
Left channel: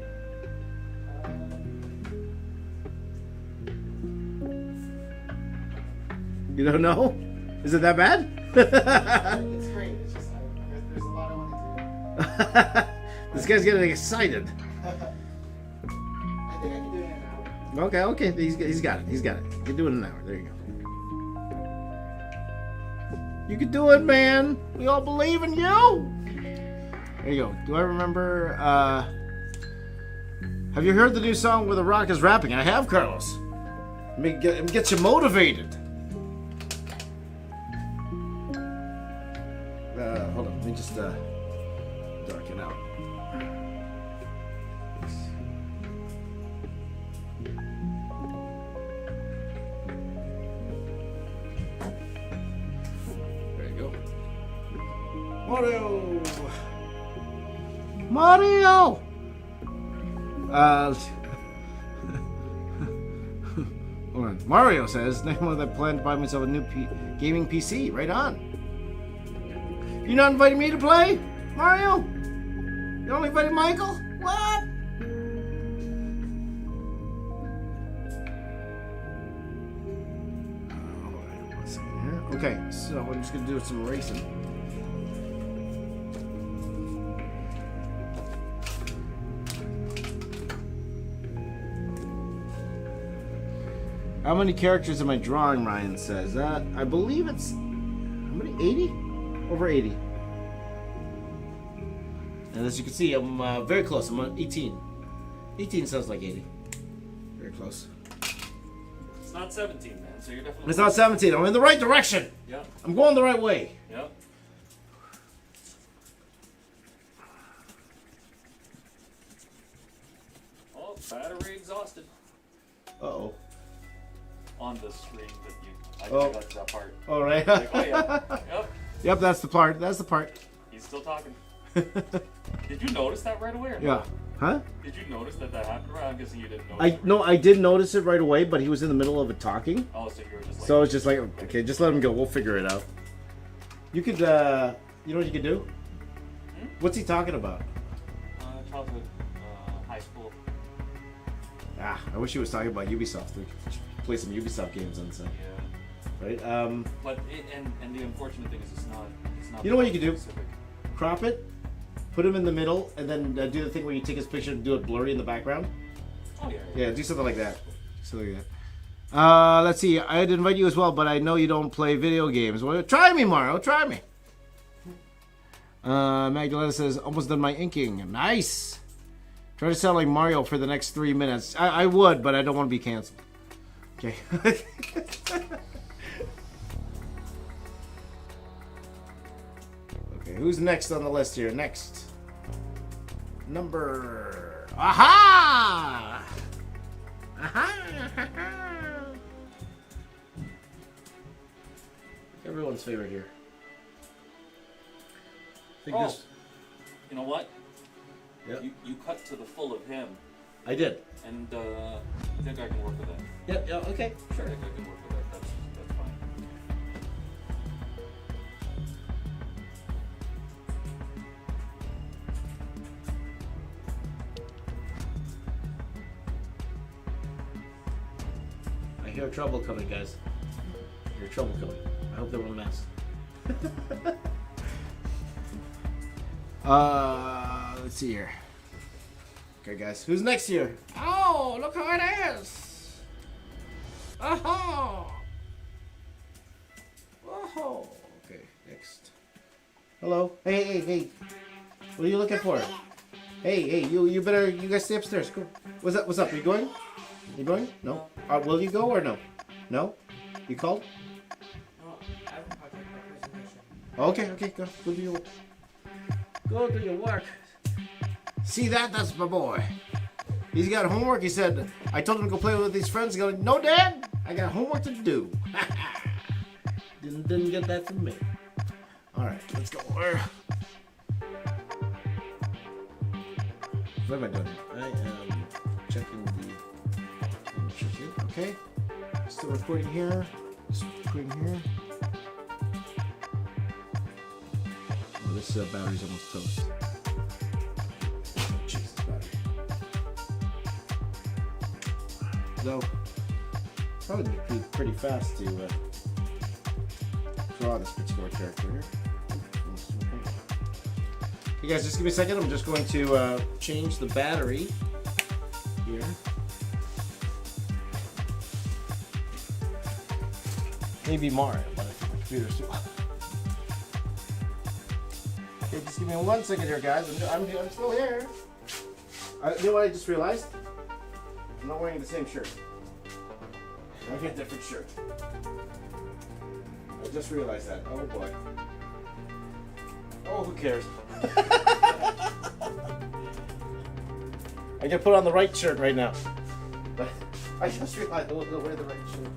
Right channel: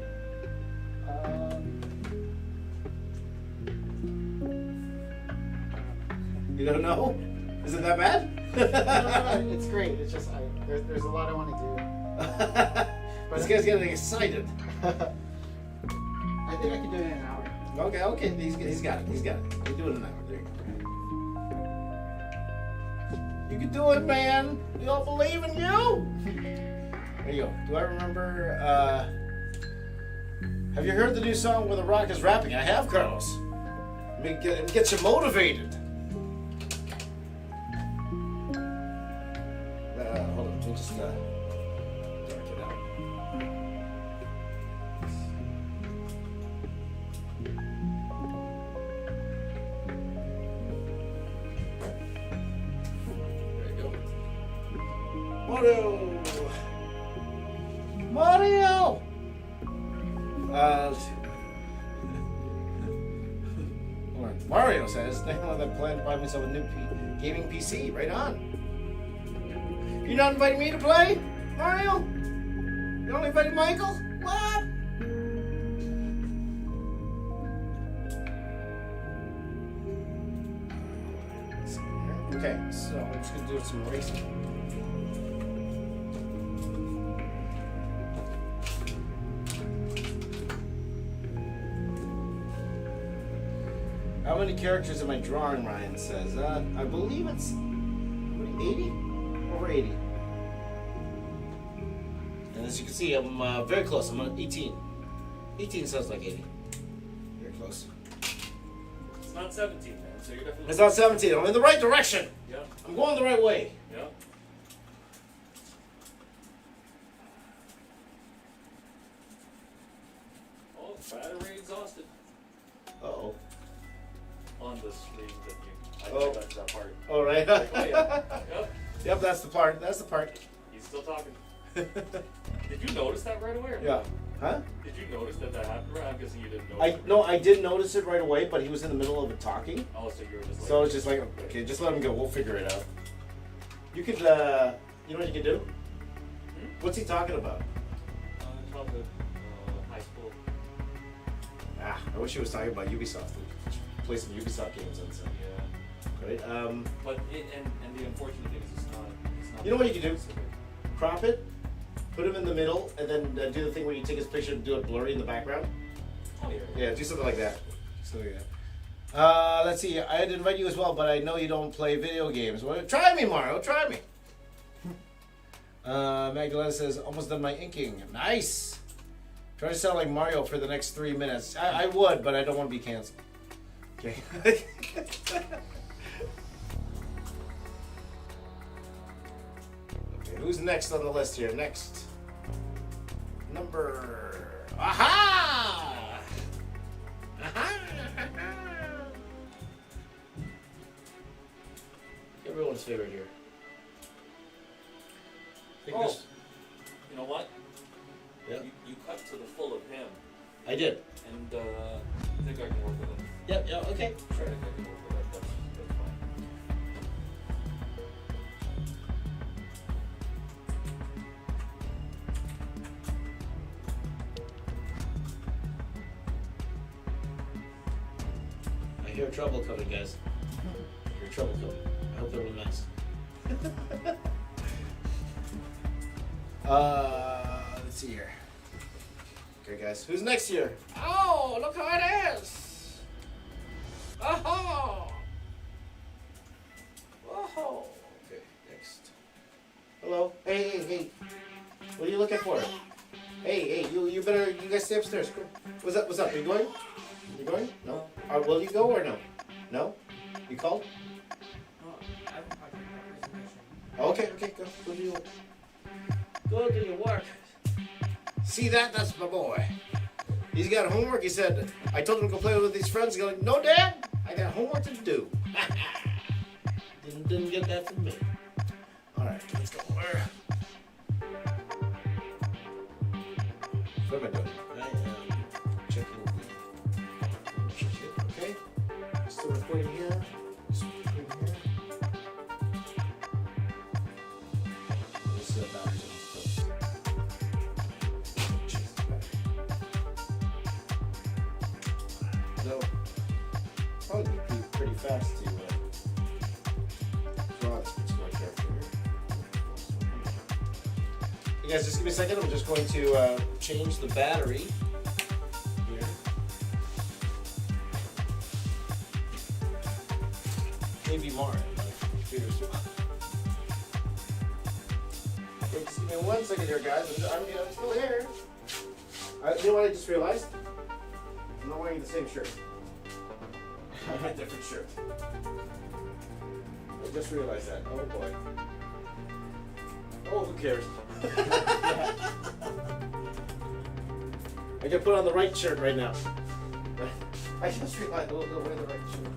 You don't know? Is it that bad? It's great. It's just there's a lot I want to do. This guy's getting excited. I think I can do it in an hour. Okay. He's got it. He's got it. You're doing it an hour. There you go. You can do it, man. We all believe in you. There you go. Do I remember? Have you heard the new song where The Rock is rapping? I have, Carlos. It gets you motivated. Hold on. Let me just dark it out. There you go. Mario! Hold on. Mario says, next month I plan to buy myself a new gaming PC. Right on. You're not inviting me to play, Mario? You only invited Michael? What? Let's see here. Okay, so I'm just gonna do some racing. How many characters am I drawing, Ryan says? I believe it's, how many, 80? Over 80. And as you can see, I'm very close. I'm on 18. 18 sounds like 80. Very close. It's not 17, man. So you're definitely. It's not 17. I'm in the right direction. Yep. I'm going the right way. Yep. Oh, battery exhausted. Uh-oh. On the screen that you. I Oh. got to that part. All right. Like, oh yeah. Yep. Yep, that's the part. That's the part. He's still talking. Did you notice that right away or Yeah. not? Huh? Did you notice that happened? I'm guessing you didn't notice. I did notice it right away, but he was in the middle of it talking. Oh, so you were just like. So it's just like, okay, just let him go. We'll figure it out. You could, you know what you could do? What's he talking about? Childhood, high school. Ah, I wish he was talking about Ubisoft. Play some Ubisoft games and stuff. Yeah. Right? But and the unfortunate thing is it's not. You know what you could do? specific. Crop it, put him in the middle, and then do the thing where you take his picture and do it blurry in the background. Oh yeah. Yeah, do something like that. Let's see. I'd invite you as well, but I know you don't play video games. Well, try me, Mario. Try me. Magdalena says, almost done my inking. Nice. Try to sound like Mario for the next 3 minutes. I would, but I don't want to be canceled. Okay. Okay, who's next on the list here? Next. Number... Aha! Aha! Everyone's favorite here. Oh, you know what? Yeah. You cut to the full of him, I did. and I think I can work with that. Yep, yeah, okay. I think I can work with that. That's fine. I hear trouble coming, guys. I hear trouble coming. I hope they're a mess. Let's see here. Okay, guys. Who's next here? Oh, look how it is! Oh! Oh! Okay, next. Hello. Hey. What are you looking for? Hey, you guys stay upstairs. Go. What's up? You going? You going? No. Will you go or no? No? You called? I haven't talked about resignation. Okay, go. Go do your work. Go do your work. See that? That's my boy. He's got homework. He said, I told him to go play with his friends. He's going, no, Dad, I got homework to do. Didn't get that from me. All right, let's go. What am I doing? Okay. Still recording here. Still recording here. This battery's almost close. So, probably pretty fast to draw this particular character here. You guys, just give me a second. I'm just going to change the battery here. Maybe more. My computer's too hot. Okay, just give me 1 second here, guys. I'm still here. You know what I just realized? I'm not wearing the same shirt. I have a different shirt. I just realized that. Oh boy. Oh, who cares? I gotta put on the right shirt right now. I just realized I don't wear the right shirt.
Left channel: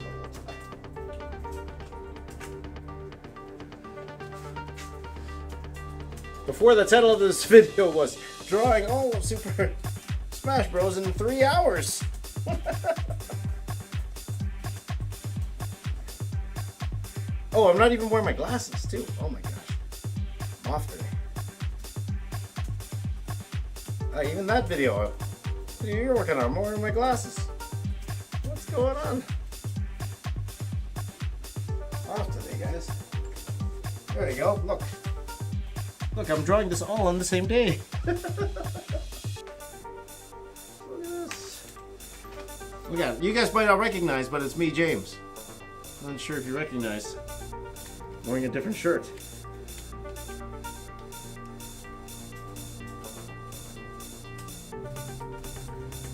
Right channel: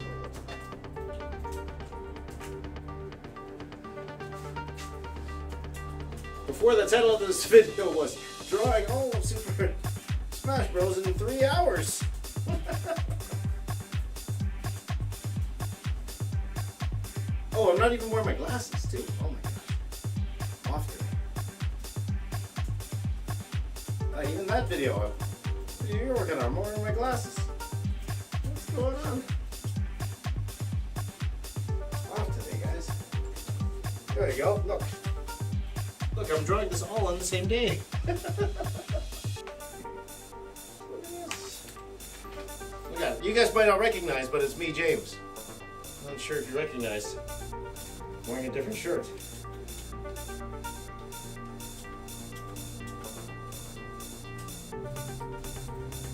Before, the title of this video was drawing Super Smash Bros. In 3 hours. Oh, I'm not even wearing my glasses too. Oh my gosh. I'm off today. Even that video, you're working on. I'm wearing my glasses. What's going on? Off today, guys. There you go. Look. Look, I'm drawing this all on the same day. Yeah, you guys might not recognize, but it's me, James. I'm not sure if you recognize. I'm wearing a different shirt.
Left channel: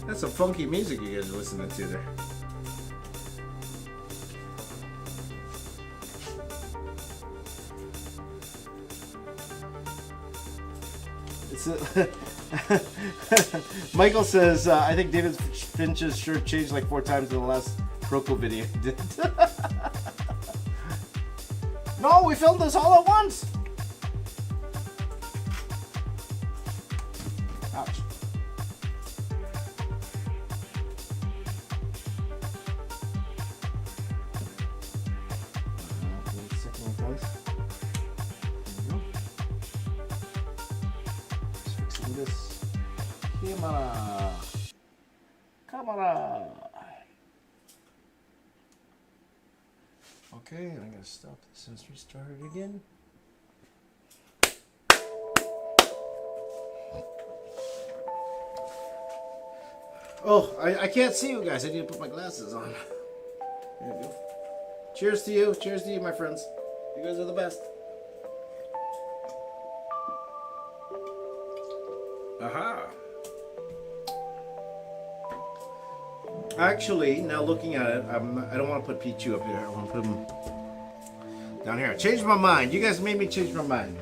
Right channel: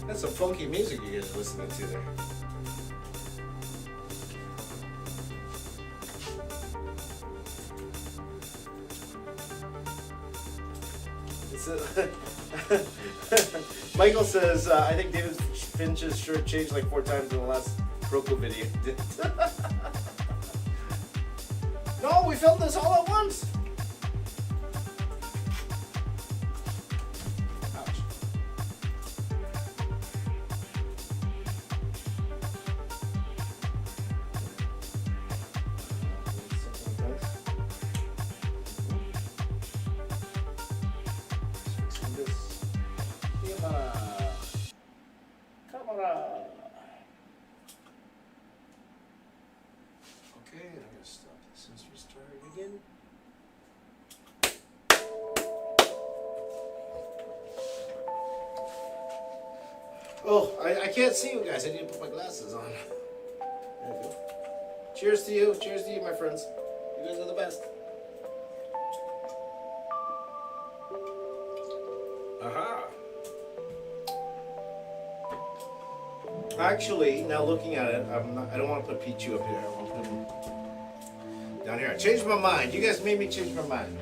That's some funky music you guys are listening to there. Michael says, I think David Finch's shirt changed like 4 times in the last Roku video. No, we filmed this all at once. Ouch. Camera. Okay, I'm gonna stop this and restart it again. Oh, I can't see you guys. I need to put my glasses on. There we go. Cheers to you. Cheers to you, my friends. You guys are the best. Aha. Actually, now looking at it, I don't want to put Pichu up here. I want to put him down here. I changed my mind. You guys made me change my mind.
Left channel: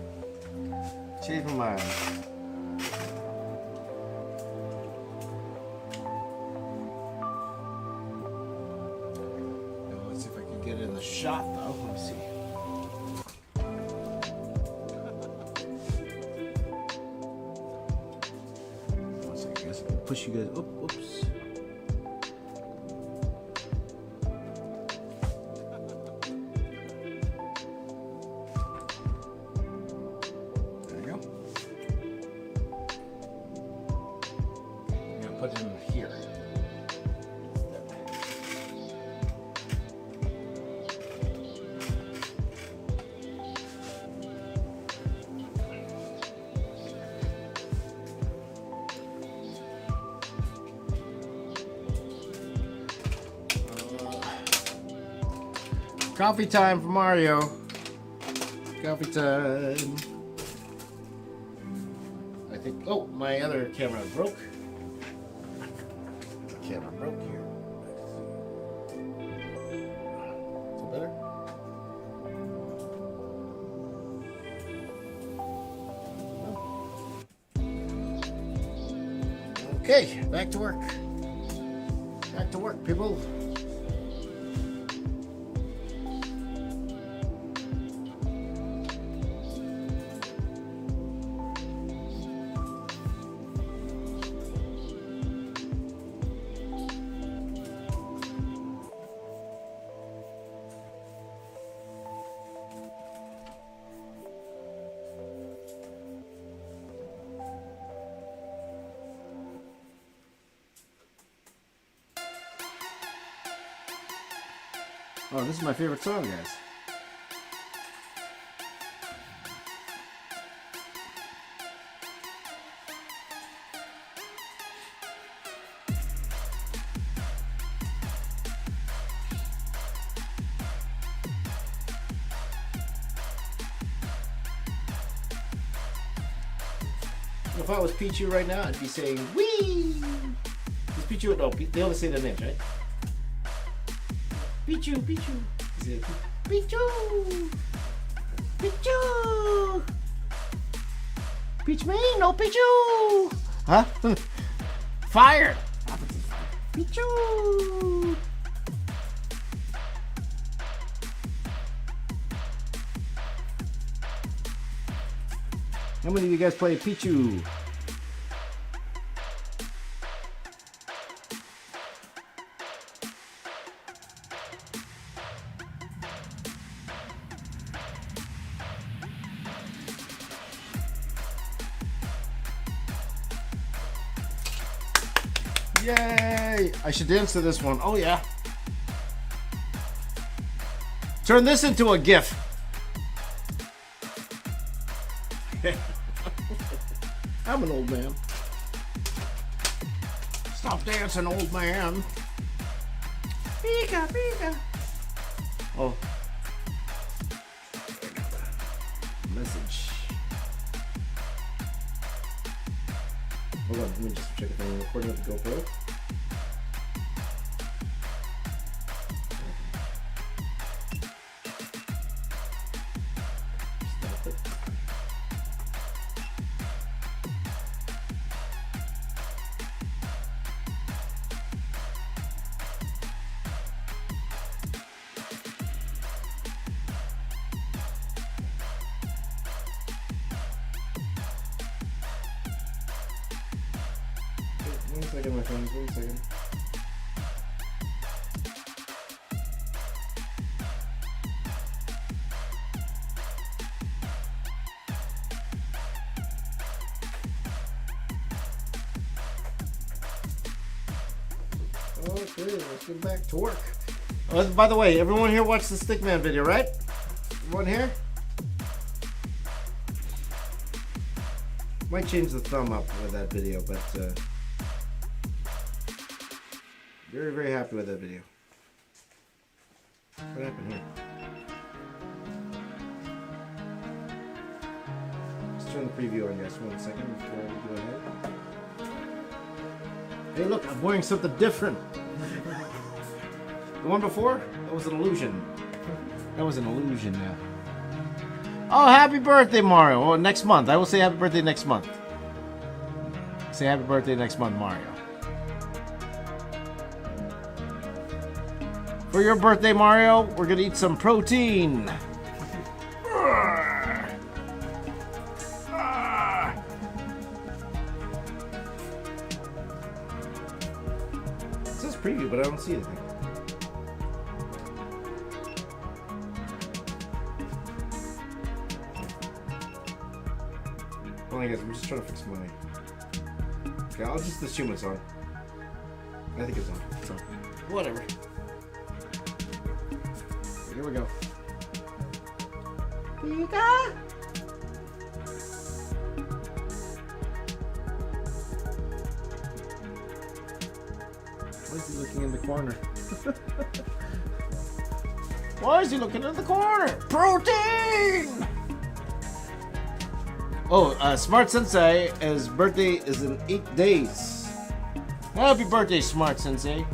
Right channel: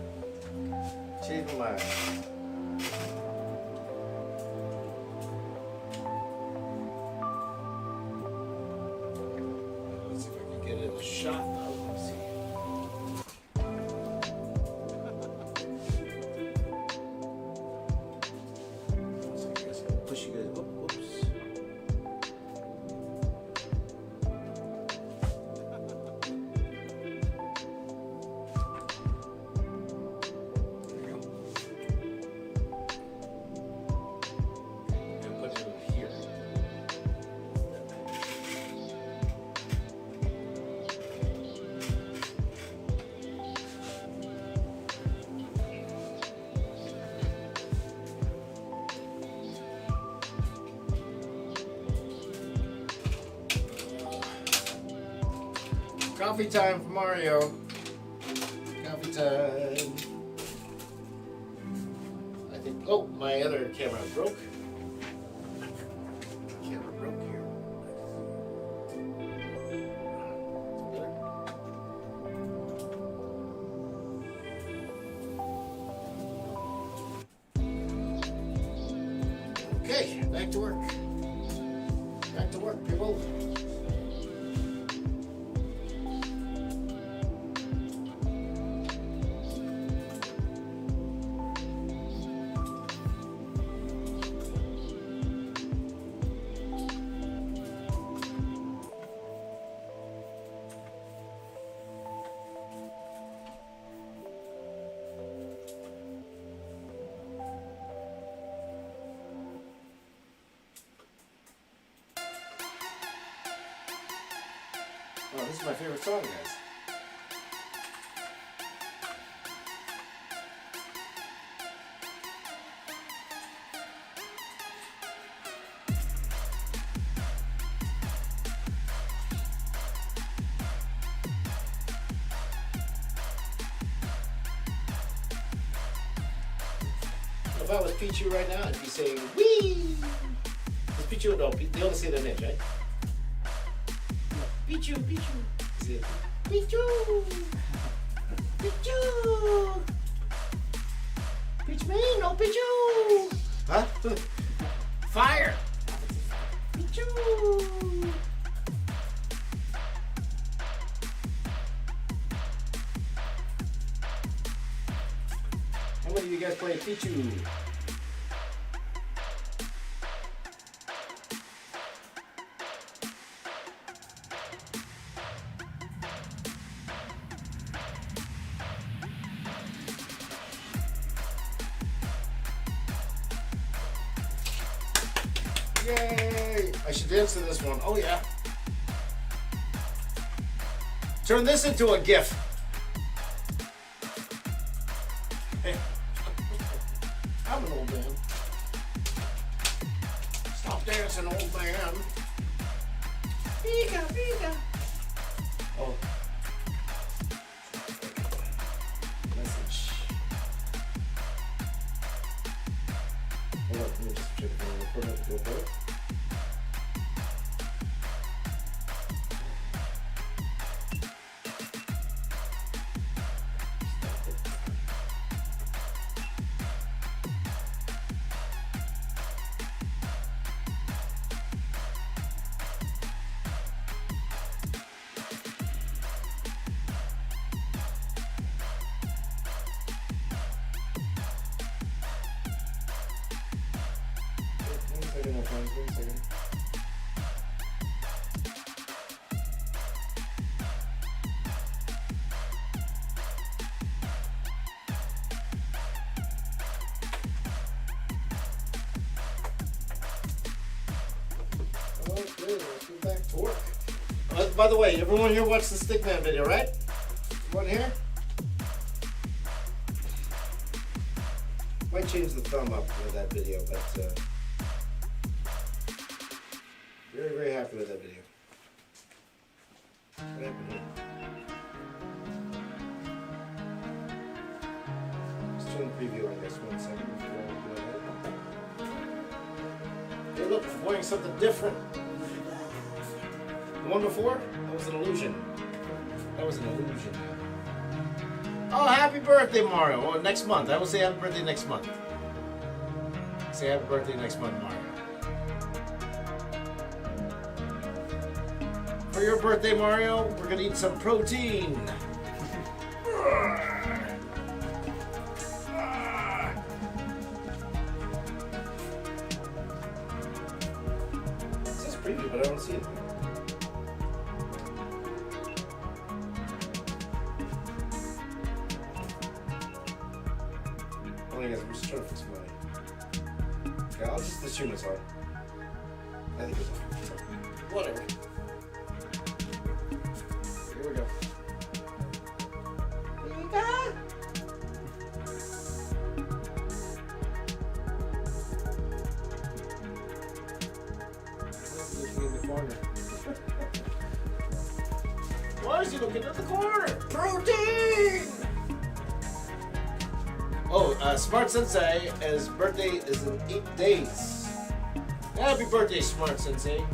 Change my mind. Let's see if I can get it in the shot, though. Let's see. One second, guys. Push you guys. Oops. Coffee time for Mario. Coffee time. I think. Oh, my other camera broke. Camera broke here. Better? Okay, back to work. Back to work, people. Oh, this is my favorite song, guys. If I was Pichu right now, I'd be saying, wee! It's Pichu, no, they always say their names, right? Pichu, Pichu. Is it Pichu? Pichu! Peach me, no Pichu! Huh? Fire! Pichu! How many of you guys play Pichu? Yay! I should dance to this one. Oh yeah. Turn this into a GIF. I'm an old man. Stop dancing, old man. Pika, pika. Oh. Message. Hold on, let me just check the recording to go for it. My phone, wait a second. Okay, let's get back to work. By the way, everyone here watched the Stickman video, right? Everyone here? Might change the thumb up for that video, but very, very happy with that video. What happened here? Let's turn the preview on, guys. 1 second before we do it. Hey, look, I'm wearing something different. The one before? That was an illusion. That was an illusion, man. Oh, happy birthday, Mario. Oh, next month. I will say happy birthday next month. Say happy birthday next month, Mario. For your birthday, Mario, we're gonna eat some protein. It says preview, but I don't see it. Oh, I guess I'm just trying to fix mine. Okay, I'll just assume it's on. I think it's on. So, whatever. Here we go. Pika! He's looking in the corner. Why is he looking in the corner? Protein! Oh, Smart Sensei, his birthday is in 8 days. Happy birthday, Smart Sensei.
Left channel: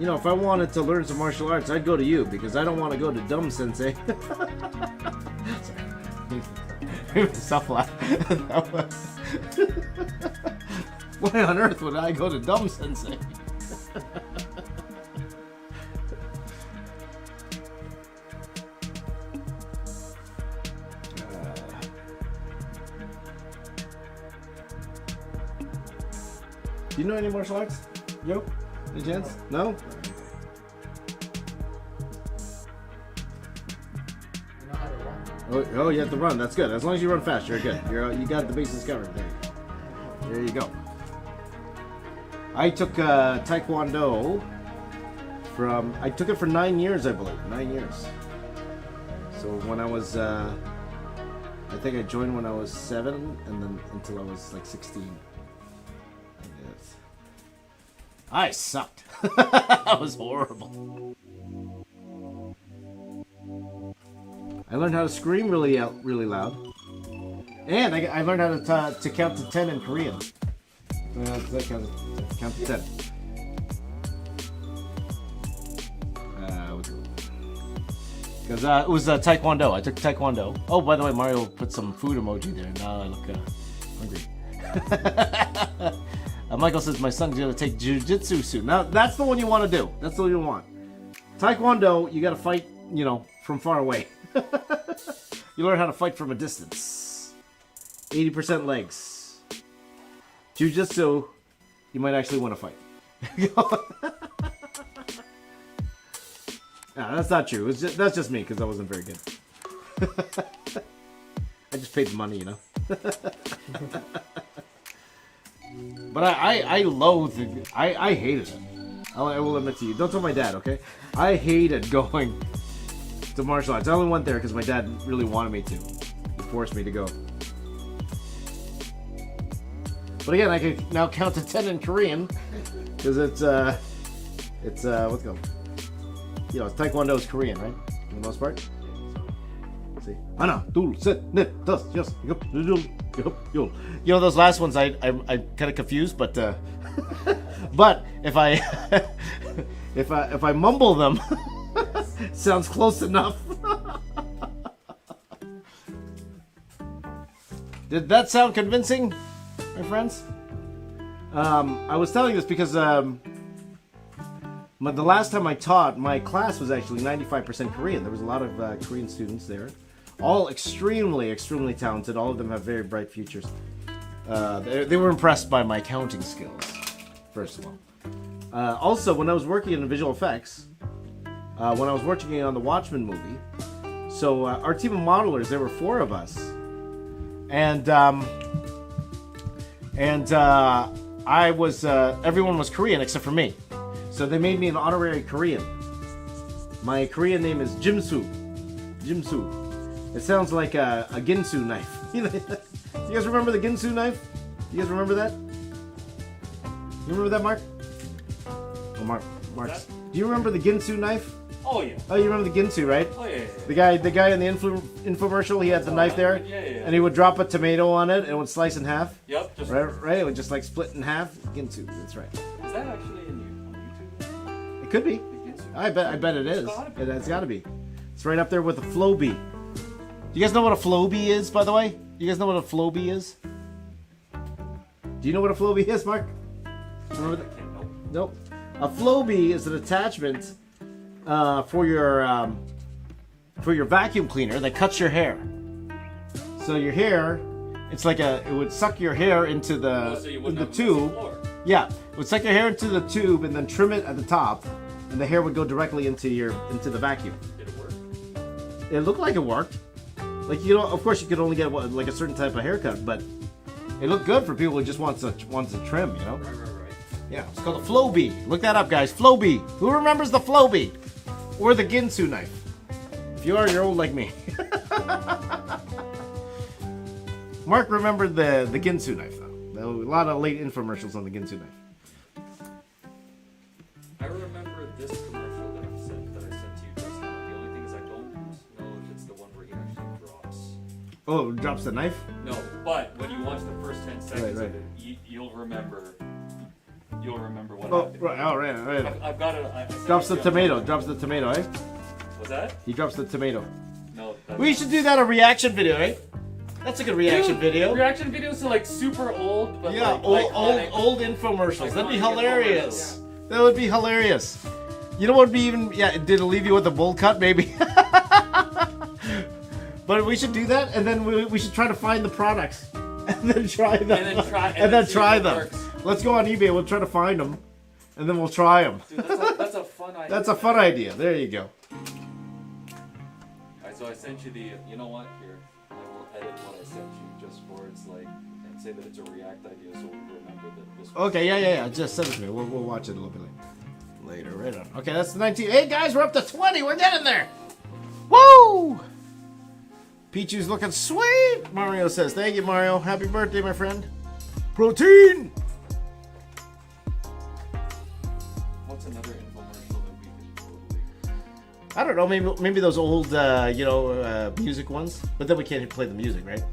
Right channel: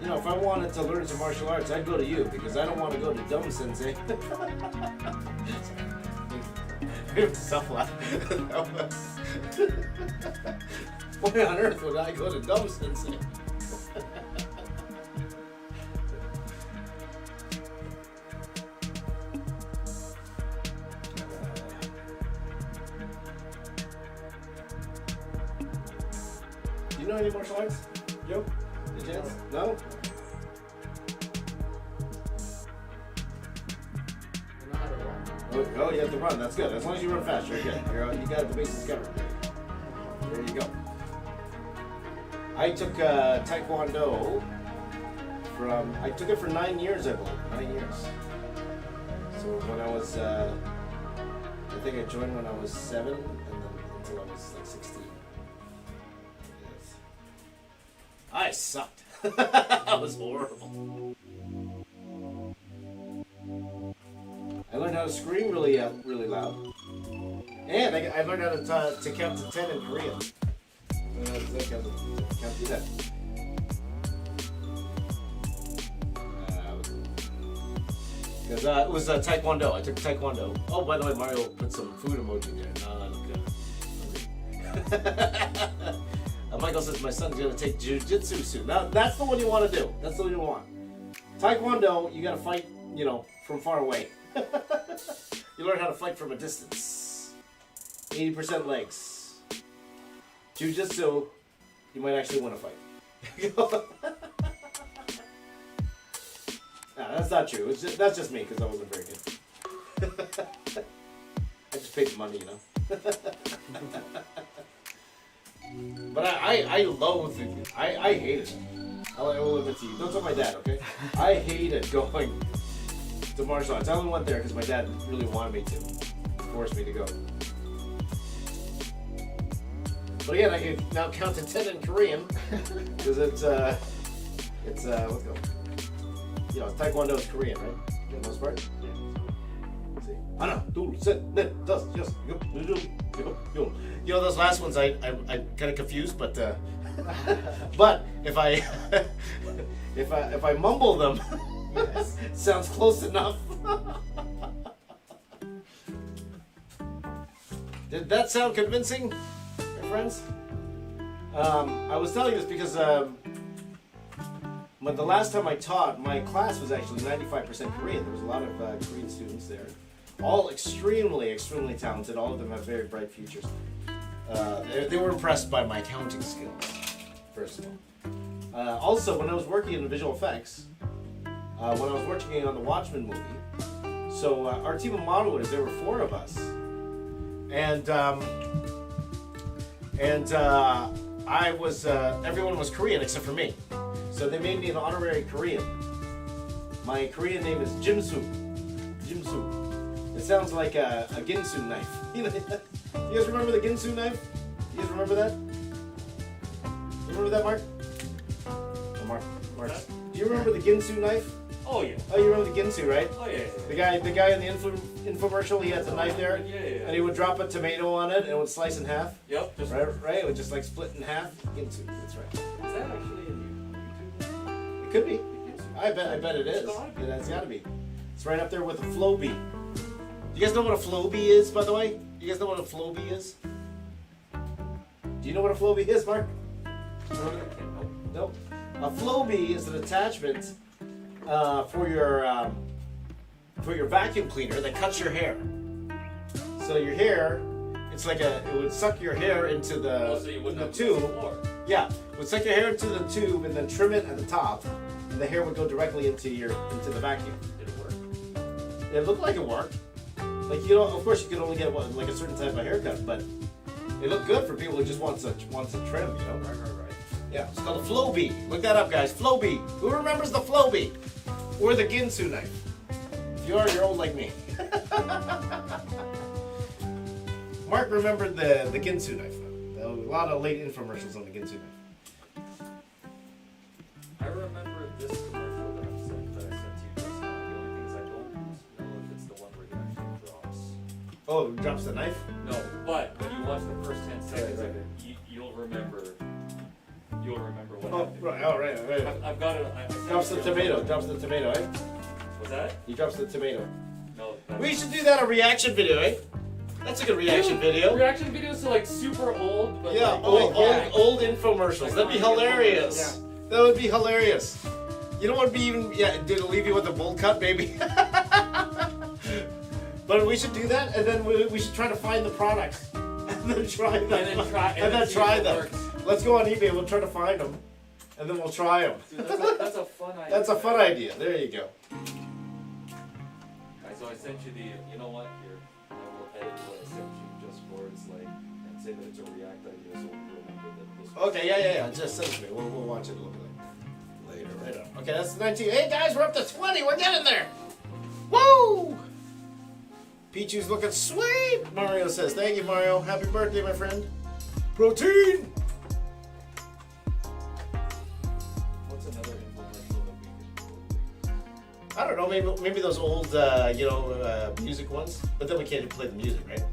You know, if I wanted to learn some martial arts, I'd go to you because I don't want to go to Dumb Sensei. Stop laughing. Why on earth would I go to Dumb Sensei? Do you know any martial arts? Yo? Any chance? No? Oh, you have to run. That's good. As long as you run fast, you're good. You got the bases covered. There you go. I took Taekwondo I took it for 9 years, I believe. 9 years. So when I was, I think I joined when I was 7, and then until I was like 16. Yes. I sucked. I was horrible. I learned how to scream really loud. And I learned how to count to 10 in Korean. Count to 10. Because it was Taekwondo. I took Taekwondo. Oh, by the way, Mario put some food emoji there. Now I look hungry. Michael says my son's going to take jiu-jitsu soon. Now, that's the one you want to do. That's the one you want. Taekwondo, you got to fight, from far away. You learn how to fight from a distance. 80% legs. Jiu-jitsu, you might actually want to fight. No, that's not true. That's just me because I wasn't very good. I just paid the money, But I loathed it. I hated it. I will admit to you. Don't tell my dad, okay? I hated going to martial arts. I only went there because my dad really wanted me to. He forced me to go. But again, I can now count to 10 in Korean because it's what's it called? Taekwondo is Korean, right? For the most part. Let's see. 하나, 둘, 셋, 넷, 다섯, 여섯, 일곱, 여덟. Those last ones I kind of confused, but but if I if I mumble them, sounds close enough. Did that sound convincing, my friends? I was telling this because the last time I taught, my class was actually 95% Korean. There was a lot of Korean students there. All extremely, extremely talented. All of them have very bright futures. They were impressed by my counting skills, first of all. Also, when I was working in visual effects, when I was working on the Watchmen movie, so our team of modelers, there were 4 of us. And I was, everyone was Korean except for me. So they made me an honorary Korean. My Korean name is Jimsu. Jimsu. It sounds like a Ginsu knife. You guys remember the Ginsu knife? You guys remember that? You remember that, Mark? Oh, Mark. Do you remember the Ginsu knife? Oh yeah. Oh, you remember the Ginsu, right? Oh yeah. The guy in the infomercial, he had the knife there, Yeah. and he would drop a tomato on it, and it would slice in half. Yep. Just Right? It would just like split in half. Ginsu, that's right. Is that actually on YouTube? It could be. The Ginsu? I bet it is. gotta be. It's got to be. It's right up there with a flow bee. Do you guys know what a flow bee is, by the way? Do you guys know what a flow bee is? Do you know what a flow bee is, Mark? Nope. A flow bee is an attachment for your vacuum cleaner that cuts your hair. So your hair, it's like it would suck your hair into the tube. Yeah, it would suck your hair into the tube and then trim it at the top, and the hair would go directly into the vacuum. Did it work? It looked like it worked. Like of course you could only get like a certain type of haircut, but it looked good for people who just wants to trim, Right. Yeah, it's called a flow bee. Look that up, guys. Flow bee. Who remembers the flow bee? Or the Ginsu knife? If you are, you're old like me. Mark remembered the Ginsu knife, though. There were a lot of late infomercials on the Ginsu knife. I remember this commercial that I sent to you just now. The only thing is I don't know if it's the one where he actually drops. Oh, it drops the knife? No, but when you watch the first 10 seconds Right. of it, you'll remember. You'll remember what Oh, happened. right. I've got it. Drops the tomato, eh? Was that? He drops the tomato. No. We should do that a reaction video, eh? That's a good reaction video. Reaction videos to like super old, but Yeah, like old infomercials. That'd be Iconic hilarious. That would be hilarious. You know what would be even? Yeah, did it leave you with a bowl cut, maybe? But we should do that, and then we should try to find the products, and then try them. And then try them. works. Let's go on eBay. We'll try to find them, and then we'll try them. Dude, that's a fun idea. That's a fun idea. There you go. Alright, so I sent you the. You know what? Here, I will edit what I sent you just for it's like 10 say that it's a React idea, so we'll remember that this. Okay, yeah. Just send it to me. We'll watch it a little bit later. Right on. Okay, that's the 19. Hey guys, we're up to 20. We're getting there. Woo! Pichu's looking sweet. Mario says, "Thank you, Mario. Happy birthday, my friend." Protein. What's another infomercial that we could totally? I don't know. Maybe those old, music ones. But then we can't even play the music, right? No.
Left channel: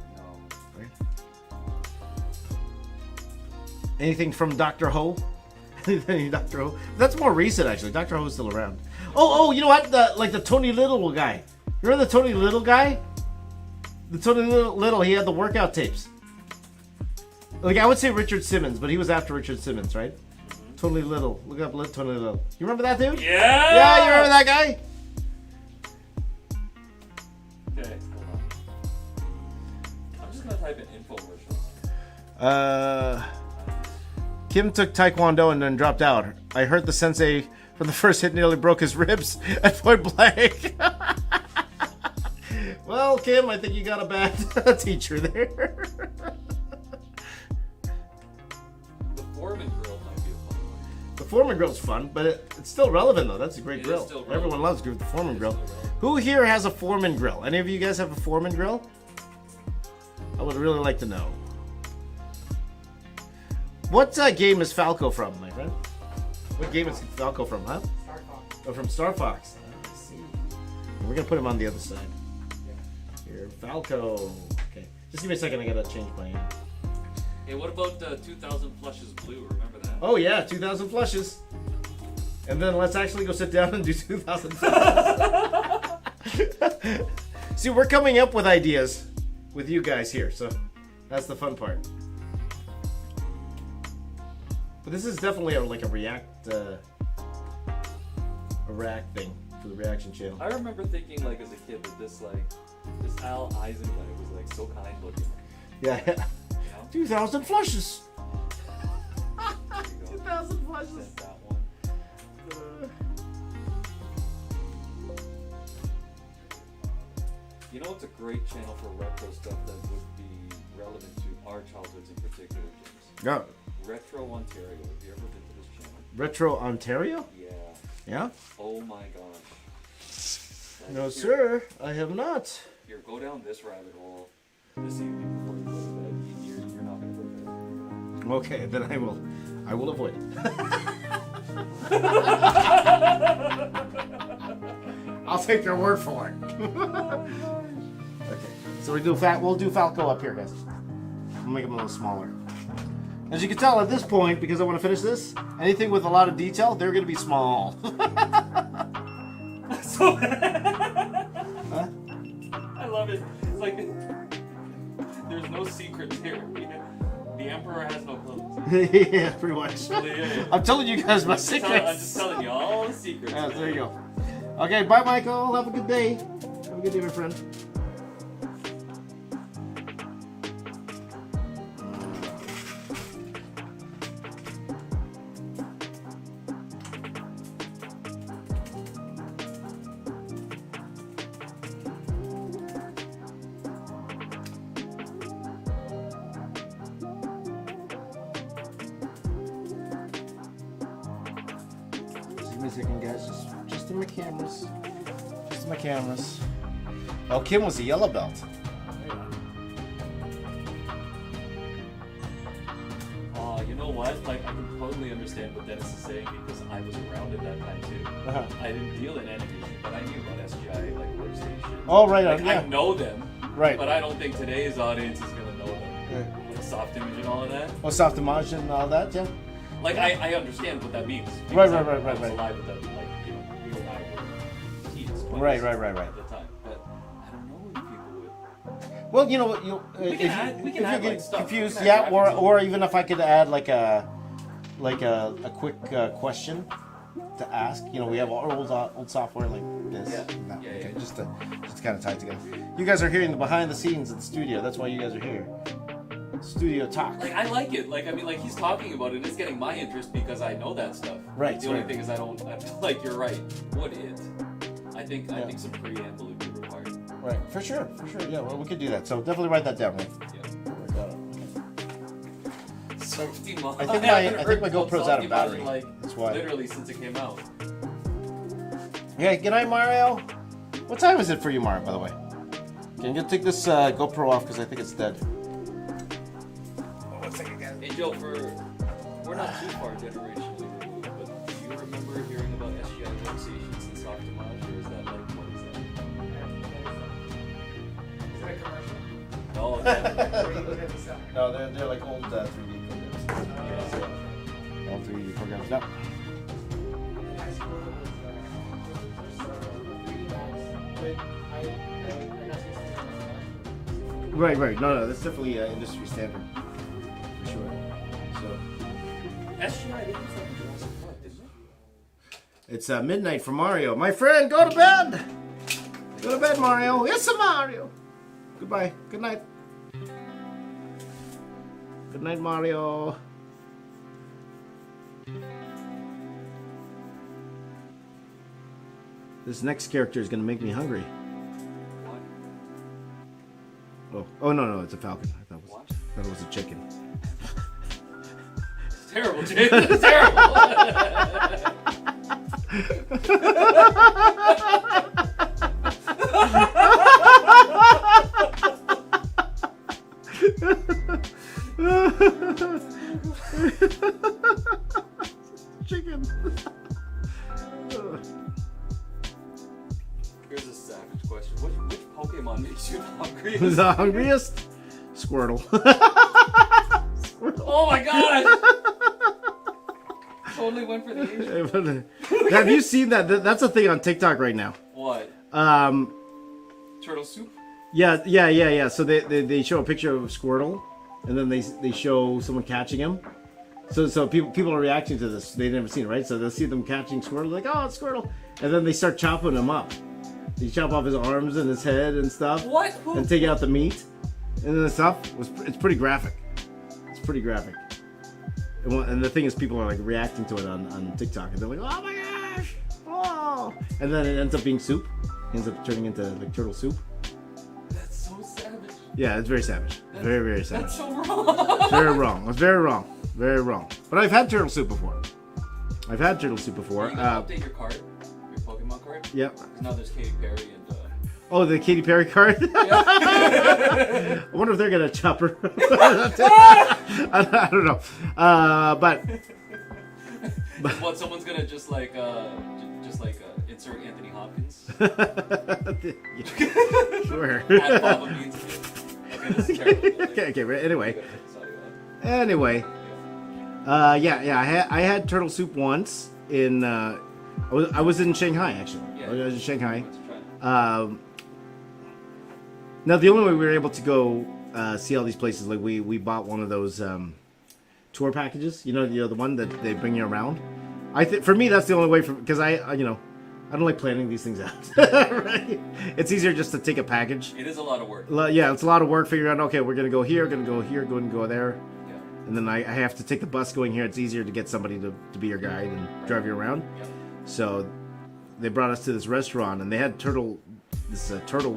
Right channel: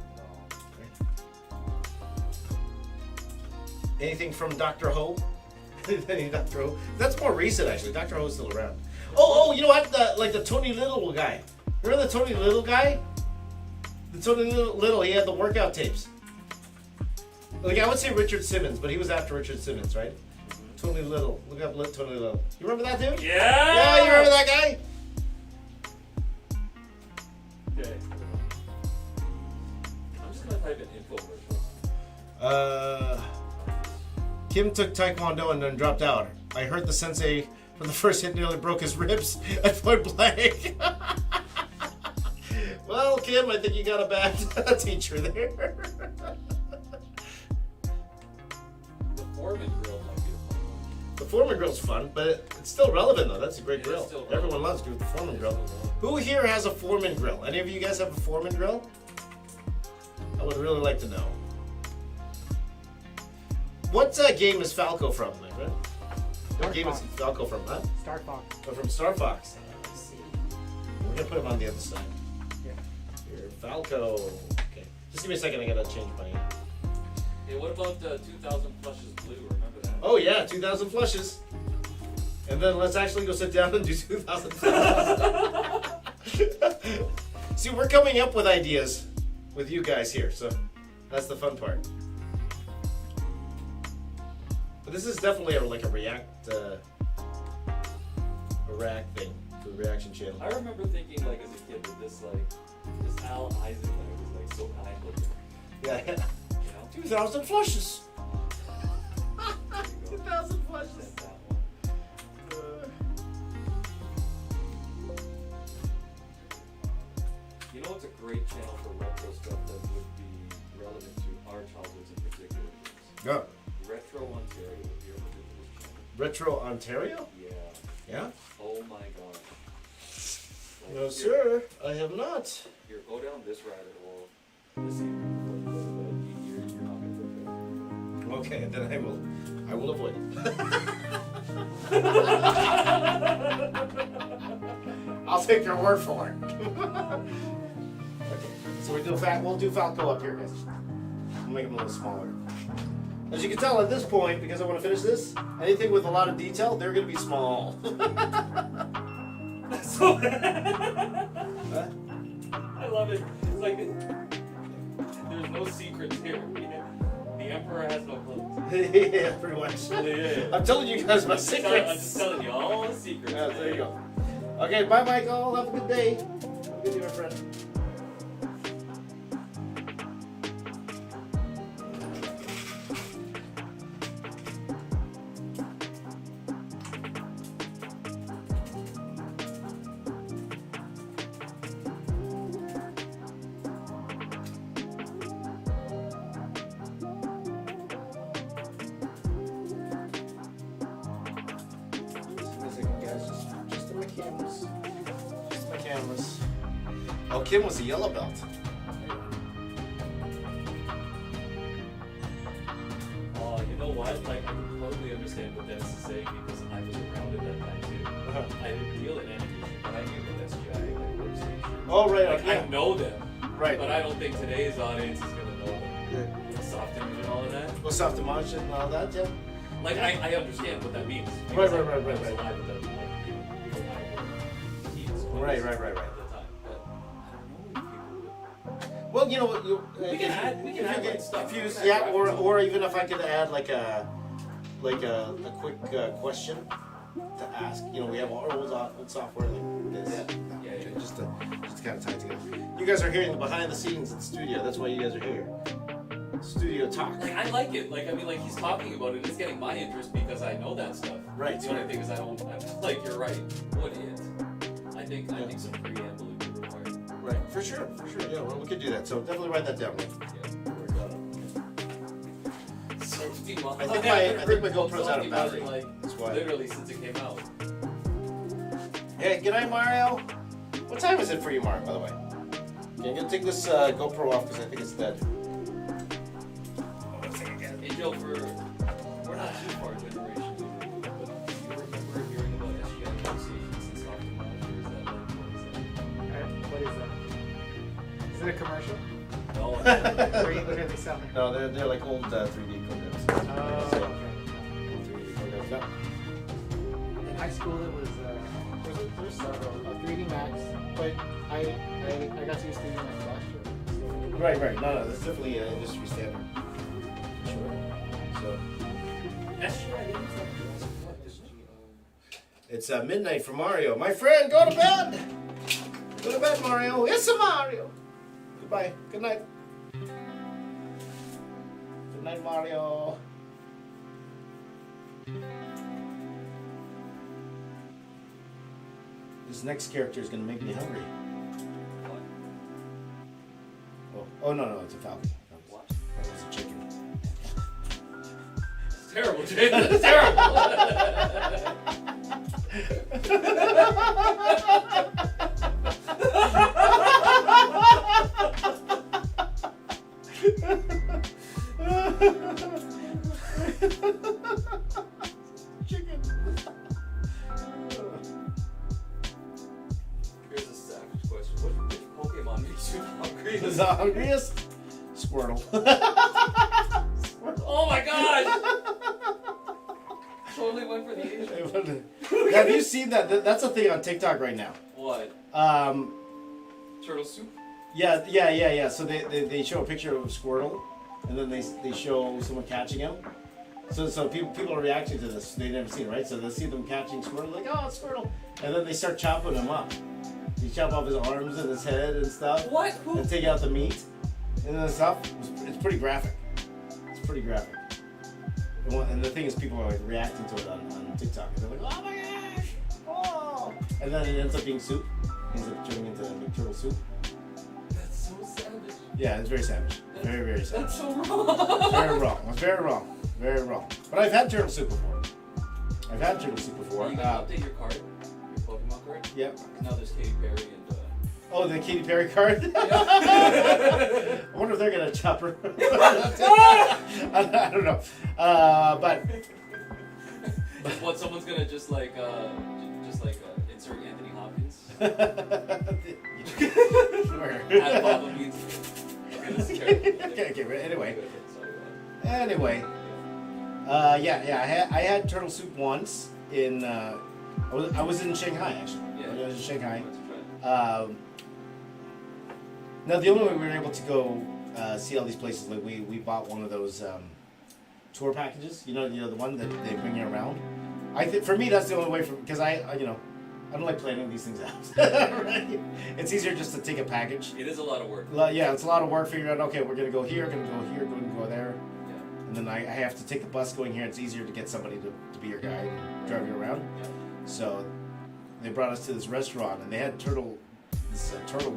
Anything from Dr. Ho? Anything Dr. Ho? That's more recent, actually. Dr. Ho is still around. Oh, you know what? The Tony Little guy. Remember the Tony Little guy? The Tony Little, he had the workout tapes. Like, I would say Richard Simmons, but he was after Richard Simmons, right? Mm-hmm. Tony Little. Look up Tony Little. You remember that dude? Yeah! Yeah, you remember that guy? Okay, hold on. I'm just gonna type in infomercials. Kim took Taekwondo and then dropped out. I heard the sensei for the first hit nearly broke his ribs at point blank. Well, Kim, I think you got a bad teacher there. The Foreman grill might be a fun one. The Foreman grill's fun, but it's still relevant though. That's a great It is grill. still relevant. Everyone loves the Foreman It is grill. still relevant. Who here has a Foreman grill? Any of you guys have a Foreman grill? I would really like to know. What game is Falco from, my friend? What game is Falco from, huh? Star Fox. Oh, from Star Fox. Let's see. We're gonna put him on the other side. Yeah. Here, Falco. Okay. Just give me a second, I gotta change my. Yeah, what about 2000 Flushes Blue? Remember that? Oh yeah, 2,000 flushes. And then let's actually go sit down and do 2,000 See, we're coming up with ideas with you guys here, so that's the fun part. But this is definitely a React thing, for the reaction channel. I remember thinking, like, as a kid, that this Al Eisenberg was, like, so kind looking. Yeah. You know? 2,000 flushes. There you go. 2,000 flushes. Sent that one. You know what's a great channel for retro stuff that would be relevant to our childhoods in particular, James? Yeah. Retro Ontario. Have you ever been to this channel? Retro Ontario? Yeah. Yeah. Oh my gosh. Like, No, here- sir. I have not. Here, go down this rabbit hole this evening before you go to bed. You're not gonna go Okay, then I will avoid it. I'll take your word for it. Okay, so we'll do Falco up here, guys. We'll make him a little smaller. As you can tell at this point, because I want to finish this, anything with a lot of detail, they're going to be small. So, Huh? I love it. It's like there's no secrets here. The emperor has no clothes. Yeah, pretty much. Yeah. I'm telling you guys my I'm just secrets. telling you all the secrets. Yeah, there you go. Okay, bye, Michael. Have a good day. Have a good day, my friend. Just a second, guys. Just my cameras. Just my cameras. Oh, Kim was a yellow belt. Oh, you know what? Like, I can totally understand what Dennis is saying because I was around at that time too. Uh-huh. I didn't deal in animation, but I knew about SGI, like PlayStation. Oh, right, Like, yeah. I know them, Right. but I don't think today's audience is gonna know them. Like soft image and all of that. Oh, soft image and all that, yeah. Like, I understand what that means. Right, because right, I right, was right. alive at that, like, you and I were teens, 20s Right. at the time. But I don't know if people would. Well, you know what? We can add like stuff. Confused, We can yeah, add or graphics. or even if I could add like a quick question to ask. You know, we have old software like this. Yeah. Just kind of tied together. You guys are hearing the behind the scenes in the studio. That's why you guys are here. Studio talk. Like, I like it. Like, I mean, like, he's talking about it. It's getting my interest because I know that stuff. Right, The only right. thing is I feel like you're right. Would it? I think some preamble would be required. Right. For sure. Yeah. Well, we could do that. So definitely write that down. Yeah. 14 months. I think my GoPro's out of battery. Like, That's why. literally since it came out. Yeah, good night, Mario. What time is it for you, Mario, by the way? Can you take this GoPro off because I think it's dead. Hey Joe, we're not too far generation, but do you remember hearing about SGI conversations and soft miles, or is that like, what is Is it a commercial? that? Or are you looking at the sound? No, they're like old 3D programs. Oh, Old 3D programs. Yep. in high school, it was there's several 3D Max, but I got to use 3D Max last year. Right. No, that's definitely industry standard. For sure. So SGI didn't say what, isn't it? it's midnight for Mario. My friend, go to bed. Go to bed, Mario. Yes, Mario. Goodbye. Good night. Good night, Mario. This next character is gonna make me hungry. Oh no, it's a falcon. I thought it was a chicken. It's terrible, Jason. It's terrible. Chicken. Here's a savage question. Which Pokemon makes you hungry? The hungriest? Squirtle. Oh my god! Totally went for the Asian. Have you seen that? That's a thing on TikTok right now. What? Turtle soup? Yeah. So they show a picture of Squirtle, and then they show someone catching him. So people are reacting to this. They've never seen it, right? So they'll see them catching Squirtle, like, oh, it's Squirtle. And then they start chopping him up. They chop off his arms and his head and stuff. What? Who? And take out the meat. And then the stuff, it's pretty graphic. It's pretty graphic. And the thing is, people are like reacting to it on TikTok. And they're like, oh my gosh! Oh! And then it ends up being soup. It ends up turning into like turtle soup. That's so savage. Yeah, it's very savage. Very savage. That's so wrong. Very wrong. It's very wrong. Very wrong. But I've had turtle soup before. Are you gonna update your card? Your Pokemon card? Yep. Now there's Katy Perry and Oh, the Katy Perry card? yeah. I wonder if they're gonna chop her. I don't know. But What, someone's gonna just like insert Anthony Hopkins? Sure. Add Baba Beans. Okay, this is terrible. Okay, anyway. Sorry. Anyway. I had turtle soup once in I was in Shanghai actually. Yeah. I was in Shanghai. Let's try it. Now the only way we were able to go see all these places, like we bought one of those tour packages, you know the one that they bring you around. For me that's the only way, because I don't like planning these things out. Right? It's easier just to take a package. It is a lot of work. Yeah, it's a lot of work figuring out. Okay, we're gonna go here, gonna go here, going to go there, Yeah. and then I have to take the bus going here. It's easier to get somebody to be your guide and drive you around. Yeah. So they brought us to this restaurant, and they had turtle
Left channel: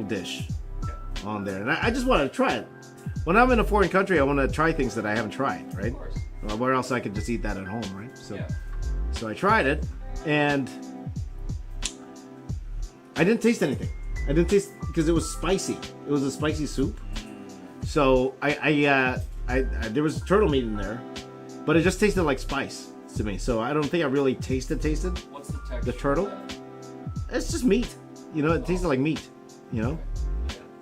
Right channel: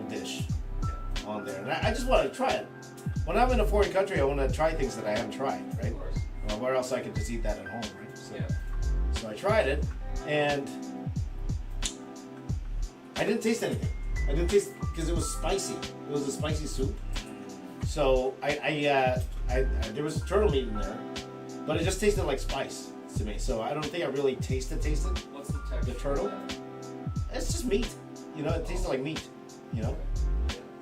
dish on there, and I just wanted to try it. When I'm in a foreign country, I want to try things that I haven't tried, right? Of course. Well, where else I could just eat that at home, right? So, Yeah. so I tried it, and I didn't taste anything. I didn't taste because it was spicy. It was a spicy soup. So I there was turtle meat in there, but it just tasted like spice to me. So I don't think I really tasted. What's the texture? The turtle? of that? It's just meat. You know, it tasted like meat. You know,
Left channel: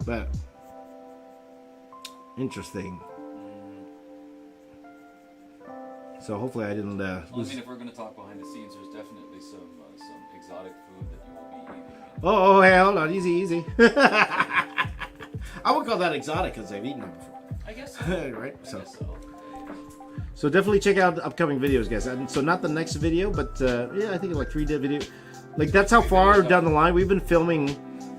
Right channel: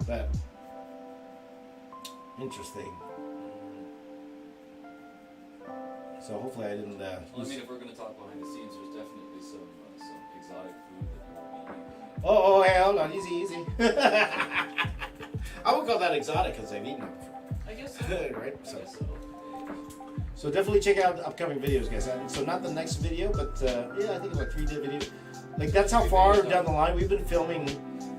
but interesting. So hopefully I didn't. Well, I mean, if we're gonna talk behind the scenes, there's definitely some exotic food that you will be eating. Oh, hey, hold on, easy. I would call that exotic because I've eaten it before. I guess so. Right? I So. guess so. So definitely check out the upcoming videos, guys. And so not the next video, but yeah, I think like 3-day video. Like that's how far down the line we've been filming.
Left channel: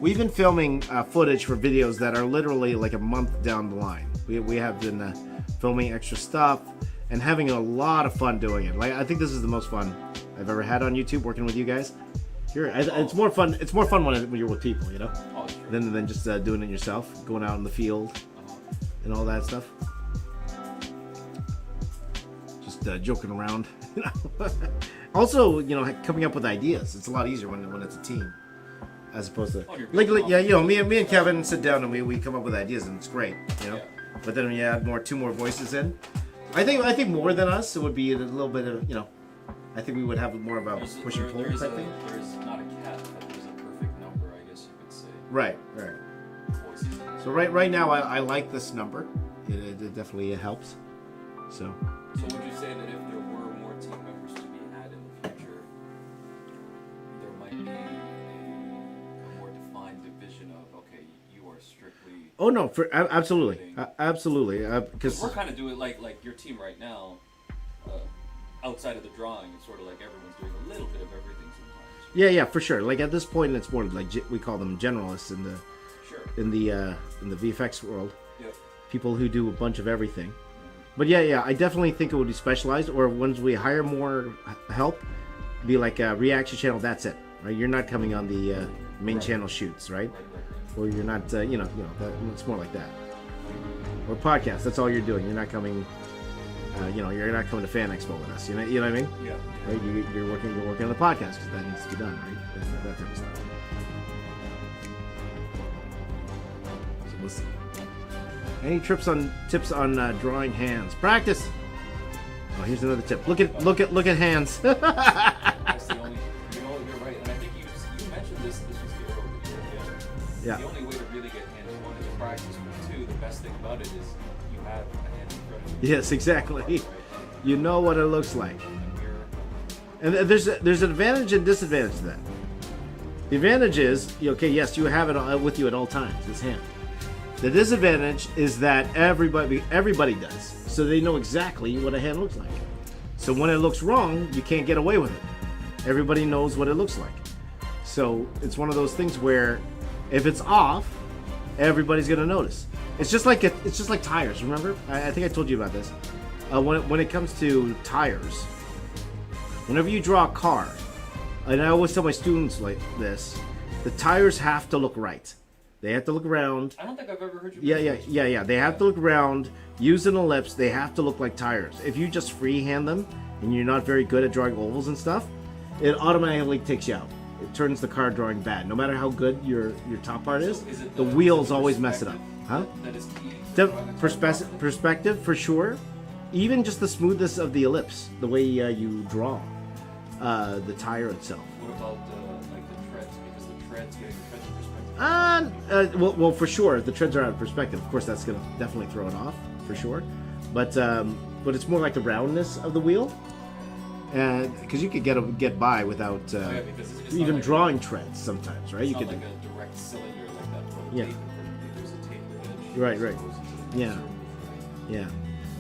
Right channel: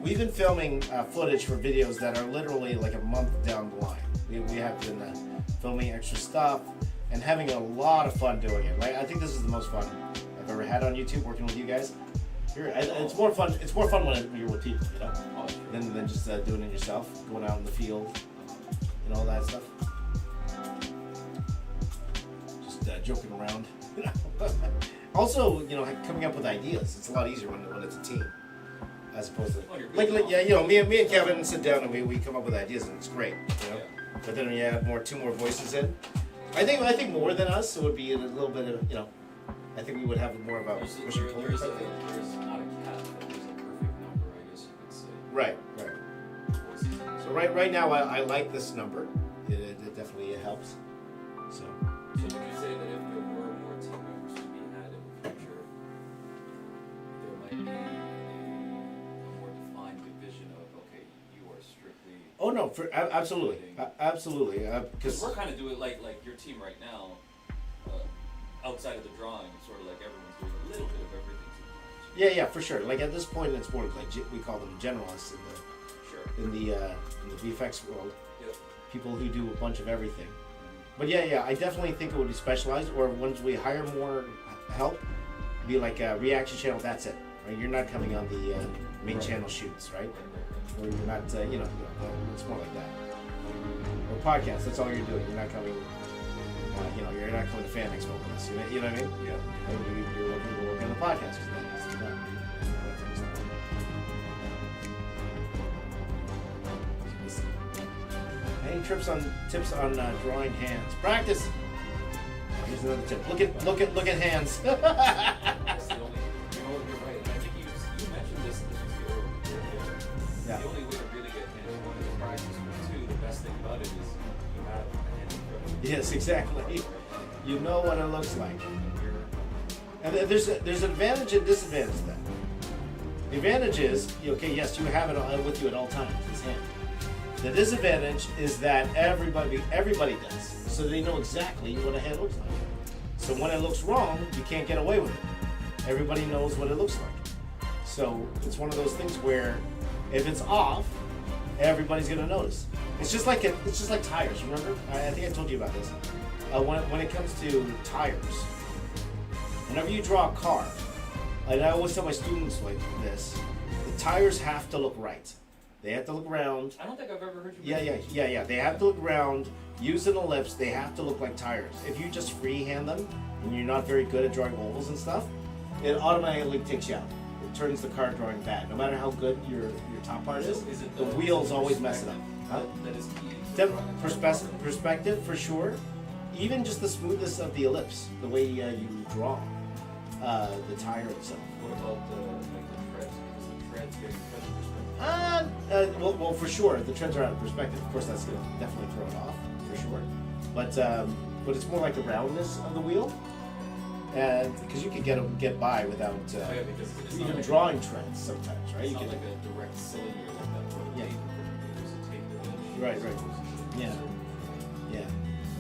We've been filming footage for videos that are literally like a month down the line. We have been filming extra stuff and having a lot of fun doing it. Like I think this is the most fun I've ever had on YouTube working with you guys. It's more fun. It's more fun when you're with people, you know, Oh, sure. than just doing it yourself, going out in the field and all that stuff. just joking around. Also, you know, coming up with ideas. It's a lot easier when it's a team, as opposed to Oh, you're like building yeah, off. you know, me and Kevin sit down and we come up with ideas and it's great. You know, Yeah. but then when you add two more voices in, I think more than us, it would be a little bit of, you know, I think we would have more of a There's, push and pull there's, type thing. there's not a cat, but there's a perfect number, I guess you could say. Right. Voices. So right now I like this number. It definitely helps. So. So would you say that if there were more team members to be had in the future, there might be a more defined division of, okay, you are strictly... Oh no, absolutely, absolutely. Because We're kind of doing like your team right now, outside of the drawing, sort of like everyone's doing a little bit of everything sometimes. yeah, for sure. Like at this point, it's more like we call them generalists Sure. in the VFX world. Yep. People who do a bunch of everything. But yeah, I definitely think it would be specialized. Or once we hire more help, be like a reaction channel. That's it, right? You're not coming on the main channel shoots, right? Or you're not, it's more like that. Or podcast. That's all you're doing. You're not coming. You're not coming to Fan Expo with us. You know what I mean? Yeah. Right? You're working on the podcast because that needs to be done. Right? That type of stuff. Any tips on drawing hands? Practice. Oh, here's another tip. Look at hands. That's the only... You know, you're right, and I think you mentioned this was the earlier. Yeah. The only way to really get hands-on is practice, but two, the best thing about it is you have a hand in front of you. Yes, exactly. You know what it looks like. And there's an advantage and disadvantage to that. The advantage is, okay, yes, you have it with you at all times. This hand. The disadvantage is that everybody does, so they know exactly what a hand looks like. So when it looks wrong, you can't get away with it. Everybody knows what it looks like. So it's one of those things where if it's off, everybody's gonna notice. It's just like tires. Remember? I think I told you about this. When it comes to tires, whenever you draw a car, and I always tell my students like this, the tires have to look right. They have to look round. I don't think I've ever heard you. Yeah. They have to look round. Use an ellipse. They have to look like tires. If you just freehand them and you're not very good at drawing ovals and stuff, it automatically takes you out. It turns the car drawing bad. No matter how good your top part is, it the wheels always mess it up. Huh? That is key. The perspective for sure. Even just the smoothness of the ellipse, the way you draw the tire itself. What about like the treads? Because the treads get your treads perspective. Well, for sure, the treads are out of perspective. Of course, that's gonna definitely throw it off for sure. But it's more like the roundness of the wheel, because you could get by without Because it's even not like drawing treads sometimes, right? It's You not could, like a direct cylinder like that. Yeah. Tape. There's a tape edge. Right. As opposed to Yeah. certain- yeah.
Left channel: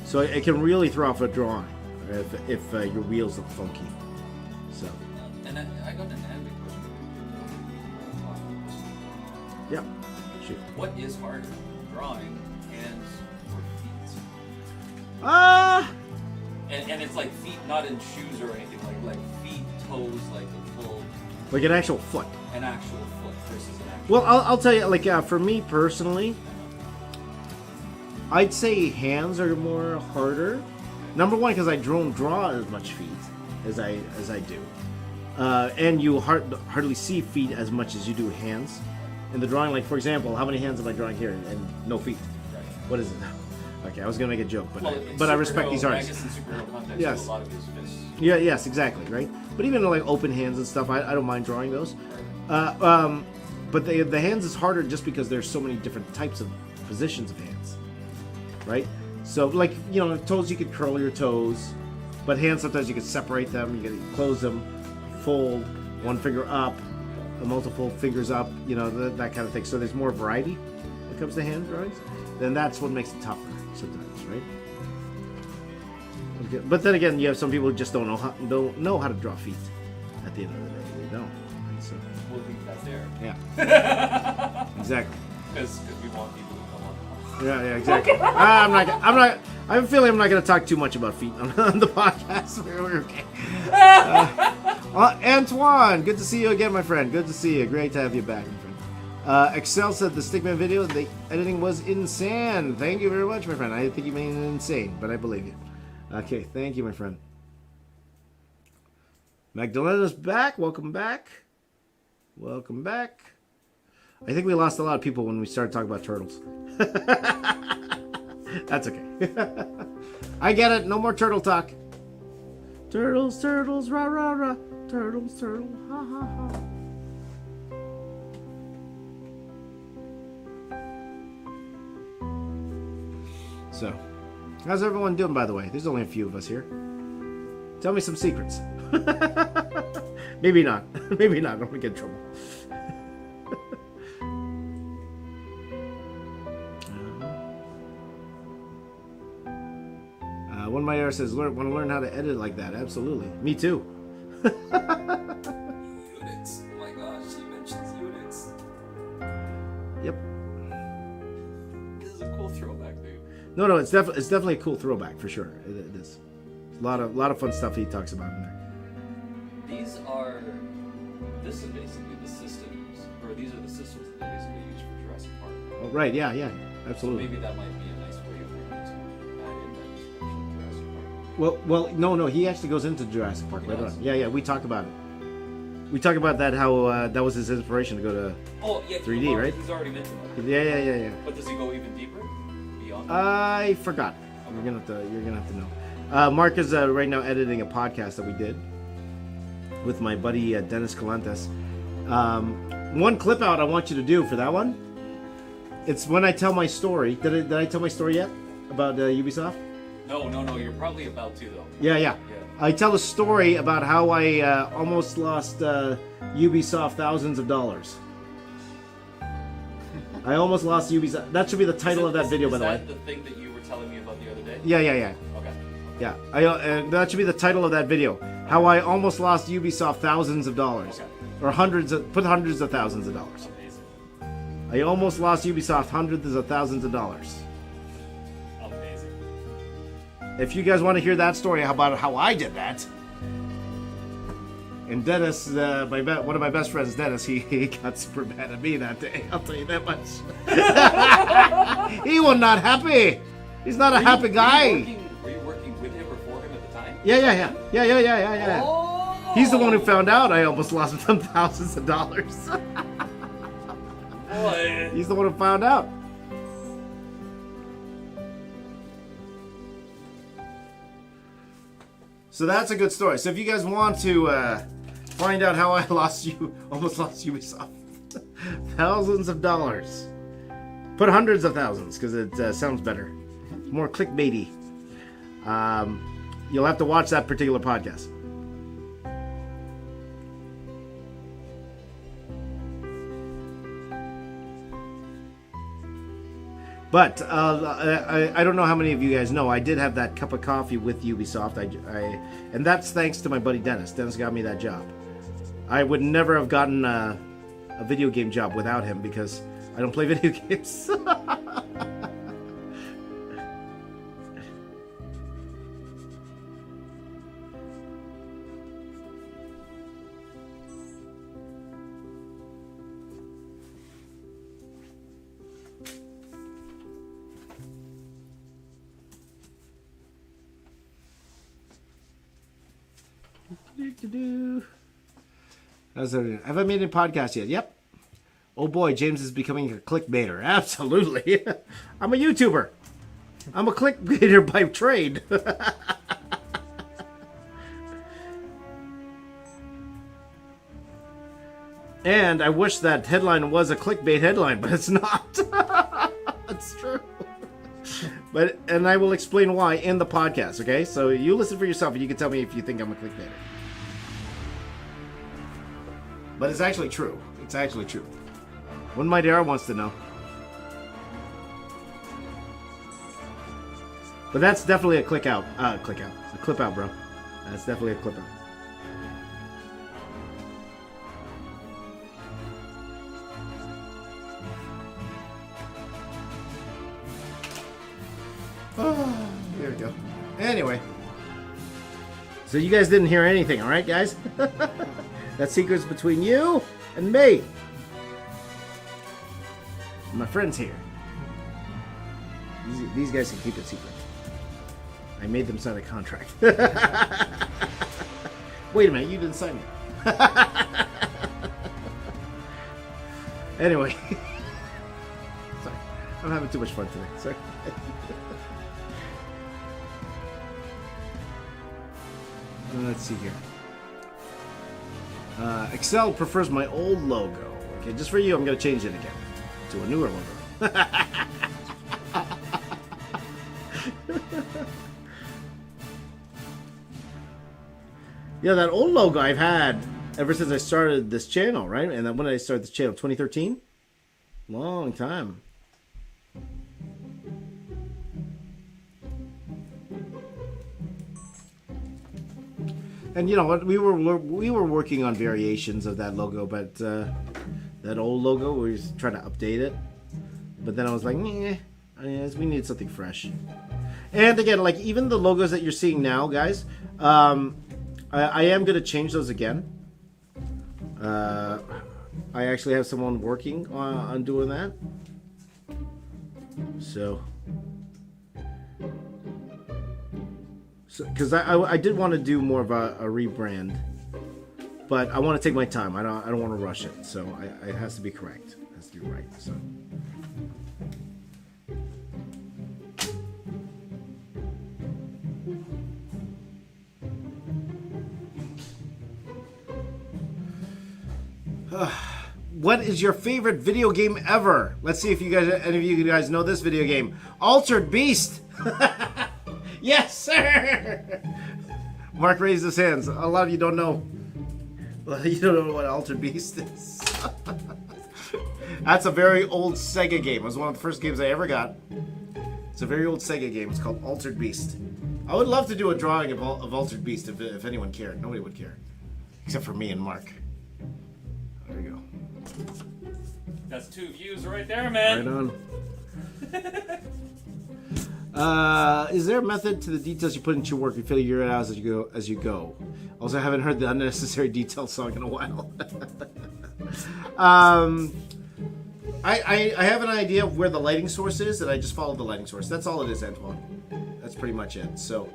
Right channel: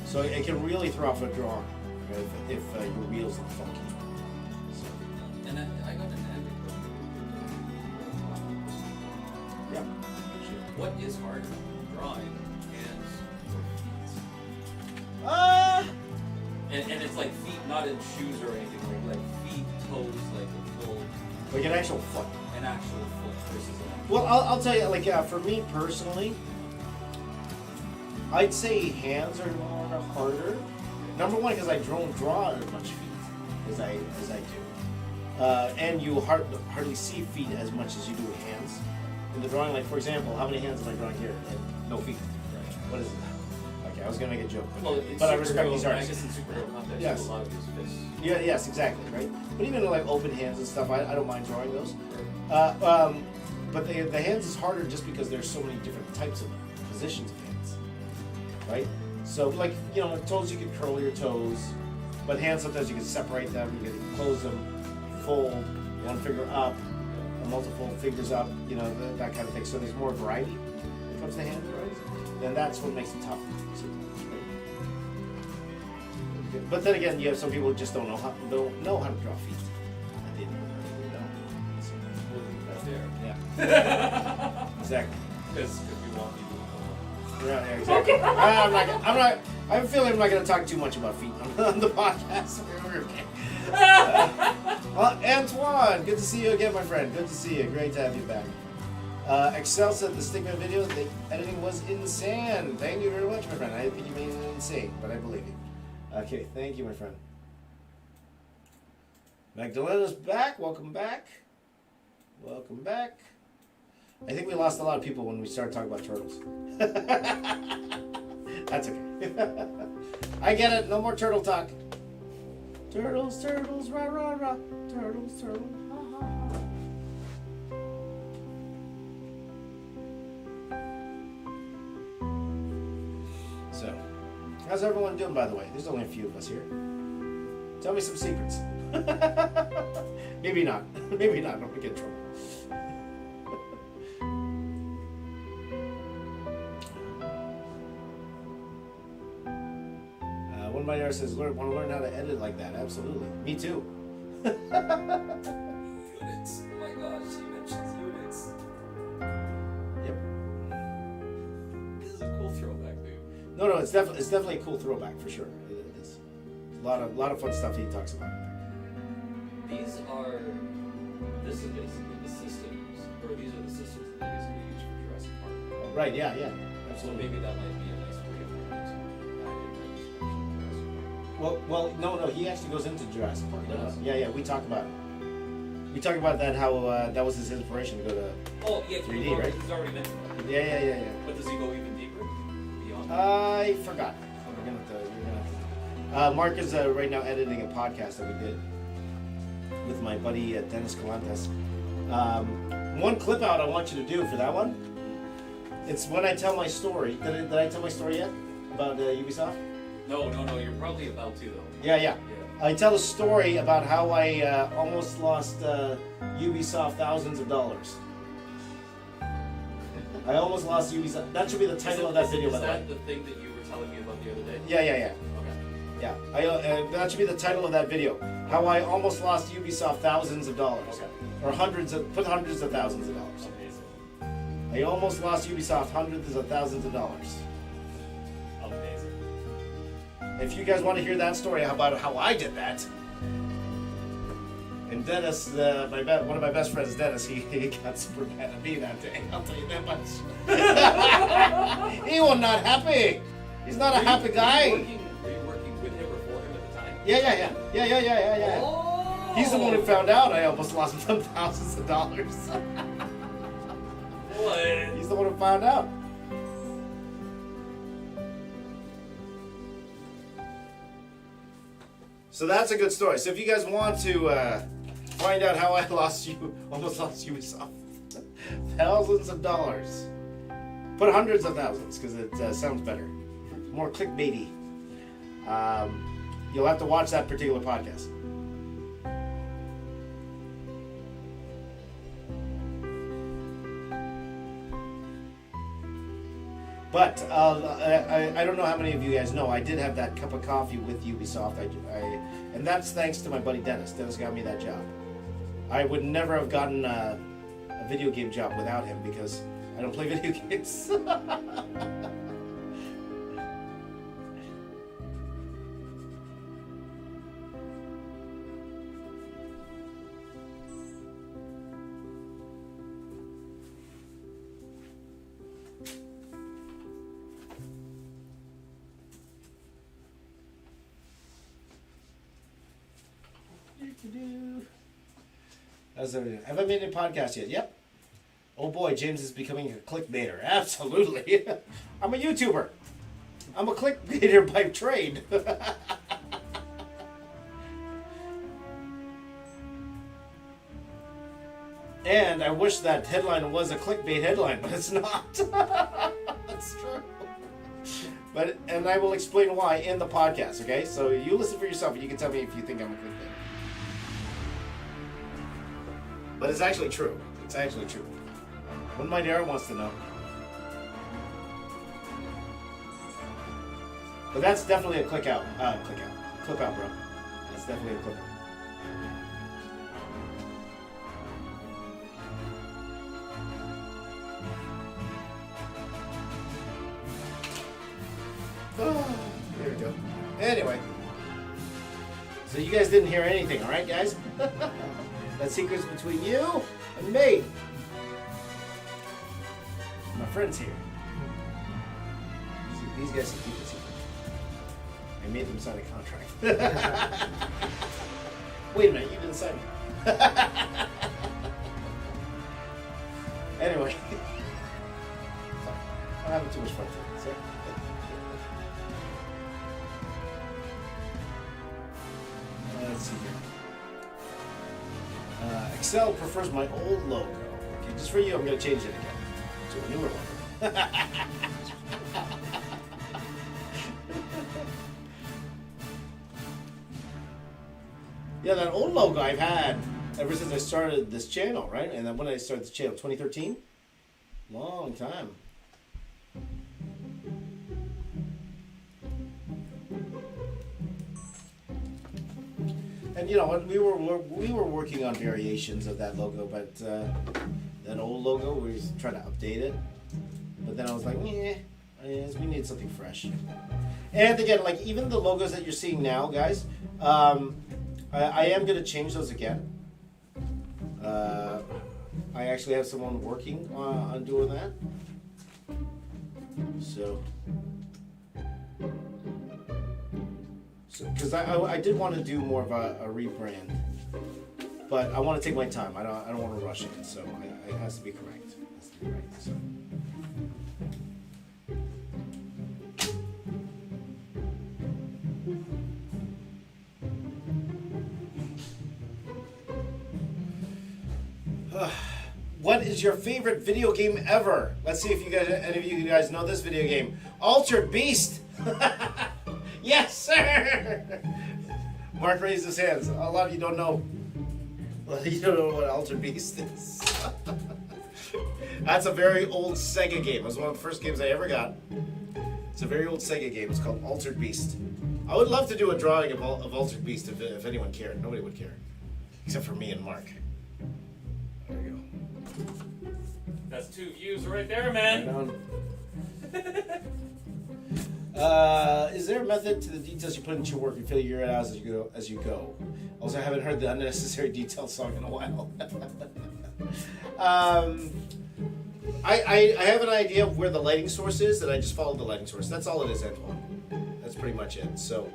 So it can really throw off a drawing if your wheels look funky. So And I got an added question. yeah, shoot. What is harder, drawing hands or feet? And it's like feet, not in shoes or anything, like feet, toes, like a full, Like an actual foot. an actual foot versus an actual. Well, I'll tell you, like for me personally, I'd say hands are more harder. Number one, because I don't draw as much feet as I do, and you hardly see feet as much as you do hands in the drawing. Like for example, how many hands am I drawing here and no feet? Right. What is it? Okay, I was gonna make a joke, Well, in but I respect superhero- these I artists. guess in superhero context, Yes. a lot of his fists. Yeah, yes, exactly, right. But even like open hands and stuff, I don't mind drawing those. But the hands is harder just because there's so many different types of positions of hands, right? So like toes, you could curl your toes, but hands sometimes you can separate them, you can close them, fold one finger up, the multiple fingers up, that kind of thing. So there's more variety when it comes to hand drawings. Then that's what makes it tougher, sometimes, right? Okay. But then again, you have some people who just don't know how to draw feet. At the end of the day, they don't. So, We'll leave that there. yeah. Exactly. Because we want people to come on. Yeah, exactly. I have a feeling I'm not going to talk too much about feet on the podcast. Antoine, good to see you again, my friend. Good to see you. Great to have you back. Excel said the Stickman video, the editing was insane. Thank you very much, my friend. I think you made it insane, but I believe you. Okay, thank you, my friend. Magdalena's back. Welcome back. Welcome back. I think we lost a lot of people when we started talking about turtles. That's okay. I get it. No more turtle talk. Turtles, turtles, rah, rah, rah. Turtles, turtles, ha, ha, ha. So, how's everyone doing, by the way? There's only a few of us here. Tell me some secrets. Maybe not. Maybe not. Don't get in trouble. One of my errors says, want to learn how to edit like that. Absolutely. Me too. Units. Oh my gosh, he mentions units. Yep. This is a cool throwback, dude. No, it's definitely a cool throwback for sure. It is. A lot of fun stuff he talks about in there. This is basically the systems, or these are the systems that they basically use for Jurassic Park. Oh, right, yeah, So absolutely. maybe that might be a nice way of learning to add in that description of Jurassic Park. Well, no, he actually goes into Jurassic Park. He does? Yeah, we talk about it. We talk about that, how that was his inspiration to go to... Oh, yeah, 3D, right? He's already mentioned that. Yeah. But does he go even deeper? Beyond? I forgot. You're gonna have to know. Mark is right now editing a podcast that we did with my buddy Dennis Calantes. One clip out I want you to do for that one. It's when I tell my story. Did I tell my story yet about Ubisoft? No, you're probably about to, though. Yeah. I tell a story about how I almost lost Ubisoft thousands of dollars. I almost lost Ubisoft. That should be the title of that video, by the way. Is that the thing that you were telling me about the other day? Yeah. Okay. Yeah, that should be the title of that video. How I almost lost Ubisoft thousands of dollars. Okay. Or hundreds of thousands of dollars. Amazing. I almost lost Ubisoft hundreds of thousands of dollars. Amazing. If you guys want to hear that story about how I did that. And Dennis, one of my best friends, Dennis, he got super mad at me that day. I'll tell you that much. He was not happy. He's not a happy guy. Were you working with him or for him at the time? Yeah. Oh! He's the one who found out I almost lost some thousands of dollars. Boy. He's the one who found out. So that's a good story. So if you guys want to find out how I almost lost Ubisoft thousands of dollars, put hundreds of thousands because it sounds better, more clickbaity. You'll have to watch that particular podcast. But I don't know how many of you guys know, I did have that cup of coffee with Ubisoft, and that's thanks to my buddy Dennis. Dennis got me that job. I would never have gotten a video game job without him because I don't play video games. How's that? Have I made a podcast yet? Yep. Oh boy, James is becoming a clickbaiter. Absolutely. I'm a YouTuber. I'm a clickbaiter by trade. And I wish that headline was a clickbait headline, but it's not. It's true. And I will explain why in the podcast, okay? So you listen for yourself and you can tell me if you think I'm a clickbaiter. But it's actually true. It's actually true. When my dad wants to know. But that's definitely a clip out, bro. That's definitely a clip out. Oh, there we go. Anyway. So you guys didn't hear anything, alright guys? That secret's between you and me. My friends here. These guys can keep it secret. I made them sign a contract. Wait a minute, you didn't sign it. Anyway. Sorry. I'm having too much fun today. Sorry. Let's see here. Excel prefers my old logo. Okay, just for you, I'm going to change it again to a newer one. Yeah, that old logo I've had ever since I started this channel, right? And then when did I start this channel? 2013? Long time. And you know what? We were working on variations of that logo, but that old logo, we was trying to update it. But then I was like, we need something fresh. And again, like even the logos that you're seeing now, guys, I am going to change those again. I actually have someone working on doing that. So because I did want to do more of a rebrand, but I want to take my time. I don't want to rush it. So it has to be correct. It has to be right. So. What is your favorite video game ever? Let's see if any of you guys know this video game. Altered Beast. Yes, sir. Mark raised his hands. A lot of you don't know. You don't know what Altered Beast is. That's a very old Sega game. It was one of the first games I ever got. It's a very old Sega game. It's called Altered Beast. I would love to do a drawing of Altered Beast if anyone cared. Nobody would care, except for me and Mark. There we go. That's 2 views right there, man. Right on. Is there a method to the details you put into your work and figure it out as you go? Also, I haven't heard the unnecessary detail song in a while. I have an idea of where the lighting source is, and I just follow the lighting source. That's all it is, Antoine. That's pretty much it. So,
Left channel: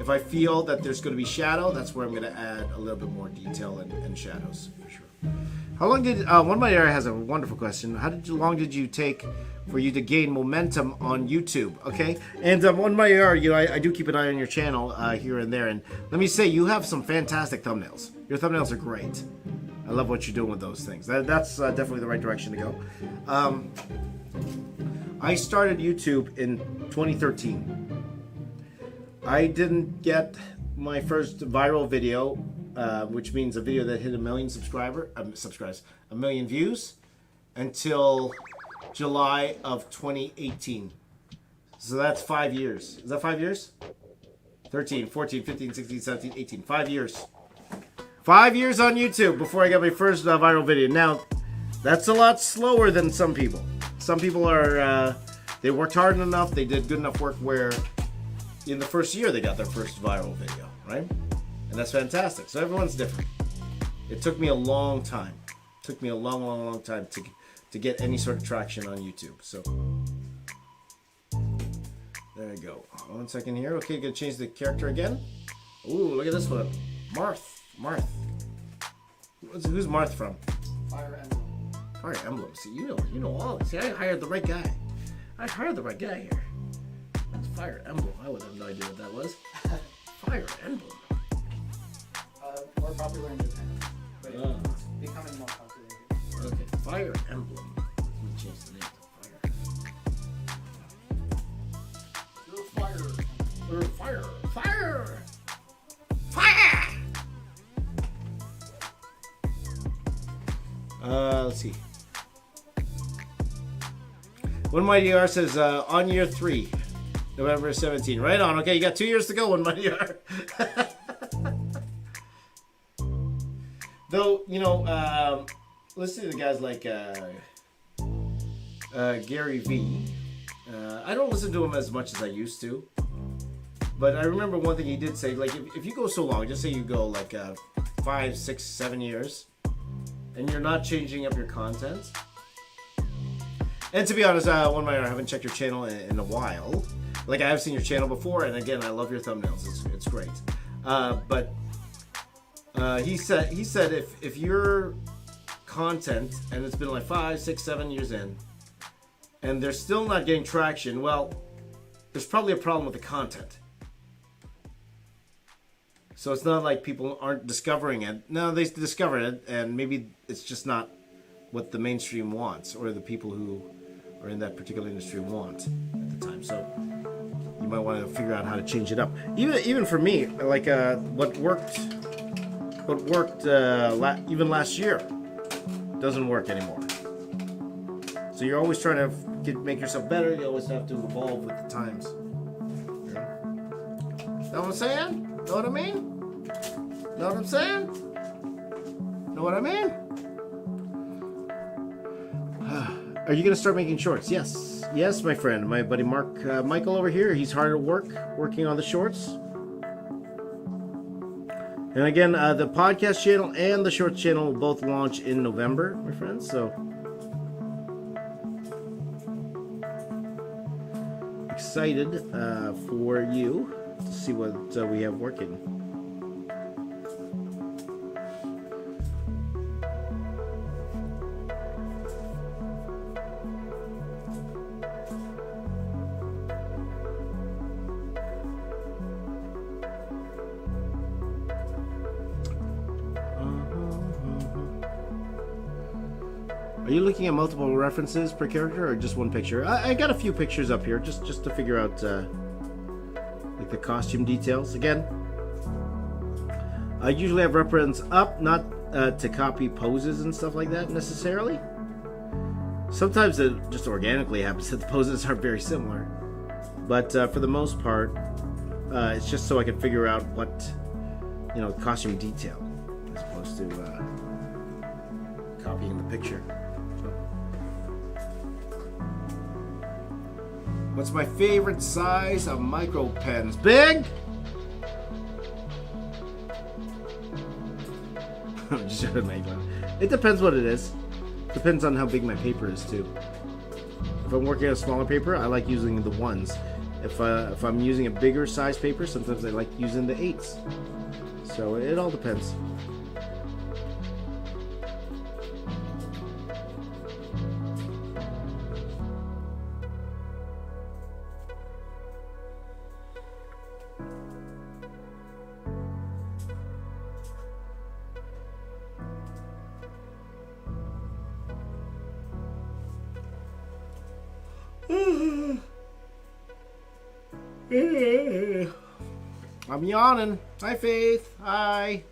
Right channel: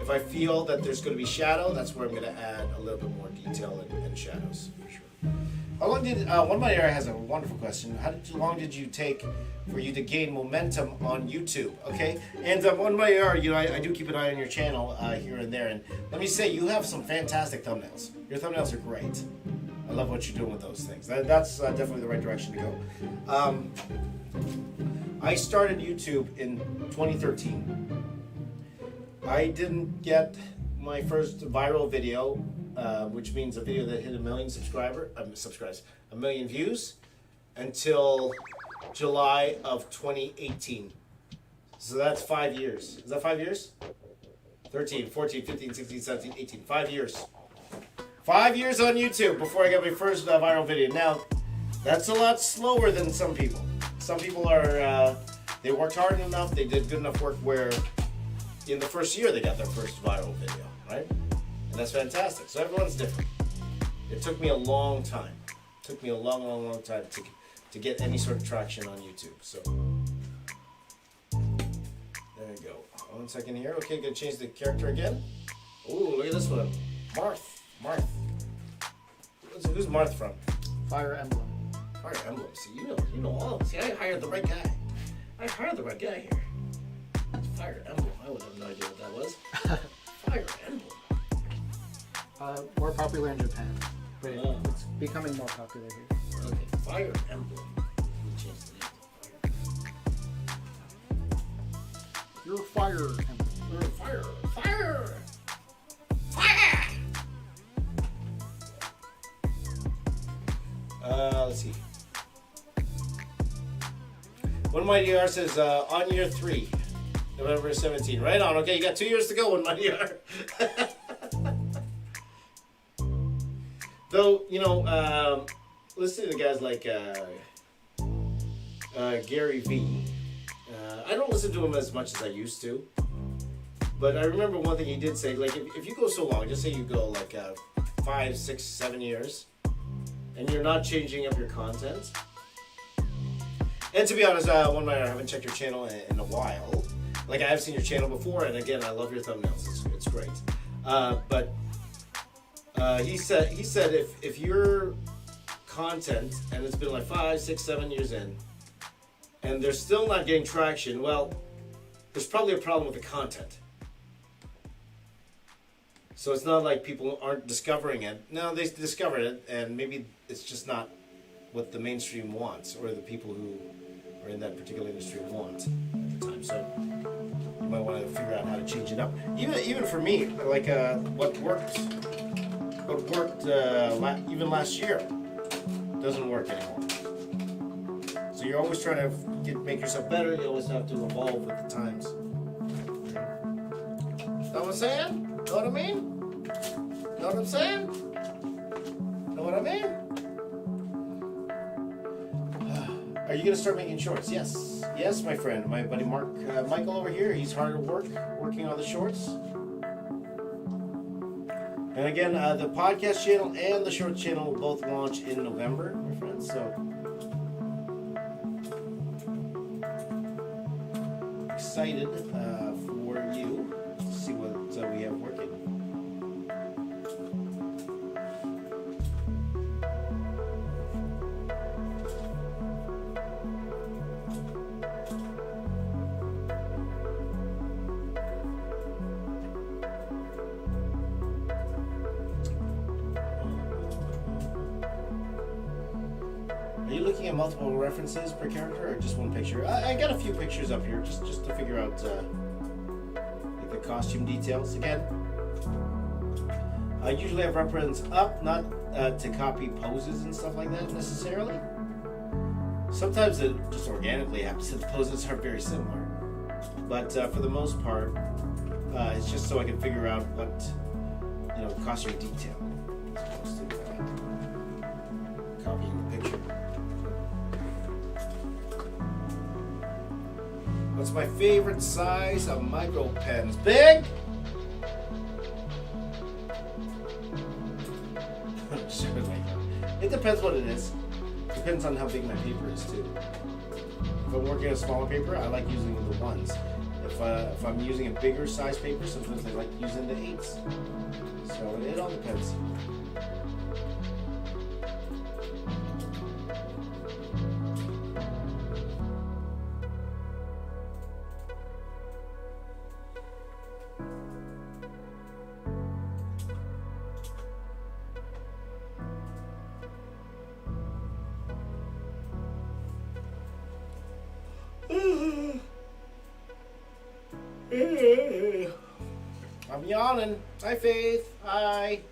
if I feel that there's going to be shadow, that's where I'm going to add a little bit more detail and shadows, for sure. How long did One My Area has a wonderful question. How long did you take for you to gain momentum on YouTube? Okay, and One My Area, I do keep an eye on your channel here and there, and let me say you have some fantastic thumbnails. Your thumbnails are great. I love what you're doing with those things. That's definitely the right direction to go. I started YouTube in 2013. I didn't get my first viral video, which means a video that hit 1 million subscribers, 1 million views, until July of 2018. So that's 5 years. Is that 5 years? 13, 14, 15, 16, 17, 18. 5 years. 5 years on YouTube before I got my first viral video. Now, that's a lot slower than some people. Some people are, they worked hard enough, they did good enough work where in the first year they got their first viral video, right? And that's fantastic. So everyone's different. It took me a long time. It took me a long time to get any sort of traction on YouTube. So there you go. 1 second here. Okay, gonna change the character again. Ooh, look at this one. Marth. Who's Marth from? Fire Emblem. Fire Emblem. See, you know all. See, I hired the right guy. I hired the right guy here. Fire Emblem. I would have no idea what that was. Fire Emblem. More popular in Japan, but Oh. it's becoming more popular here. Okay, Fire Emblem. Let me change the name. You're Fire Emblem. Fire. Let's see. One Mighty R says on year 3, November 17. Right on. Okay, you got 2 years to go. One Mighty R. Though listen to guys like Gary Vee. I don't listen to him as much as I used to. But I remember one thing he did say, like, if you go so long, just say you go like 5, 6, 7 years, and you're not changing up your content. And to be honest, I haven't checked your channel in a while. like I have seen your channel before, and again, I love your thumbnails. It's great. But he said if your content, and it's been like 5, 6, 7 years in, and they're still not getting traction, well, there's probably a problem with the content. So it's not like people aren't discovering it. No, they discovered it, and maybe it's just not what the mainstream wants, or the people who are in that particular industry want at the time. So you might want to figure out how to change it up. Even for me, like what worked even last year doesn't work anymore. So you're always trying to make yourself better. You always have to evolve with the times. Know what I'm saying? Know what I mean? Know what I'm saying? Know what I mean? Are you gonna start making shorts? Yes, yes, my friend, my buddy Michael over here. He's hard at work, working on the shorts. And again, the podcast channel and the shorts channel will both launch in November, my friends. So excited for you to see what we have working. Are you looking at multiple references per character or just one picture? I got a few pictures up here just to figure out like the costume details. Again, I usually have reference up, not to copy poses and stuff like that necessarily. Sometimes it just organically happens that the poses are very similar. But for the most part, it's just so I can figure out what, costume detail as opposed to copying the picture. What's my favorite size of micro pens? Big? It depends what it is. Depends on how big my paper is too. If I'm working on a smaller paper, I like using the ones. If I'm using a bigger size paper, sometimes I like using the 8s. So it all depends. I'm yawning. Hi, Faith. Hi.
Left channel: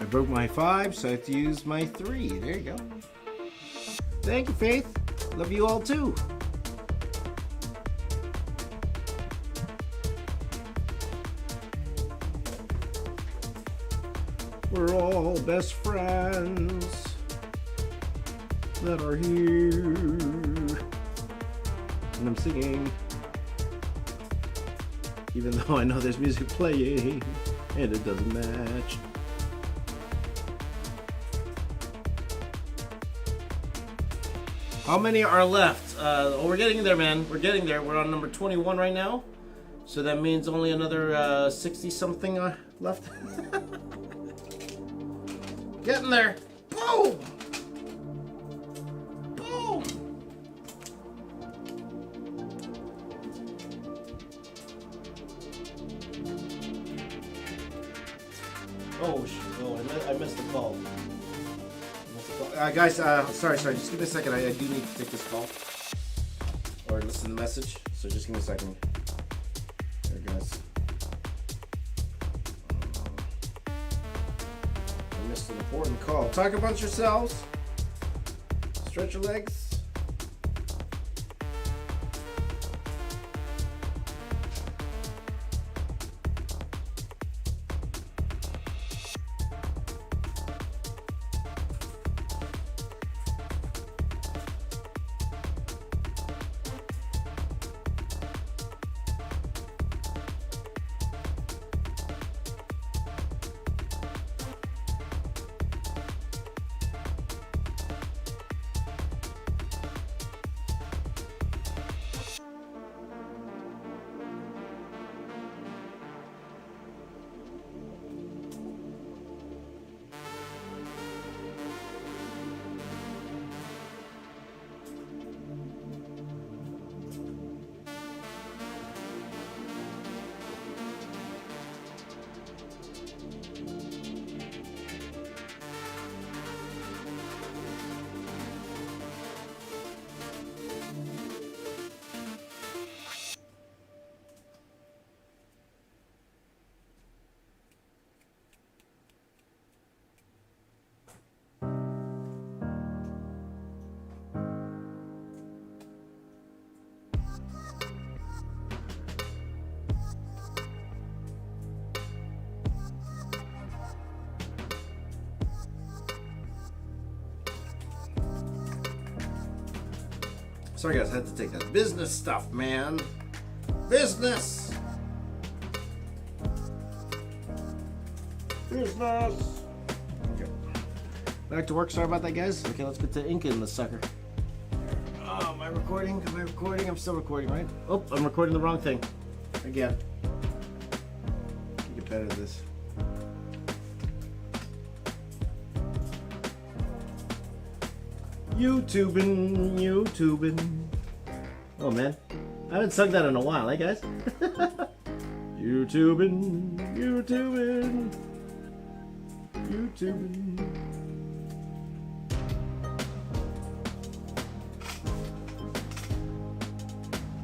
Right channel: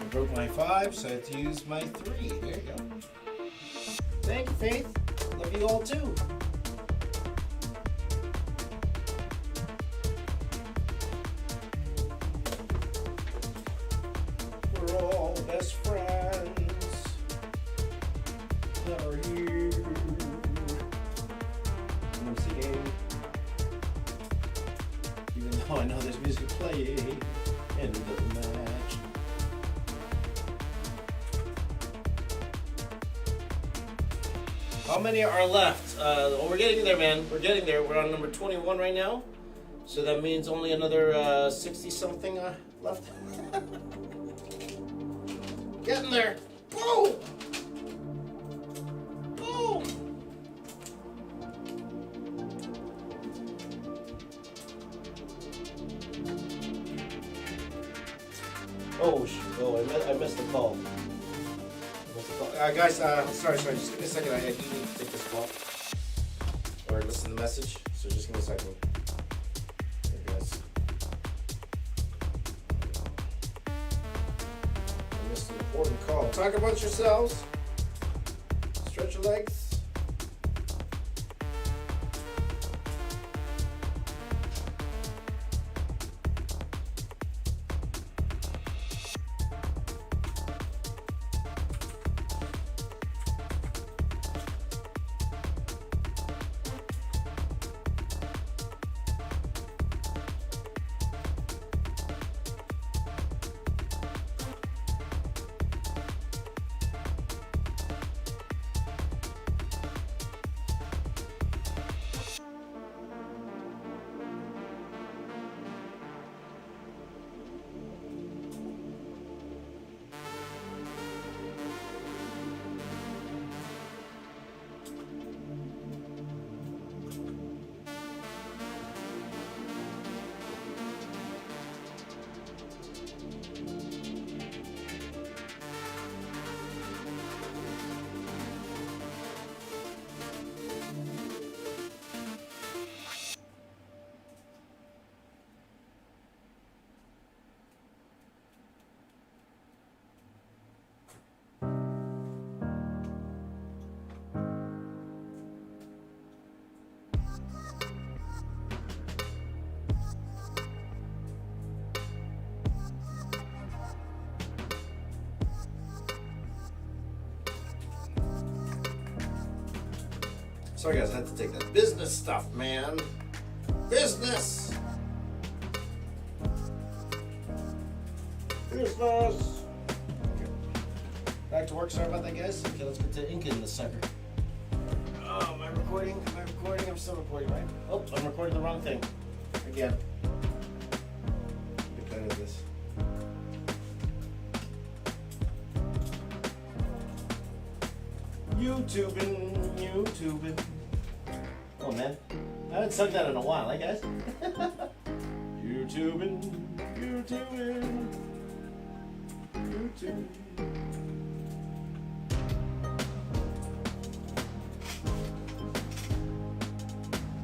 I broke my 5, so I have to use my 3. There you go. Thank you, Faith. Love you all too. We're all best friends that are here. And I'm singing, even though I know there's music playing and it doesn't match. How many are left? We're getting there, man. We're getting there. We're on number 21 right now. So that means only another 60-something left. Getting there. Boom! Boom! Oh, shoot. Oh, I missed the call. Guys, sorry, just give me a second. I do need to take this call or listen to the message. So just give me a second. There, guys. I missed the important call. Talk about yourselves. Stretch your legs. Sorry guys, I had to take that business stuff, man. Business! Business! Okay. Back to work, sorry about that guys. Okay, let's get to inking this sucker. Oh, am I recording? Am I recording? I'm still recording, right? Oh, I'm recording the wrong thing. Again. Get better at this. YouTubing. Oh man, I haven't sung that in a while, eh guys? YouTubing.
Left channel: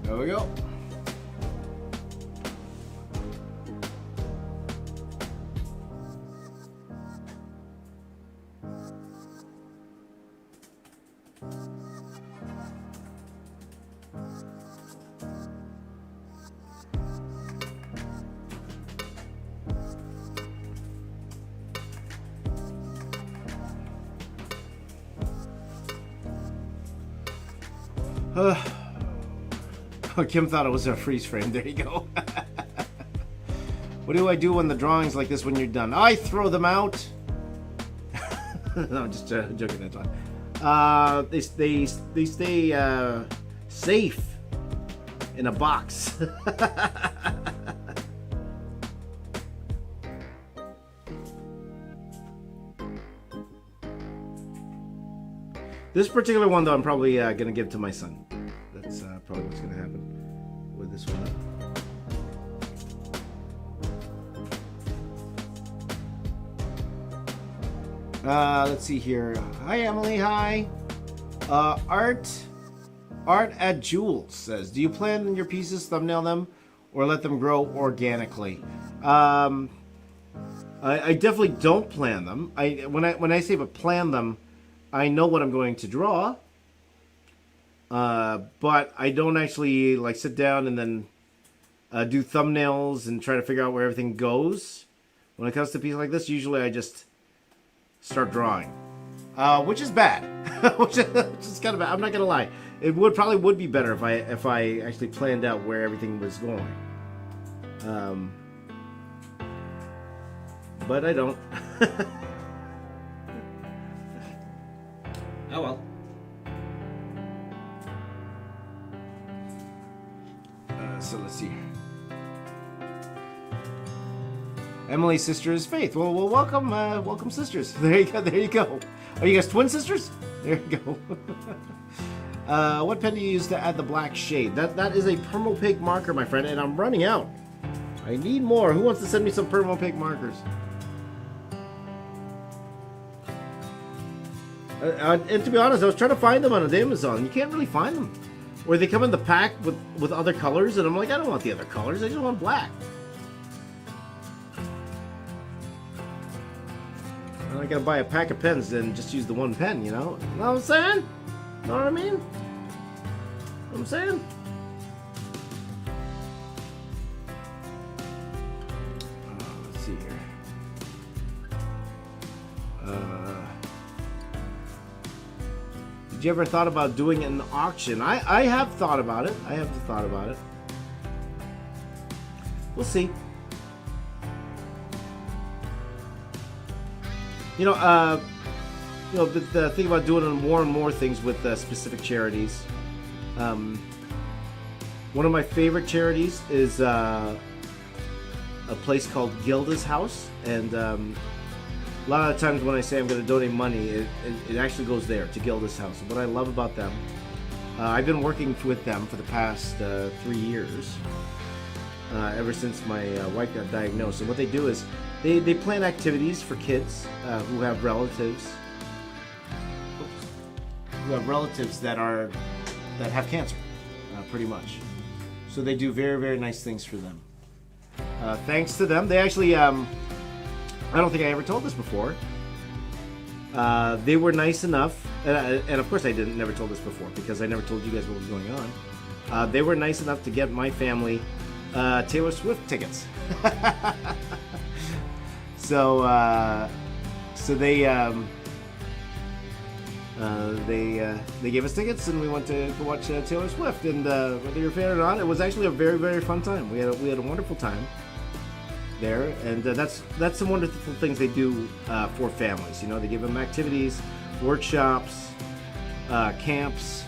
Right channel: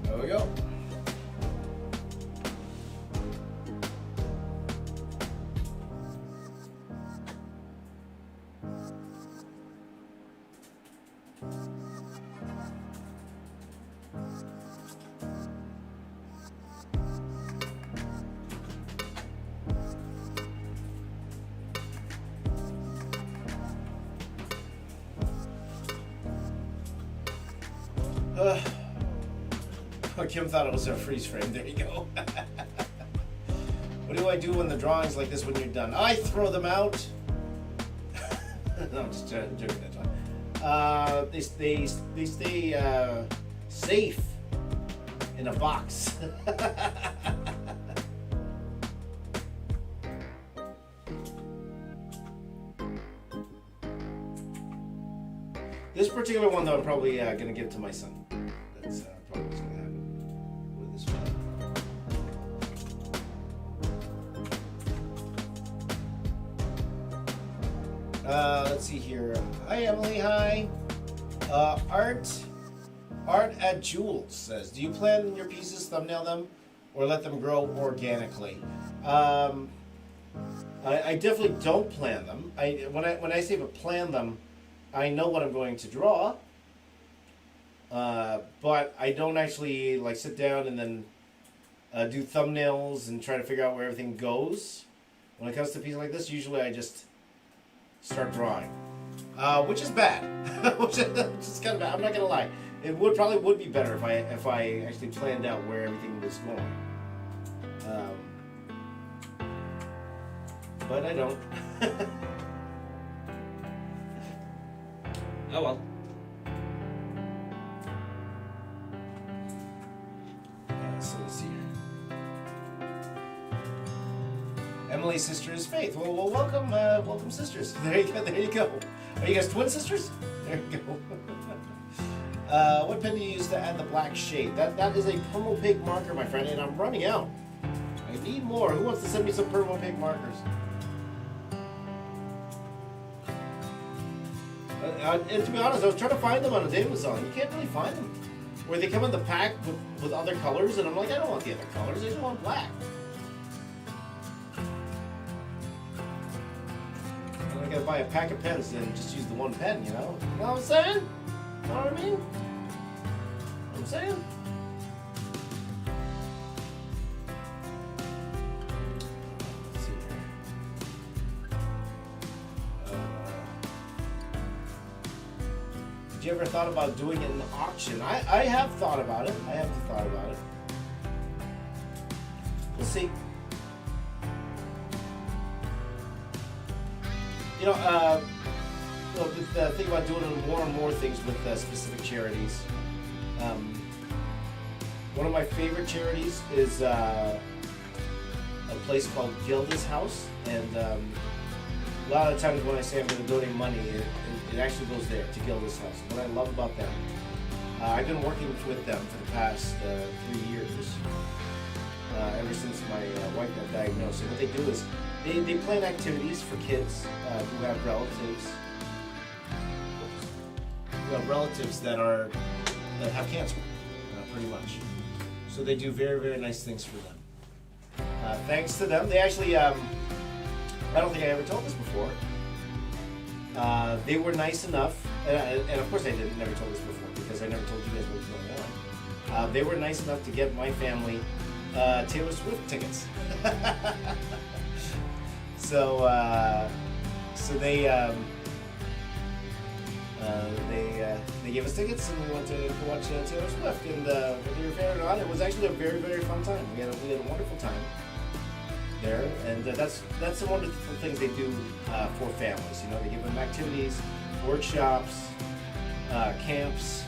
There we go. Kim thought it was a freeze frame. There you go. What do I do when the drawing's like this when you're done? I throw them out. No, I'm just joking that time. They stay safe in a box. This particular one, though, I'm probably going to give to my son. That's probably what's going to happen with this one. Let's see here. Hi, Emily. Hi. Art at Jules says, do you plan your pieces, thumbnail them, or let them grow organically? I definitely don't plan them. When I say plan them, I know what I'm going to draw, but I don't actually like sit down and then do thumbnails and try to figure out where everything goes. When it comes to pieces like this, usually I just start drawing, which is bad. Which is kind of bad. I'm not gonna lie. It probably would be better if I actually planned out where everything was going. But I don't. Oh well. So let's see. Emily's sister is Faith. Well, welcome, sisters. There you go. Are you guys twin sisters? There you go. What pen do you use to add the black shade? That is a Permo Pig marker, my friend, and I'm running out. I need more. Who wants to send me some Permo Pig markers? And to be honest, I was trying to find them on Amazon. You can't really find them. Or they come in the pack with other colors, and I'm like, I don't want the other colors. I just want black. I gotta buy a pack of pens and just use the one pen, you know? You know what I'm saying? You know what I mean? Know what I'm saying? Let's see here. Did you ever thought about doing an auction? I have thought about it. I have thought about it. We'll see. The thing about doing more and more things with specific charities. One of my favorite charities is a place called Gilda's House, and a lot of times when I say I'm going to donate money, it actually goes there to Gilda's House. What I love about them, I've been working with them for the past 3 years, ever since my wife got diagnosed. And what they do is they plan activities for kids who have relatives that have cancer, pretty much. So they do very, very nice things for them. Thanks to them, they actually, I don't think I ever told this before. They were nice enough, and of course I never told this before because I never told you guys what was going on. They were nice enough to get my family Taylor Swift tickets. So they gave us tickets and we went to watch Taylor Swift. And whether you're a fan or not, it was actually a very, very fun time. We had a wonderful time there, and that's some wonderful things they do for families. You know, they give them activities, workshops, camps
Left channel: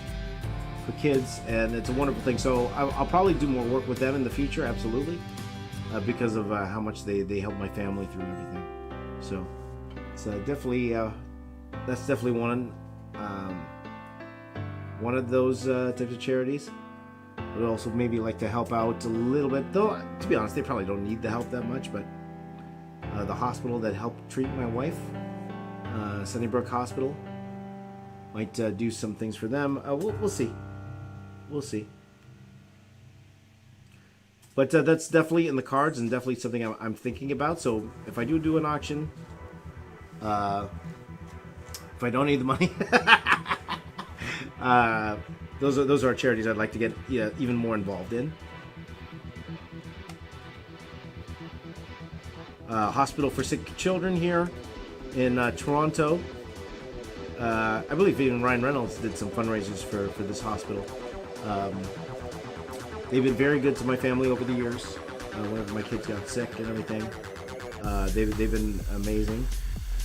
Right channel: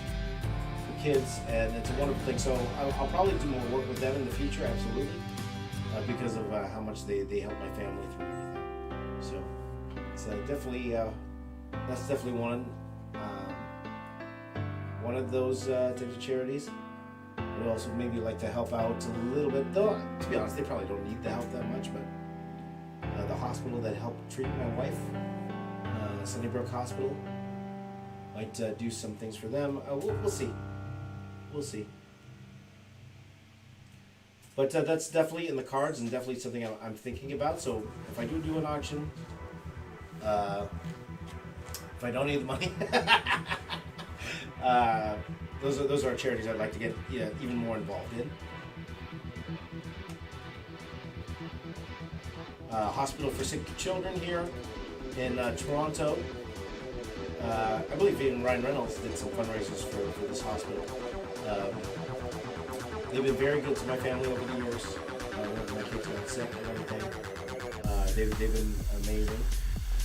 for kids, and it's a wonderful thing. So I'll probably do more work with them in the future, absolutely, because of how much they help my family through everything. So it's definitely that's definitely one of those types of charities. Would also maybe like to help out a little bit, though to be honest they probably don't need the help that much, but the hospital that helped treat my wife, Sunnybrook Hospital, might do some things for them. We'll see. But that's definitely in the cards and definitely something I'm thinking about. So if I do an auction, if I don't need the money, those are charities I'd like to get even more involved in. Hospital for Sick Children here in Toronto. I believe even Ryan Reynolds did some fundraisers for this hospital. They've been very good to my family over the years. When my kids got sick and everything, they've been amazing.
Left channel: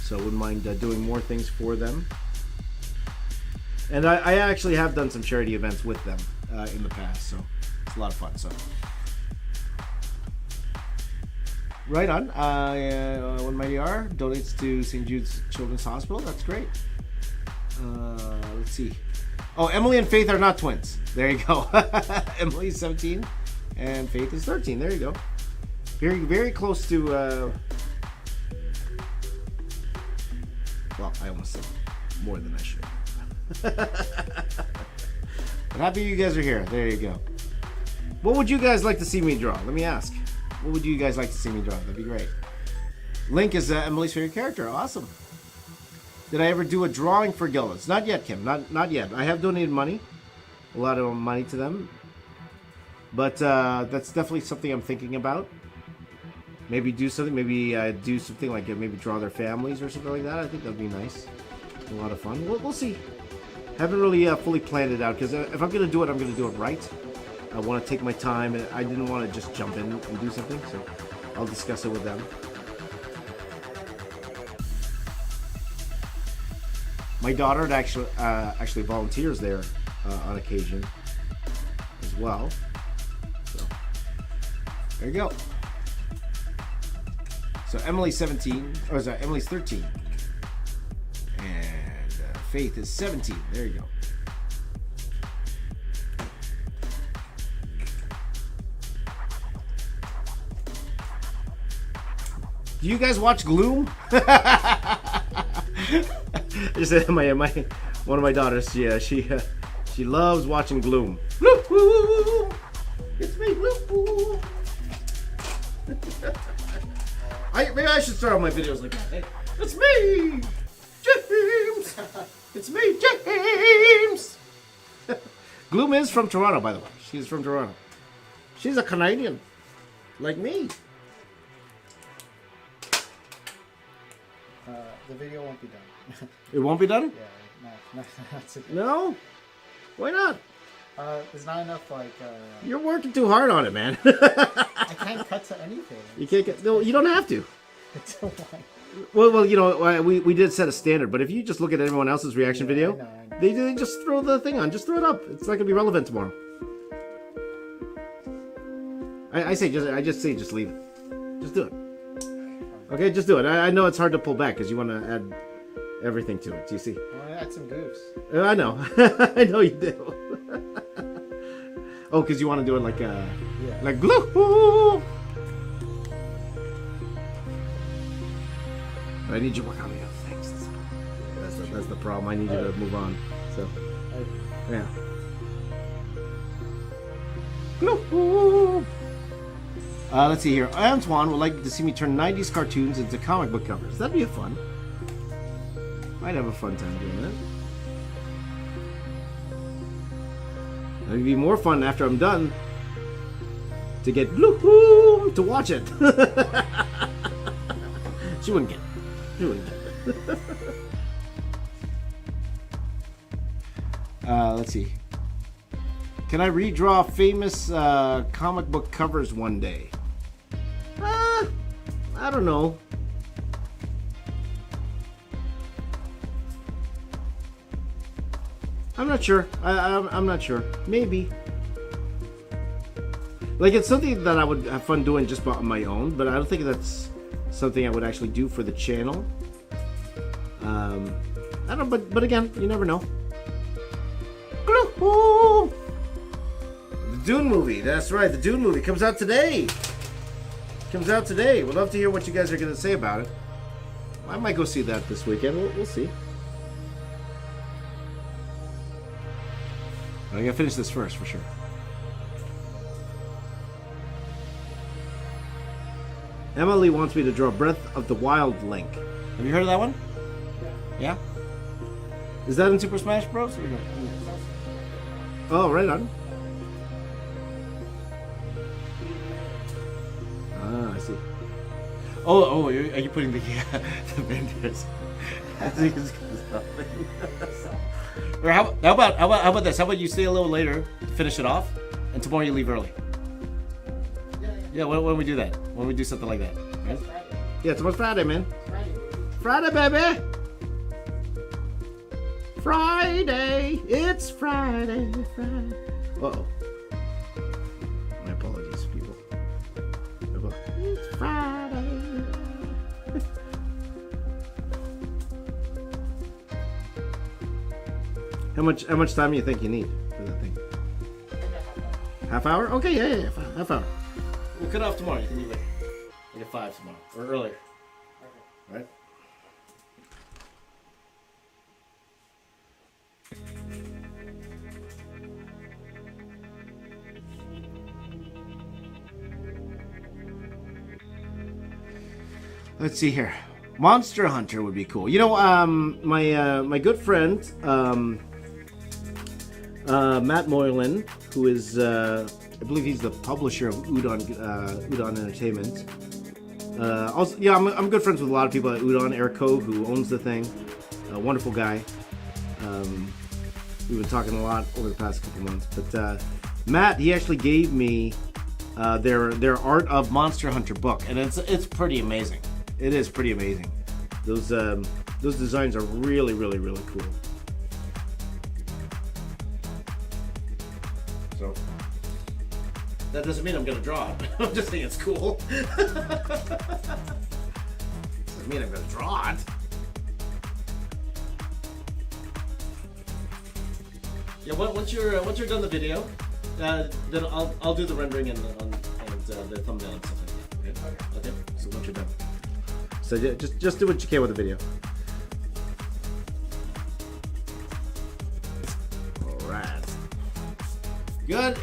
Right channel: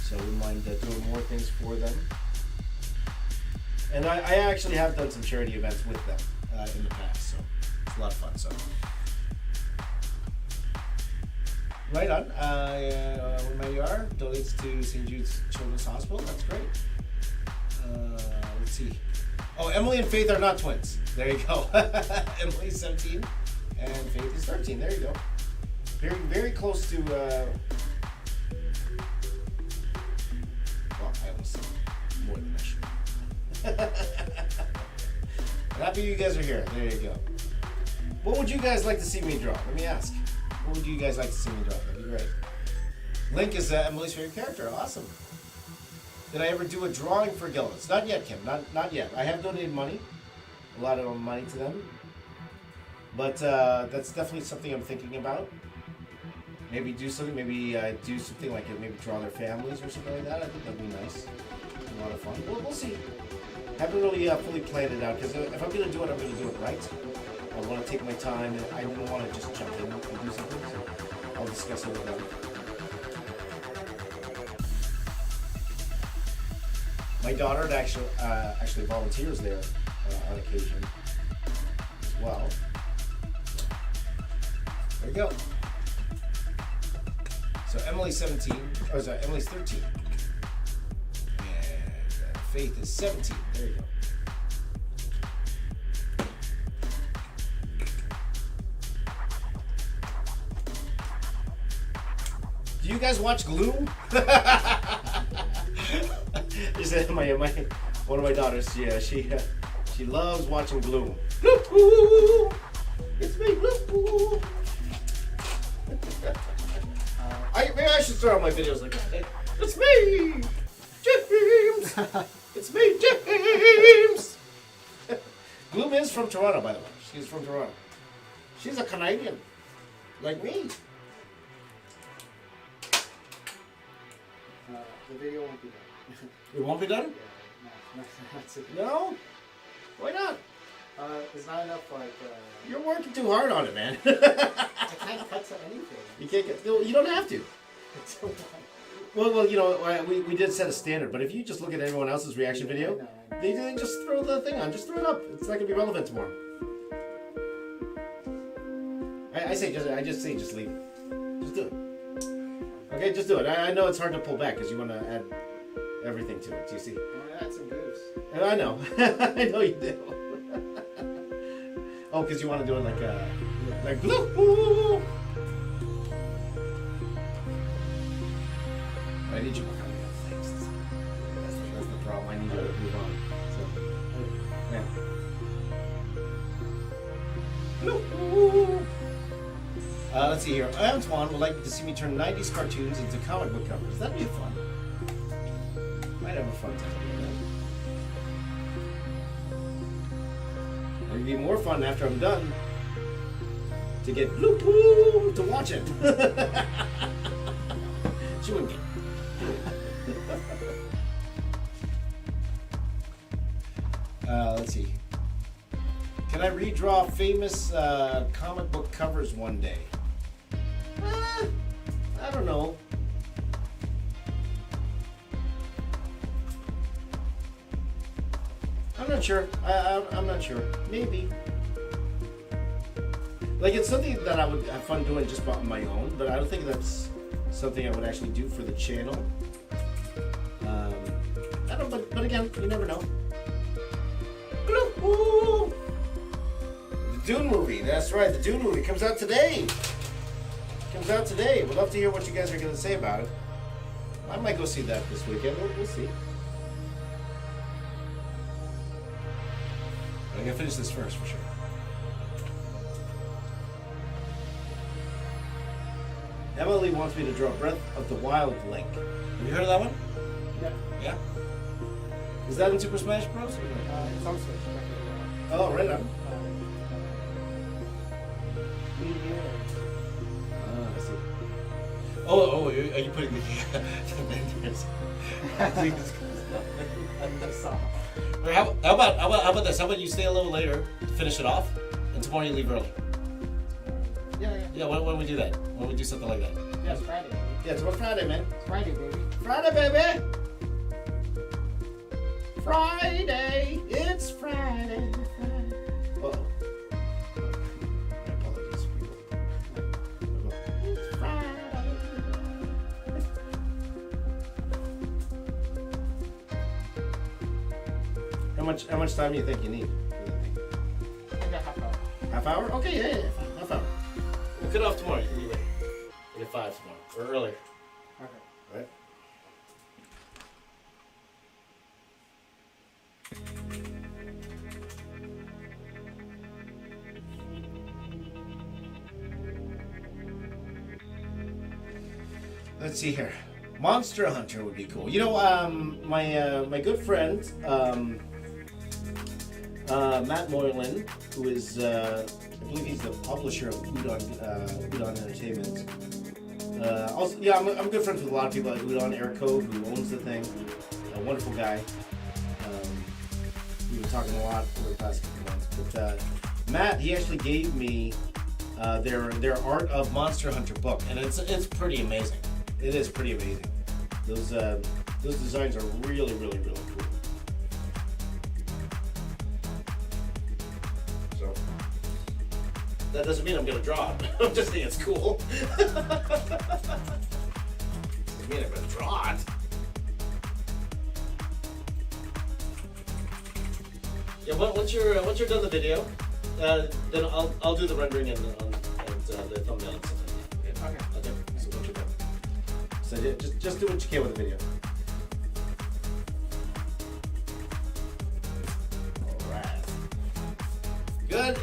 So I wouldn't mind doing more things for them. And I actually have done some charity events with them in the past, so it's a lot of fun. So, right on. When my ER donates to St. Jude's Children's Hospital, that's great. Let's see. Oh, Emily and Faith are not twins. There you go. Emily's 17 and Faith is 13. There you go. Very, very close to. Well, I almost said more than I should. Happy you guys are here. There you go. What would you guys like to see me draw? Let me ask. What would you guys like to see me draw? That'd be great. Link is Emily's favorite character. Awesome. Did I ever do a drawing for Gilda's? Not yet, Kim. Not yet. I have donated money. A lot of money to them. But that's definitely something I'm thinking about. Maybe do something. Maybe do something like maybe draw their families or something like that. I think that'd be nice. A lot of fun. We'll see. Haven't really fully planned it out because if I'm going to do it, I'm going to do it right. I want to take my time, and I didn't want to just jump in and do something, so I'll discuss it with them. My daughter actually volunteers there on occasion as well. So, there you go. So Emily's 17, or is that Emily's 13? Faith is 17. There you go. Do you guys watch Gloom? Just one of my daughters. Yeah, she loves watching Gloom. It's me, Gloom. Maybe I should start all my videos like that. It's me, James. It's me, James. Gloom is from Toronto, by the way. She's from Toronto. She's a Canadian, like me. The video won't be done. It won't be done? No, that's it. No? Why not? There's not enough, like, You're working too hard on it, man. I can't cut to anything. You can't get, no, you don't have to. Until like, Well, you know, we did set a standard, but if you just look at everyone else's reaction video, I know. they just throw the thing on, just throw it up. It's not gonna be relevant tomorrow. I just say just leave it. Just do it. Okay, just do it. I know it's hard to pull back because you want to add everything to it. Do you see? I want to add some goofs. I know. I know you do. Oh, because you want to do it like glue. I need you to work on the other things. That's the problem. I need you to move on. So, yeah. Let's see here. Antoine would like to see me turn 90s cartoons into comic book covers. That'd be fun. Might have a fun time doing that. It'd be more fun after I'm done to get to watch it. She wouldn't care. Let's see. Can I redraw famous comic book covers one day? I don't know. I'm not sure. I'm not sure. Maybe. Like, it's something that I would have fun doing just on my own, but I don't think that's something I would actually do for the channel. I don't know, but again, you never know. The Dune movie, that's right, the Dune movie comes out today. We'd love to hear what you guys are going to say about it. I might go see that this weekend, we'll see. I'm going to finish this first, for sure. Emily wants me to draw Breath of the Wild Link. Have you heard of that one? Yeah? Is that in Super Smash Bros? Oh, right on. I see. Oh, are you putting the vendors? How about this? How about you stay a little later, finish it off, and tomorrow you leave early? Yeah, when we do that? When we do something like that? That's Friday. Yeah, tomorrow's Friday, man. Friday, baby. Friday, baby! Friday! It's Friday! Uh-oh. My apologies, people. It's Friday! How much time do you think you need for that thing? Half hour? Okay, yeah. Half hour. We'll cut off tomorrow. You can be late. Like at 5 tomorrow. Or earlier. Okay. Right? Let's see here. Monster Hunter would be cool. You know, my good friend, Matt Moylan, who is, I believe he's the publisher of Udon Entertainment. Also, yeah, I'm good friends with a lot of people at Udon. Eric Cove, who owns the thing, a wonderful guy. We've been talking a lot over the past couple months. But Matt, he actually gave me their Art of Monster Hunter book, and it's pretty amazing. It is pretty amazing. Those designs are really, really, really cool. So that doesn't mean I'm gonna draw it. I'm just saying it's cool. Doesn't mean I'm gonna draw it. Yeah, once you're done the video, then I'll do the rendering and the thumbnail and stuff like that. Okay. So once you're done. So just do what you can with the video. All right. Good.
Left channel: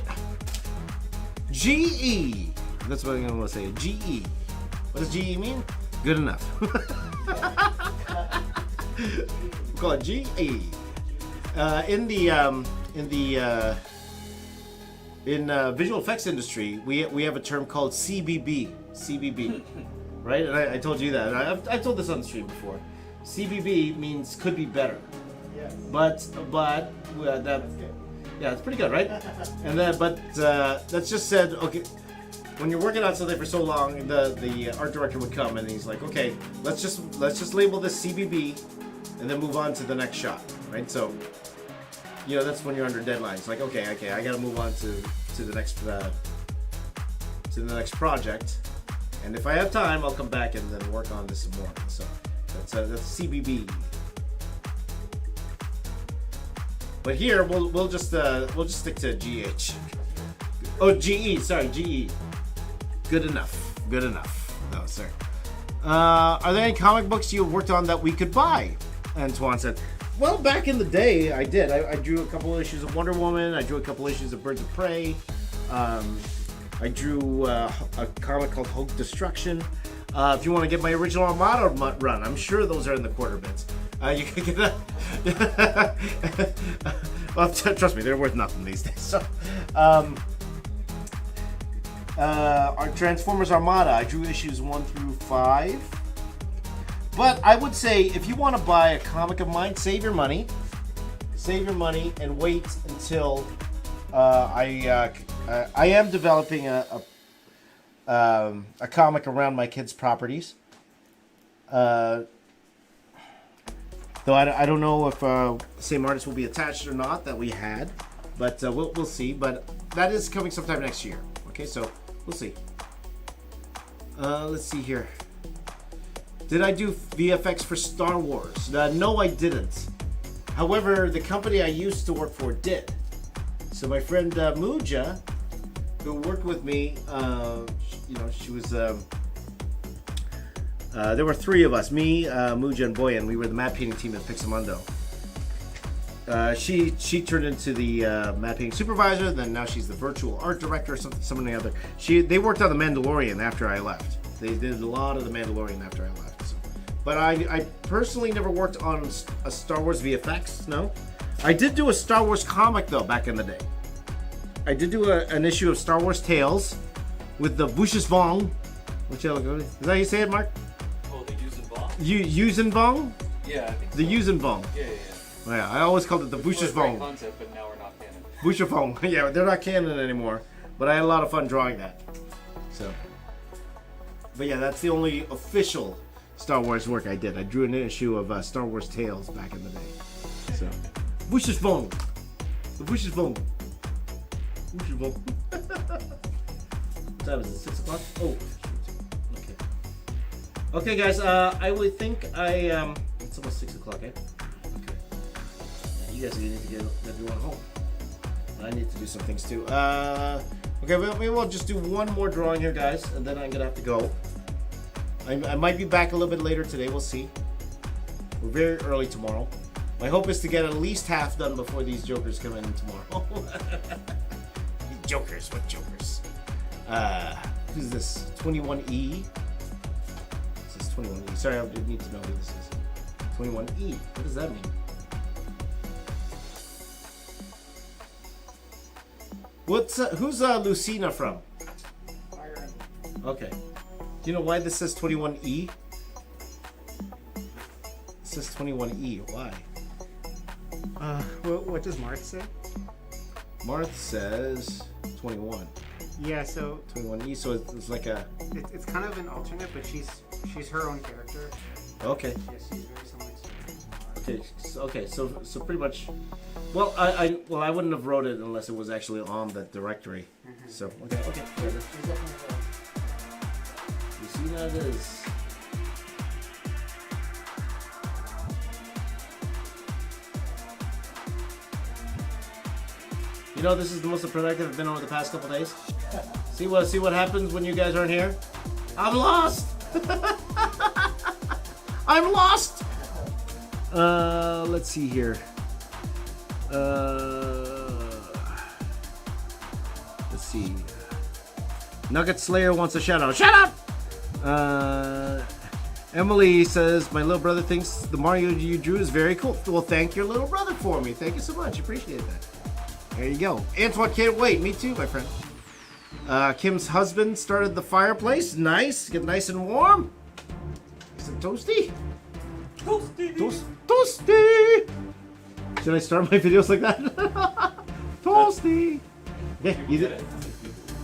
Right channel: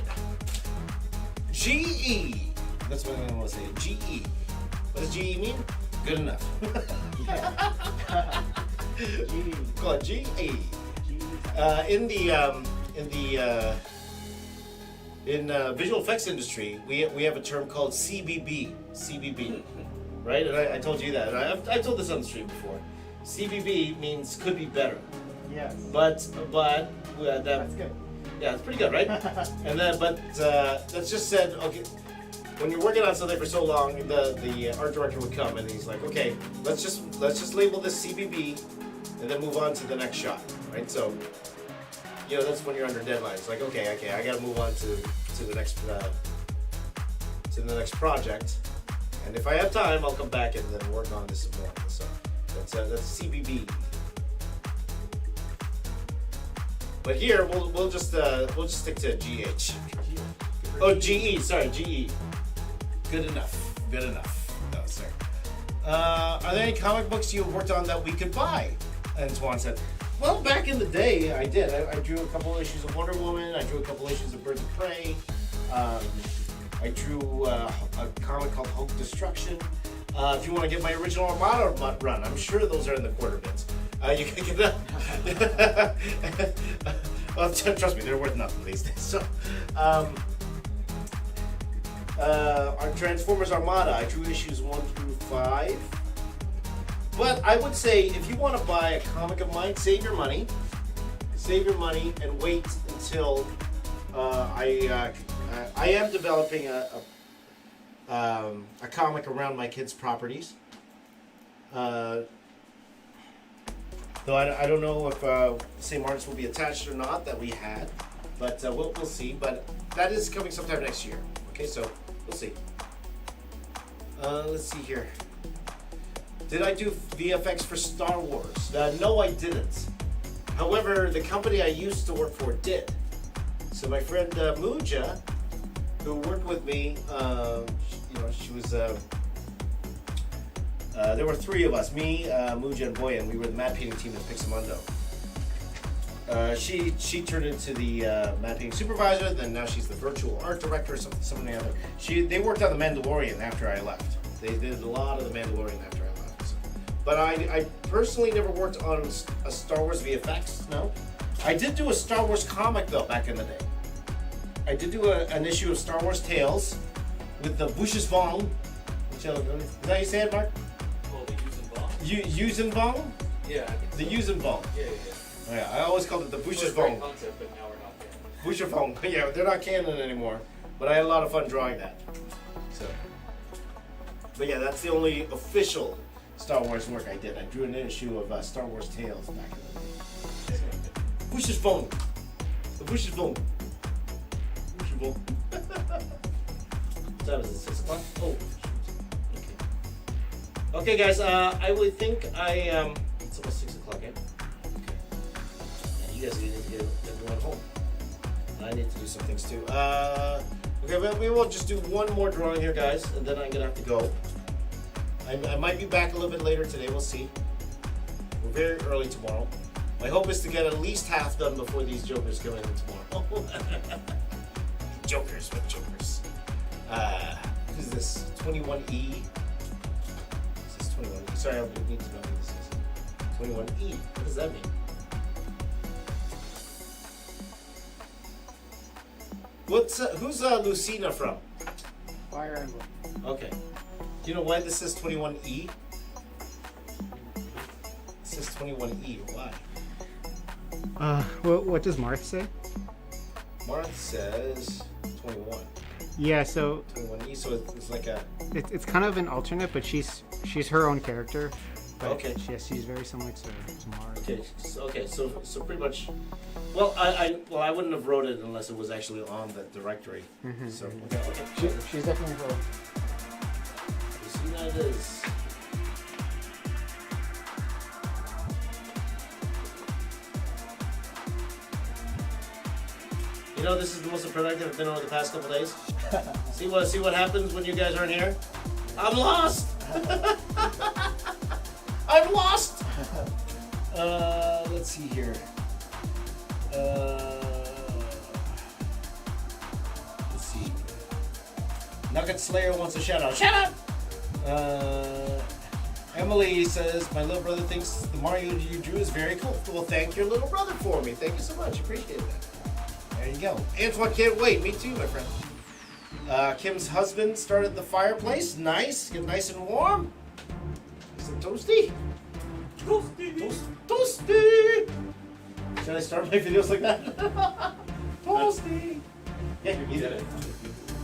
GE. That's what I'm gonna say. GE. What does GE mean? Good enough. Call it GE. In visual effects industry, we have a term called CBB, right? And I told you that. And I told this on the street before. CBB means could be better, Yes. but that That's good. yeah, it's pretty good, right? And then that's just said okay. When you're working on something for so long, the art director would come and he's like, okay, let's just label this CBB, and then move on to the next shot, right? So, you know, that's when you're under deadline. It's like, okay, I got to move on to the next project, and if I have time, I'll come back and then work on this some more. So that's CBB. But here we'll just stick to GH. Oh, GE. Sorry, GE. Good enough. Oh, sorry. Are there any comic books you worked on that we could buy? Antoine said, well, back in the day, I did. I drew a couple issues of Wonder Woman. I drew a couple issues of Birds of Prey. I drew a comic called Hulk Destruction. If you want to get my original Armada run, I'm sure those are in the quarter bits. You can get that. Well, trust me, they're worth nothing these days. So, our Transformers Armada, I drew issues 1 through 5. But I would say if you want to buy a comic of mine, save your money, and wait until I am developing a comic around my kids' properties. Though I don't know if the same artist will be attached or not that we had, but we'll see. But that is coming sometime next year. Okay, so we'll see. Let's see here. Did I do VFX for Star Wars? No, I didn't. However, the company I used to work for did. So my friend Muja, who worked with me, she was. There were 3 of us: me, Muja, and Boyan. We were the matte painting team at Pixamundo. She turned into the matte painting supervisor. Then now she's the virtual art director, or something or the other. They worked on the Mandalorian after I left. They did a lot of the Mandalorian after I left. But I personally never worked on a Star Wars VFX. No, I did do a Star Wars comic though back in the day. I did do an issue of Star Wars Tales with the Vushis Vong. Is that how you say it, Mark? Oh, the Yuuzhan Yuuzhan? Yeah. The Yuuzhan. Yeah, I always called it the Vushis Great Vong. concept, but now we're not canon. Vushis Vong. Yeah, they're not canon anymore. But I had a lot of fun drawing that. So, but yeah, that's the only official Star Wars work I did. I drew an issue of Star Wars Tales back in the day. So, Vushis Vong. The Vushis Vong. Vushis Vong. That was at 6 o'clock. Oh. Okay, guys. I would think it's almost 6 o'clock, eh? Okay. You guys need to get everyone home. I need to do some things too. Okay, well, we will just do one more drawing here, guys, and then I'm gonna have to go. I might be back a little bit later today. We'll see. We're very early tomorrow. My hope is to get at least half done before these jokers come in tomorrow. Jokers, what jokers? Who's this? 21E. This is 21E. Sorry, I need to know who this is. 21E. What does that mean? Who's Lucina from? Fire Emblem. Okay. Do you know why this says 21E? It says 21E. Why? What does Marth say? Marth says 21. Yeah, so 21E, so it's like a... it's kind of an alternate, but she's her own character. Okay. She's very similar to Marth. Okay, so pretty much... Well, I wouldn't have wrote it unless it was actually on the directory. Mm-hmm. So, okay. She's definitely cool. Lucina it is. You know, this is the most productive I've been over the past couple days. See what happens when you guys aren't here? I'm lost. I'm lost. Let's see here. Let's see. Nugget Slayer wants a shout out. Shut up. Emily says, my little brother thinks the Mario you drew is very cool. Well, thank your little brother for me. Thank you so much. Appreciate that. There you go. Antoine can't wait. Me too, my friend. Kim's husband started the fireplace. Nice. Get nice and warm. Some toasty. Toasty. Should I start my videos like that? Toasty. Yeah, you did it.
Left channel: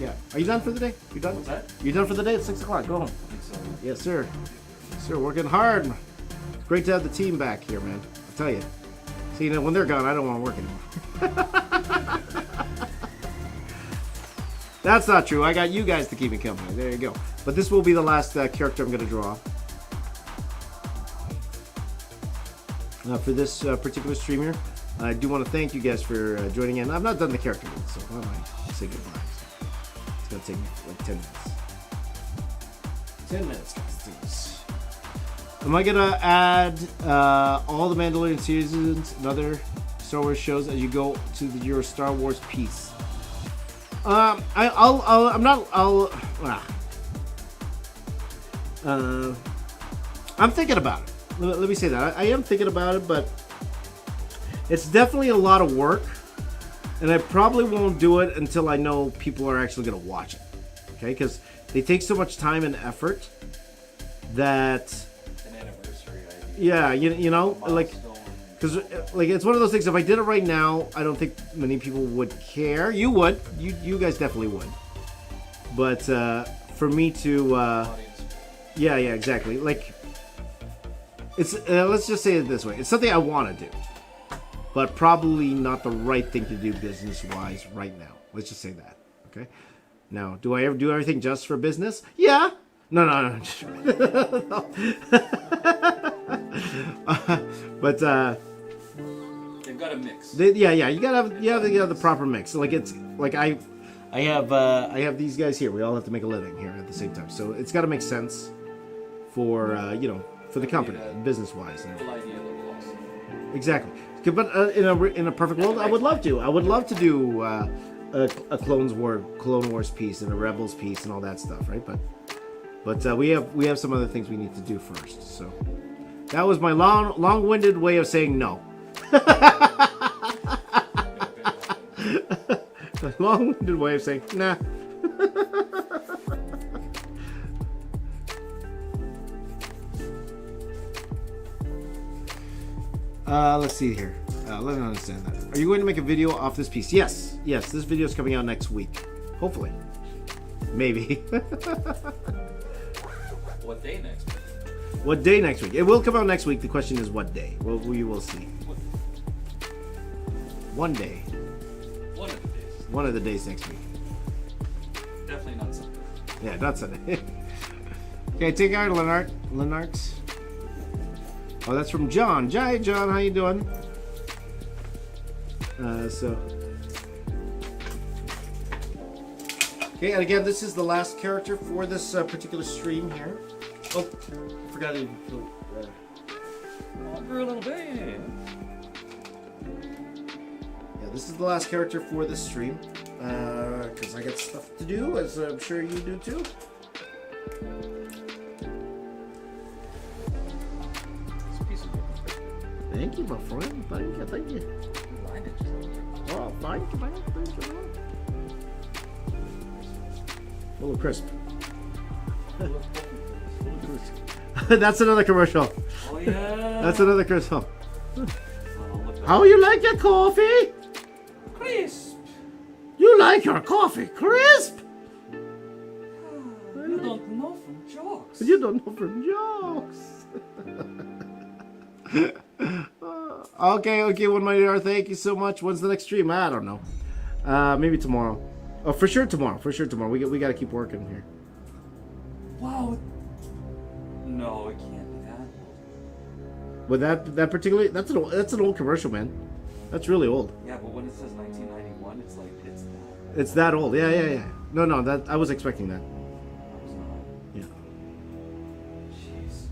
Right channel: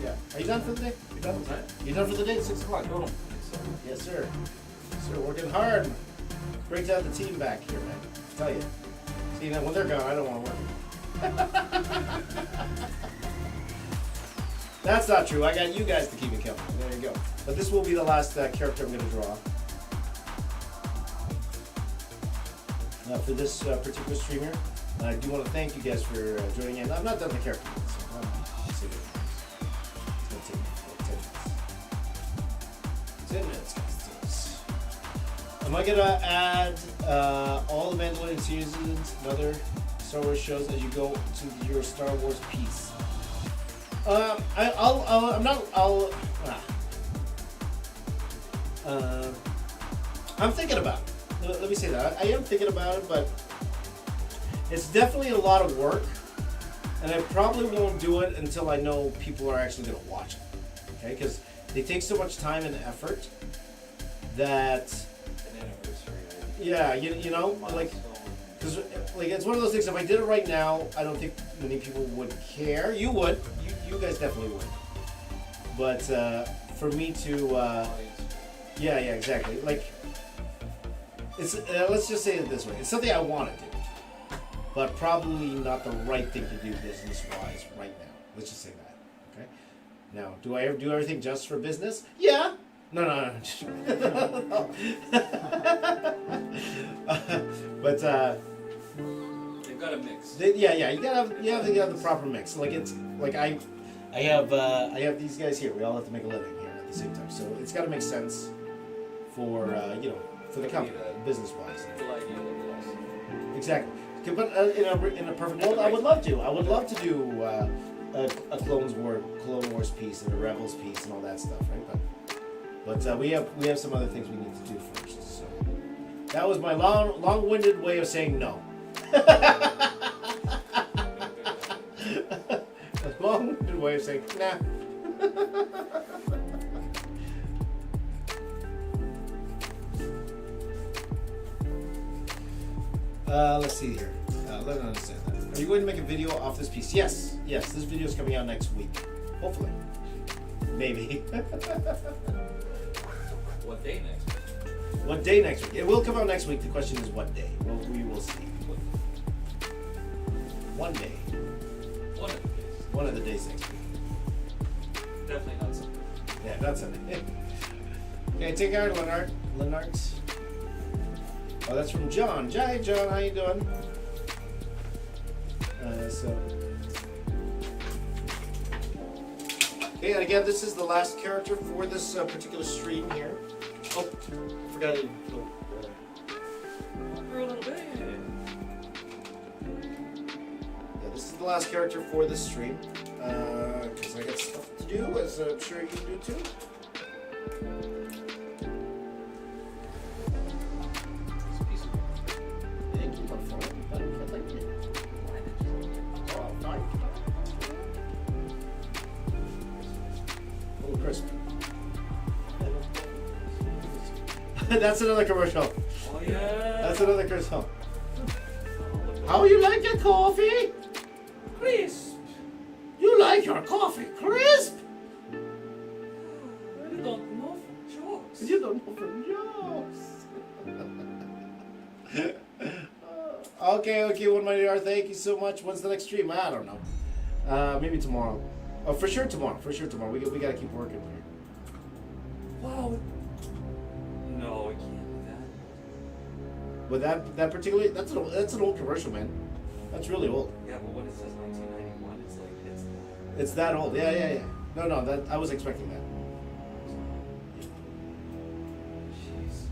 Yeah. Are you done for the day? You done? What's that? You done for the day at 6 o'clock? Go home. Yes, sir. Sir, working hard. Great to have the team back here, man. I tell you. See, when they're gone, I don't want to work anymore. That's not true. I got you guys to keep it company. There you go. But this will be the last character I'm going to draw. For this particular stream here. I do want to thank you guys for joining in. I've not done the character yet, so I'll say goodbye. It's going to take like 10 minutes. 10 minutes. Am I going to add all the Mandalorian seasons and other Star Wars shows as you go to your Star Wars piece? I'm thinking about it. Let me say that. I am thinking about it, but it's definitely a lot of work, and I probably won't do it until I know people are actually going to watch it. Okay, because they take so much time and effort that. An anniversary. Yeah, you know, like, because like it's one of those things. If I did it right now, I don't think many people would care. You would. You guys definitely would. But for me to, yeah, exactly. Like, it's let's just say it this way. It's something I want to do, but probably not the right thing to do business-wise right now. Let's just say that. Okay. Now, do I ever do everything just for business? Yeah. No. But They've got a mix. yeah, you gotta have the proper mix. Like it's like I have these guys here. We all have to make a living here at the same time, so it's got to make sense for for the company, business wise. Full idea level also. Exactly. But in a perfect world, I would love to. I would love to do a Clone Wars piece and a Rebels piece and all that stuff, right? But we have some other things we need to do first. So that was my long-winded way of saying no. A long-winded way of saying nah. Let's see here. Let me understand that. Are you going to make a video off this piece? Yes. This video is coming out next week. Hopefully. Maybe. What day next week? What day next week? It will come out next week. The question is what day. Well, we will see. One day. One of the days. One of the days next week. Definitely not Sunday. Yeah, not Sunday. Okay, take care, Lenart. Oh, that's from John. Hi, John. How you doing? Okay, and again, this is the last character for this particular stream here. Oh, forgot to. For a little bit. Yeah, this is the last character for this stream. Because I got stuff to do, as I'm sure you do too. Thank you for following, buddy. Thank you. Oh, thank you. A little crisp. That's another commercial. Oh yeah. That's another commercial. How you like your coffee? Crisp. You like your coffee crisp? You don't know from jokes. You don't know from jokes. Okay, one my dear. Thank you so much. When's the next stream? I don't know. Maybe tomorrow. Oh, for sure tomorrow. We got to keep working here. Wow. No, it can't be that. But that particularly that's an old commercial, man. That's really old. Yeah, but when it says 1991, it's like it's that. It's that old. Yeah. No, that I was expecting that. Yeah. Jeez.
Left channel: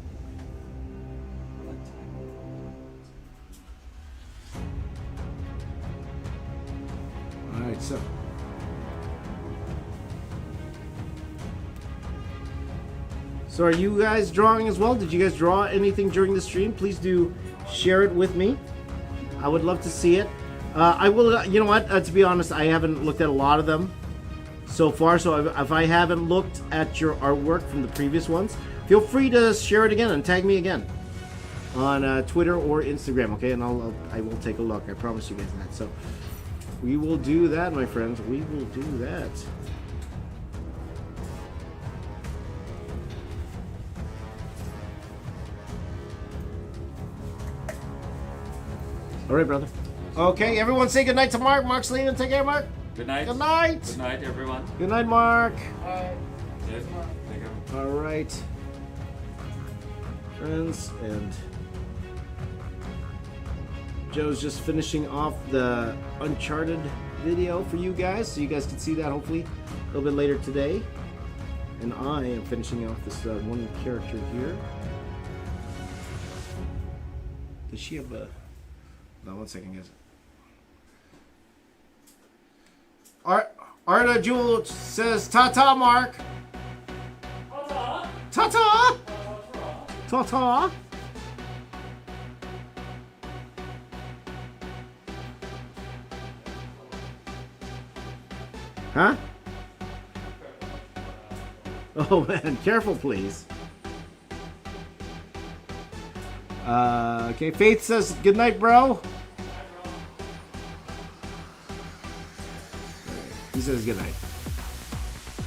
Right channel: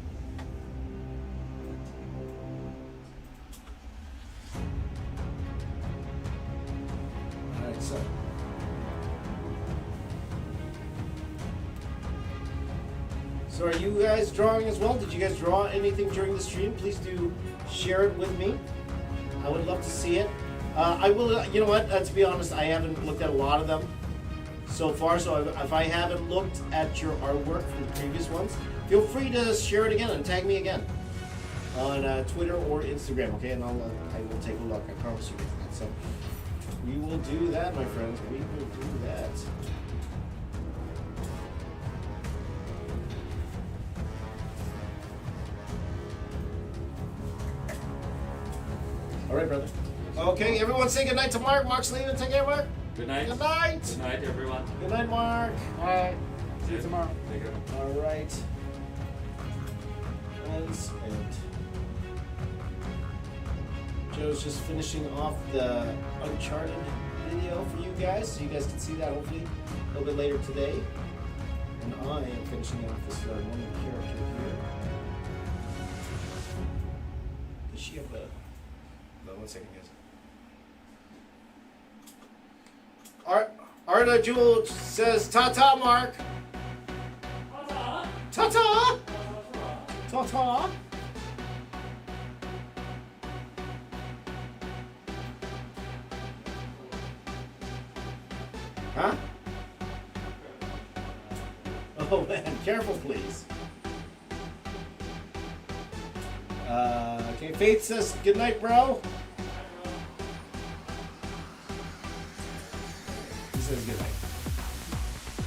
All right, so. So are you guys drawing as well? Did you guys draw anything during the stream? Please do share it with me. I would love to see it. I will, you know what, to be honest, I haven't looked at a lot of them so far, so if I haven't looked at your artwork from the previous ones, feel free to share it again and tag me again on Twitter or Instagram, okay? And I will take a look, I promise you. So we will do that, my friends. We will do that. All right, brother. Okay, everyone say good night to Mark. Mark Selena, take care, Mark. Good night. Good night. Good night, everyone. Good night, Mark. Alright. See you tomorrow. Take care. All right. Friends, and Joe's just finishing off the Uncharted video for you guys, so you guys can see that hopefully a little bit later today. And I am finishing off this one character here. Does she have a... No, 1 second, guys. Arta Jewel says, ta-ta, Mark. Ta-ta. Ta-ta. Ta-ta. Huh? Oh man, careful please. Okay, Faith says good night, bro. He says good night.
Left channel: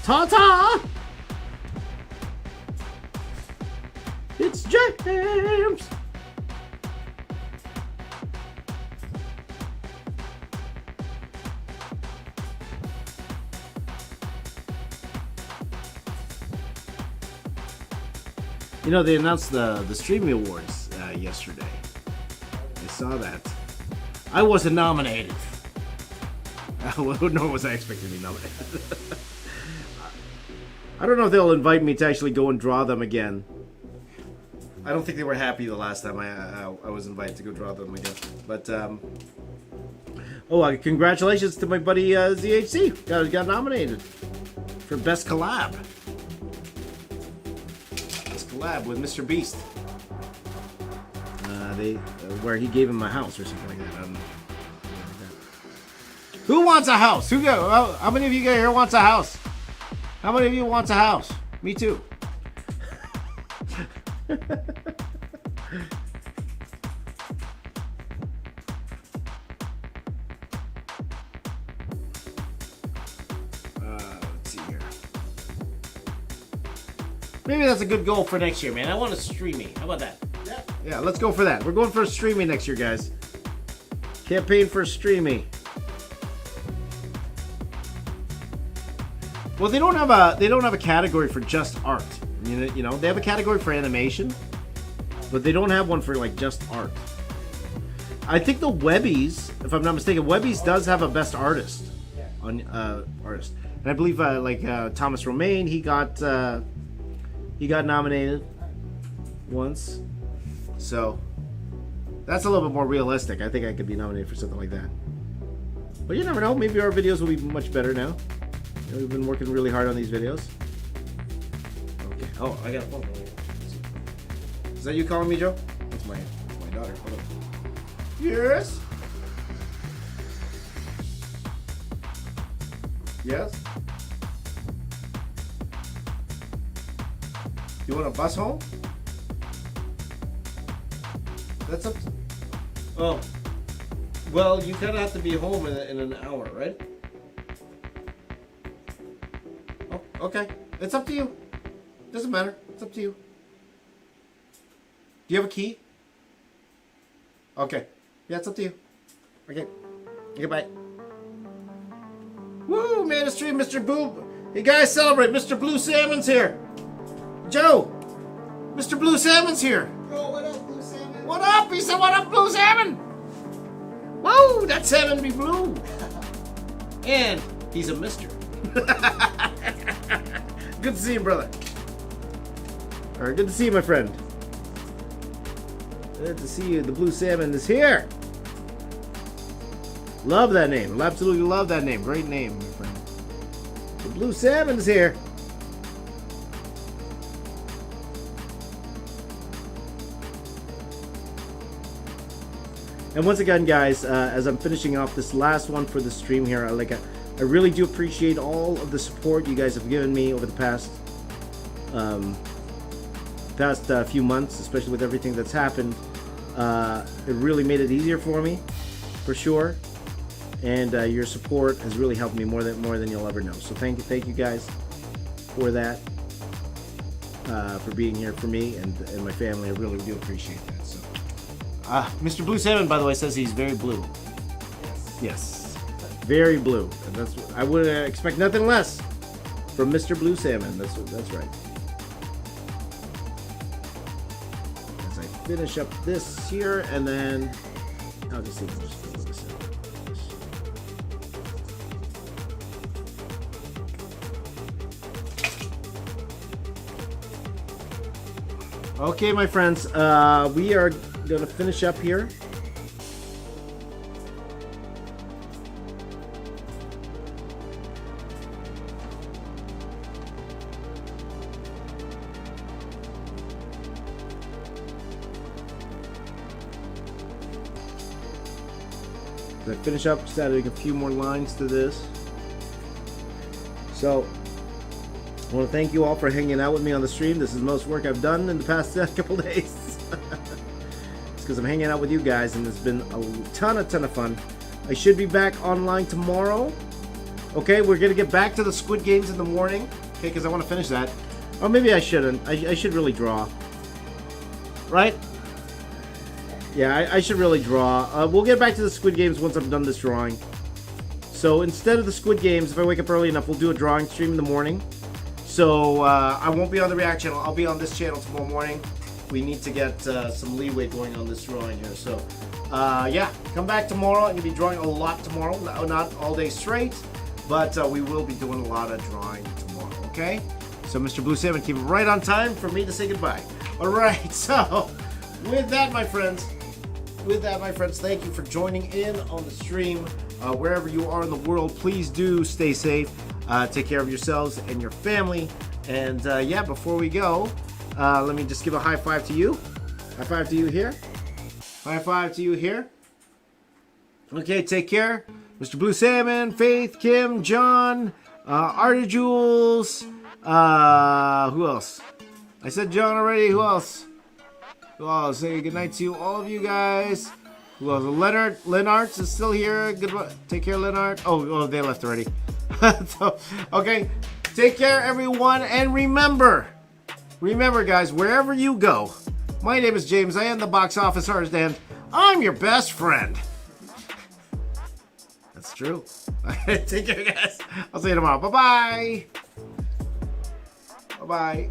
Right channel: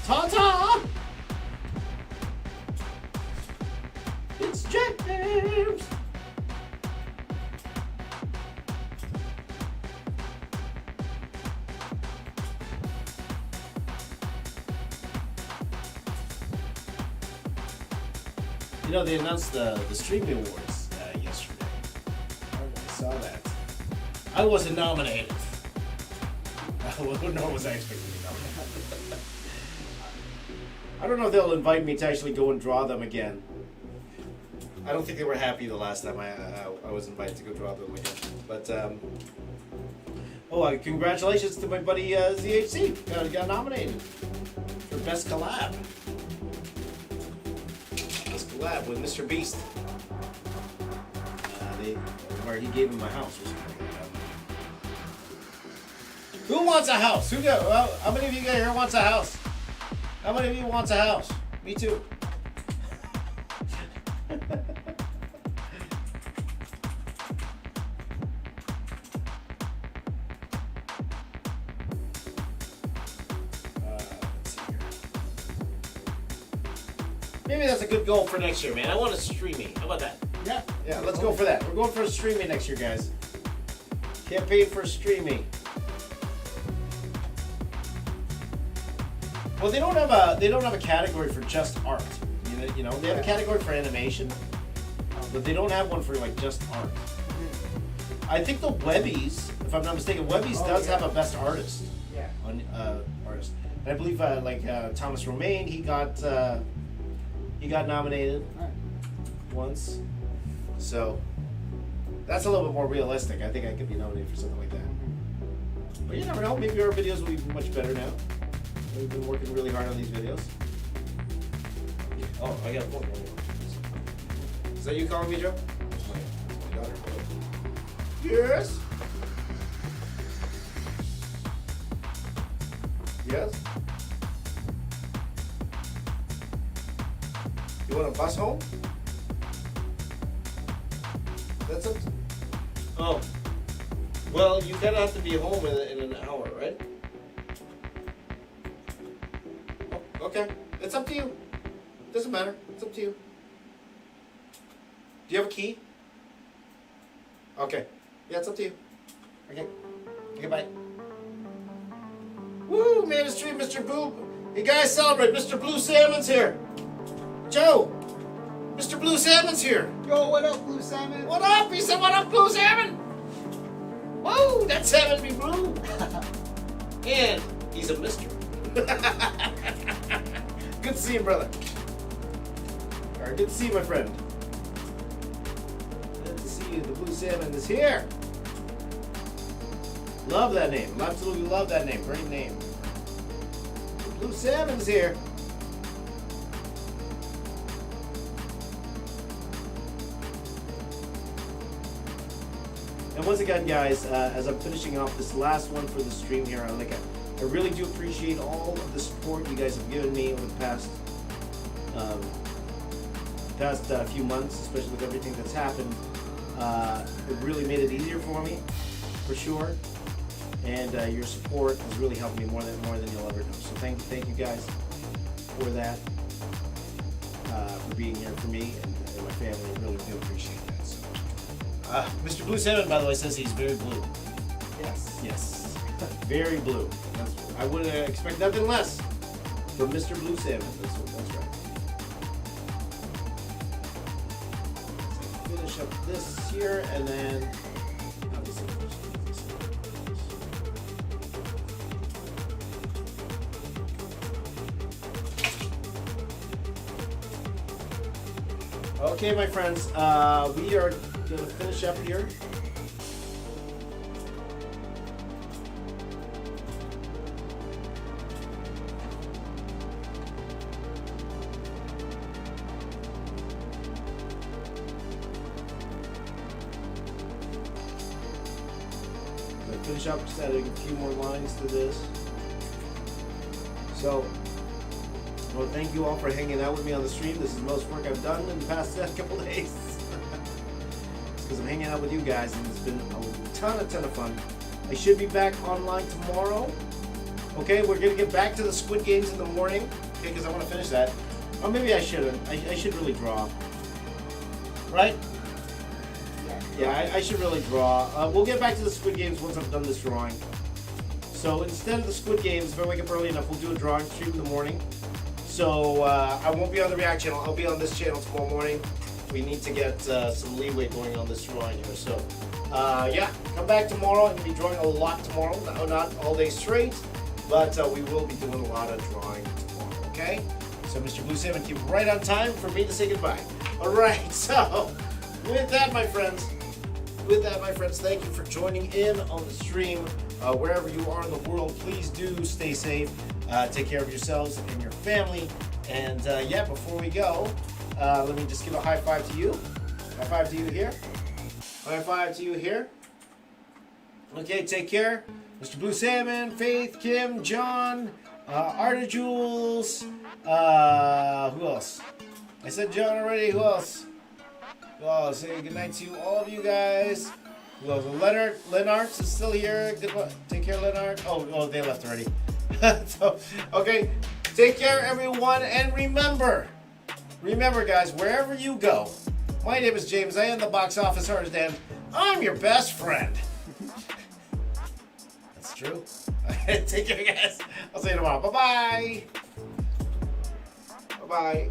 Ta-ta! It's James! You know, they announced the Streaming Awards yesterday. I saw that. I wasn't nominated. Nor was I expected to be nominated. I don't know if they'll invite me to actually go and draw them again. I don't think they were happy the last time I was invited to go draw them again. But, congratulations to my buddy ZHC. Got nominated for Best Collab. Collab with Mr. Beast. Where he gave him a house or something. Who wants a house? How many of you guys here wants a house? How many of you wants a house? Me too. Let's see here. Maybe that's a good goal for next year, man. I want to streaming. How about that? Yeah, let's go for that. We're going for streaming next year, guys. Campaign for streaming. Well, they don't have a category for just art. You know, they have a category for animation, but they don't have one for like just art. I think the Webbies, if I'm not mistaken, Webbies does have a best artist on artist, and I believe Thomas Romaine, he got nominated once, so that's a little bit more realistic. I think I could be nominated for something like that. But you never know. Maybe our videos will be much better now. We've been working really hard on these videos. Okay. Oh, I got a phone call. Is that you calling me, Joe? That's my daughter. Yes? Yes? You want a bus home? That's a... Oh. Well, you kind of have to be home in an hour, right? Okay, it's up to you. Doesn't matter. It's up to you. Do you have a key? Okay. Yeah, it's up to you. Okay. Goodbye. Woo! Made a stream, Mr. Blue. You guys celebrate. Mr. Blue Salmon's here. Joe! Mr. Blue Salmon's here. Yo, what up, Blue Salmon? What up? He said, what up, Blue Salmon? Whoa! That salmon be blue. And he's a mister. Good to see you, brother. Alright, good to see you, my friend. Good to see you. The Blue Salmon is here. Love that name. Absolutely love that name. Great name. The Blue Salmon's here. And once again, guys, as I'm finishing off this last one for the stream here, I really do appreciate all of the support you guys have given me over the past few months, especially with everything that's happened. It really made it easier for me, for sure. And your support has really helped me more than you'll ever know. So thank you guys for that, for being here for me and my family. I really do appreciate that. So, Mr. Blue Salmon, by the way, says he's very blue. Yes, very blue. I would expect nothing less from Mr. Blue Salmon. That's right. As I finish up this here, and then I'll just finish this. Okay, my friends, we are going to finish up here. Going to finish up, just adding a few more lines to this. So, I want to thank you all for hanging out with me on the stream. This is the most work I've done in the past couple days. It's because I'm hanging out with you guys, and it's been a ton of fun. I should be back online tomorrow. Okay, we're going to get back to the Squid Games in the morning. Okay, because I want to finish that. Or maybe I shouldn't. I should really draw. Right? Yeah, I should really draw. We'll get back to the Squid Games once I'm done this drawing. So instead of the Squid Games, if I wake up early enough, we'll do a drawing stream in the morning. So I won't be on the React channel. I'll be on this channel tomorrow morning. We need to get some leeway going on this drawing here. So yeah, come back tomorrow. I'll be drawing a lot tomorrow. Not all day straight, but we will be doing a lot of drawing tomorrow. Okay? So Mr. Blue 7, keep it right on time for me to say goodbye. All right. So with that, my friends, thank you for joining in on the stream. Wherever you are in the world, please do stay safe. Take care of yourselves and your family. And yeah, before we go, let me just give a high five to you. High five to you here. High five to you here. Okay, take care. Mr. Blue Salmon, Faith, Kim, John, Artie Jules. Who else? I said John already. Who else? Well, say good night to all of you guys. Who else? Leonard is still here. Goodbye. Take care, Leonard. Oh, they left already. So, okay, take care, everyone, and remember, guys, wherever you go, my name is James. I am the box office artist, and I'm your best friend. That's true. Take care, guys. I'll see you tomorrow. Bye-bye. Bye-bye.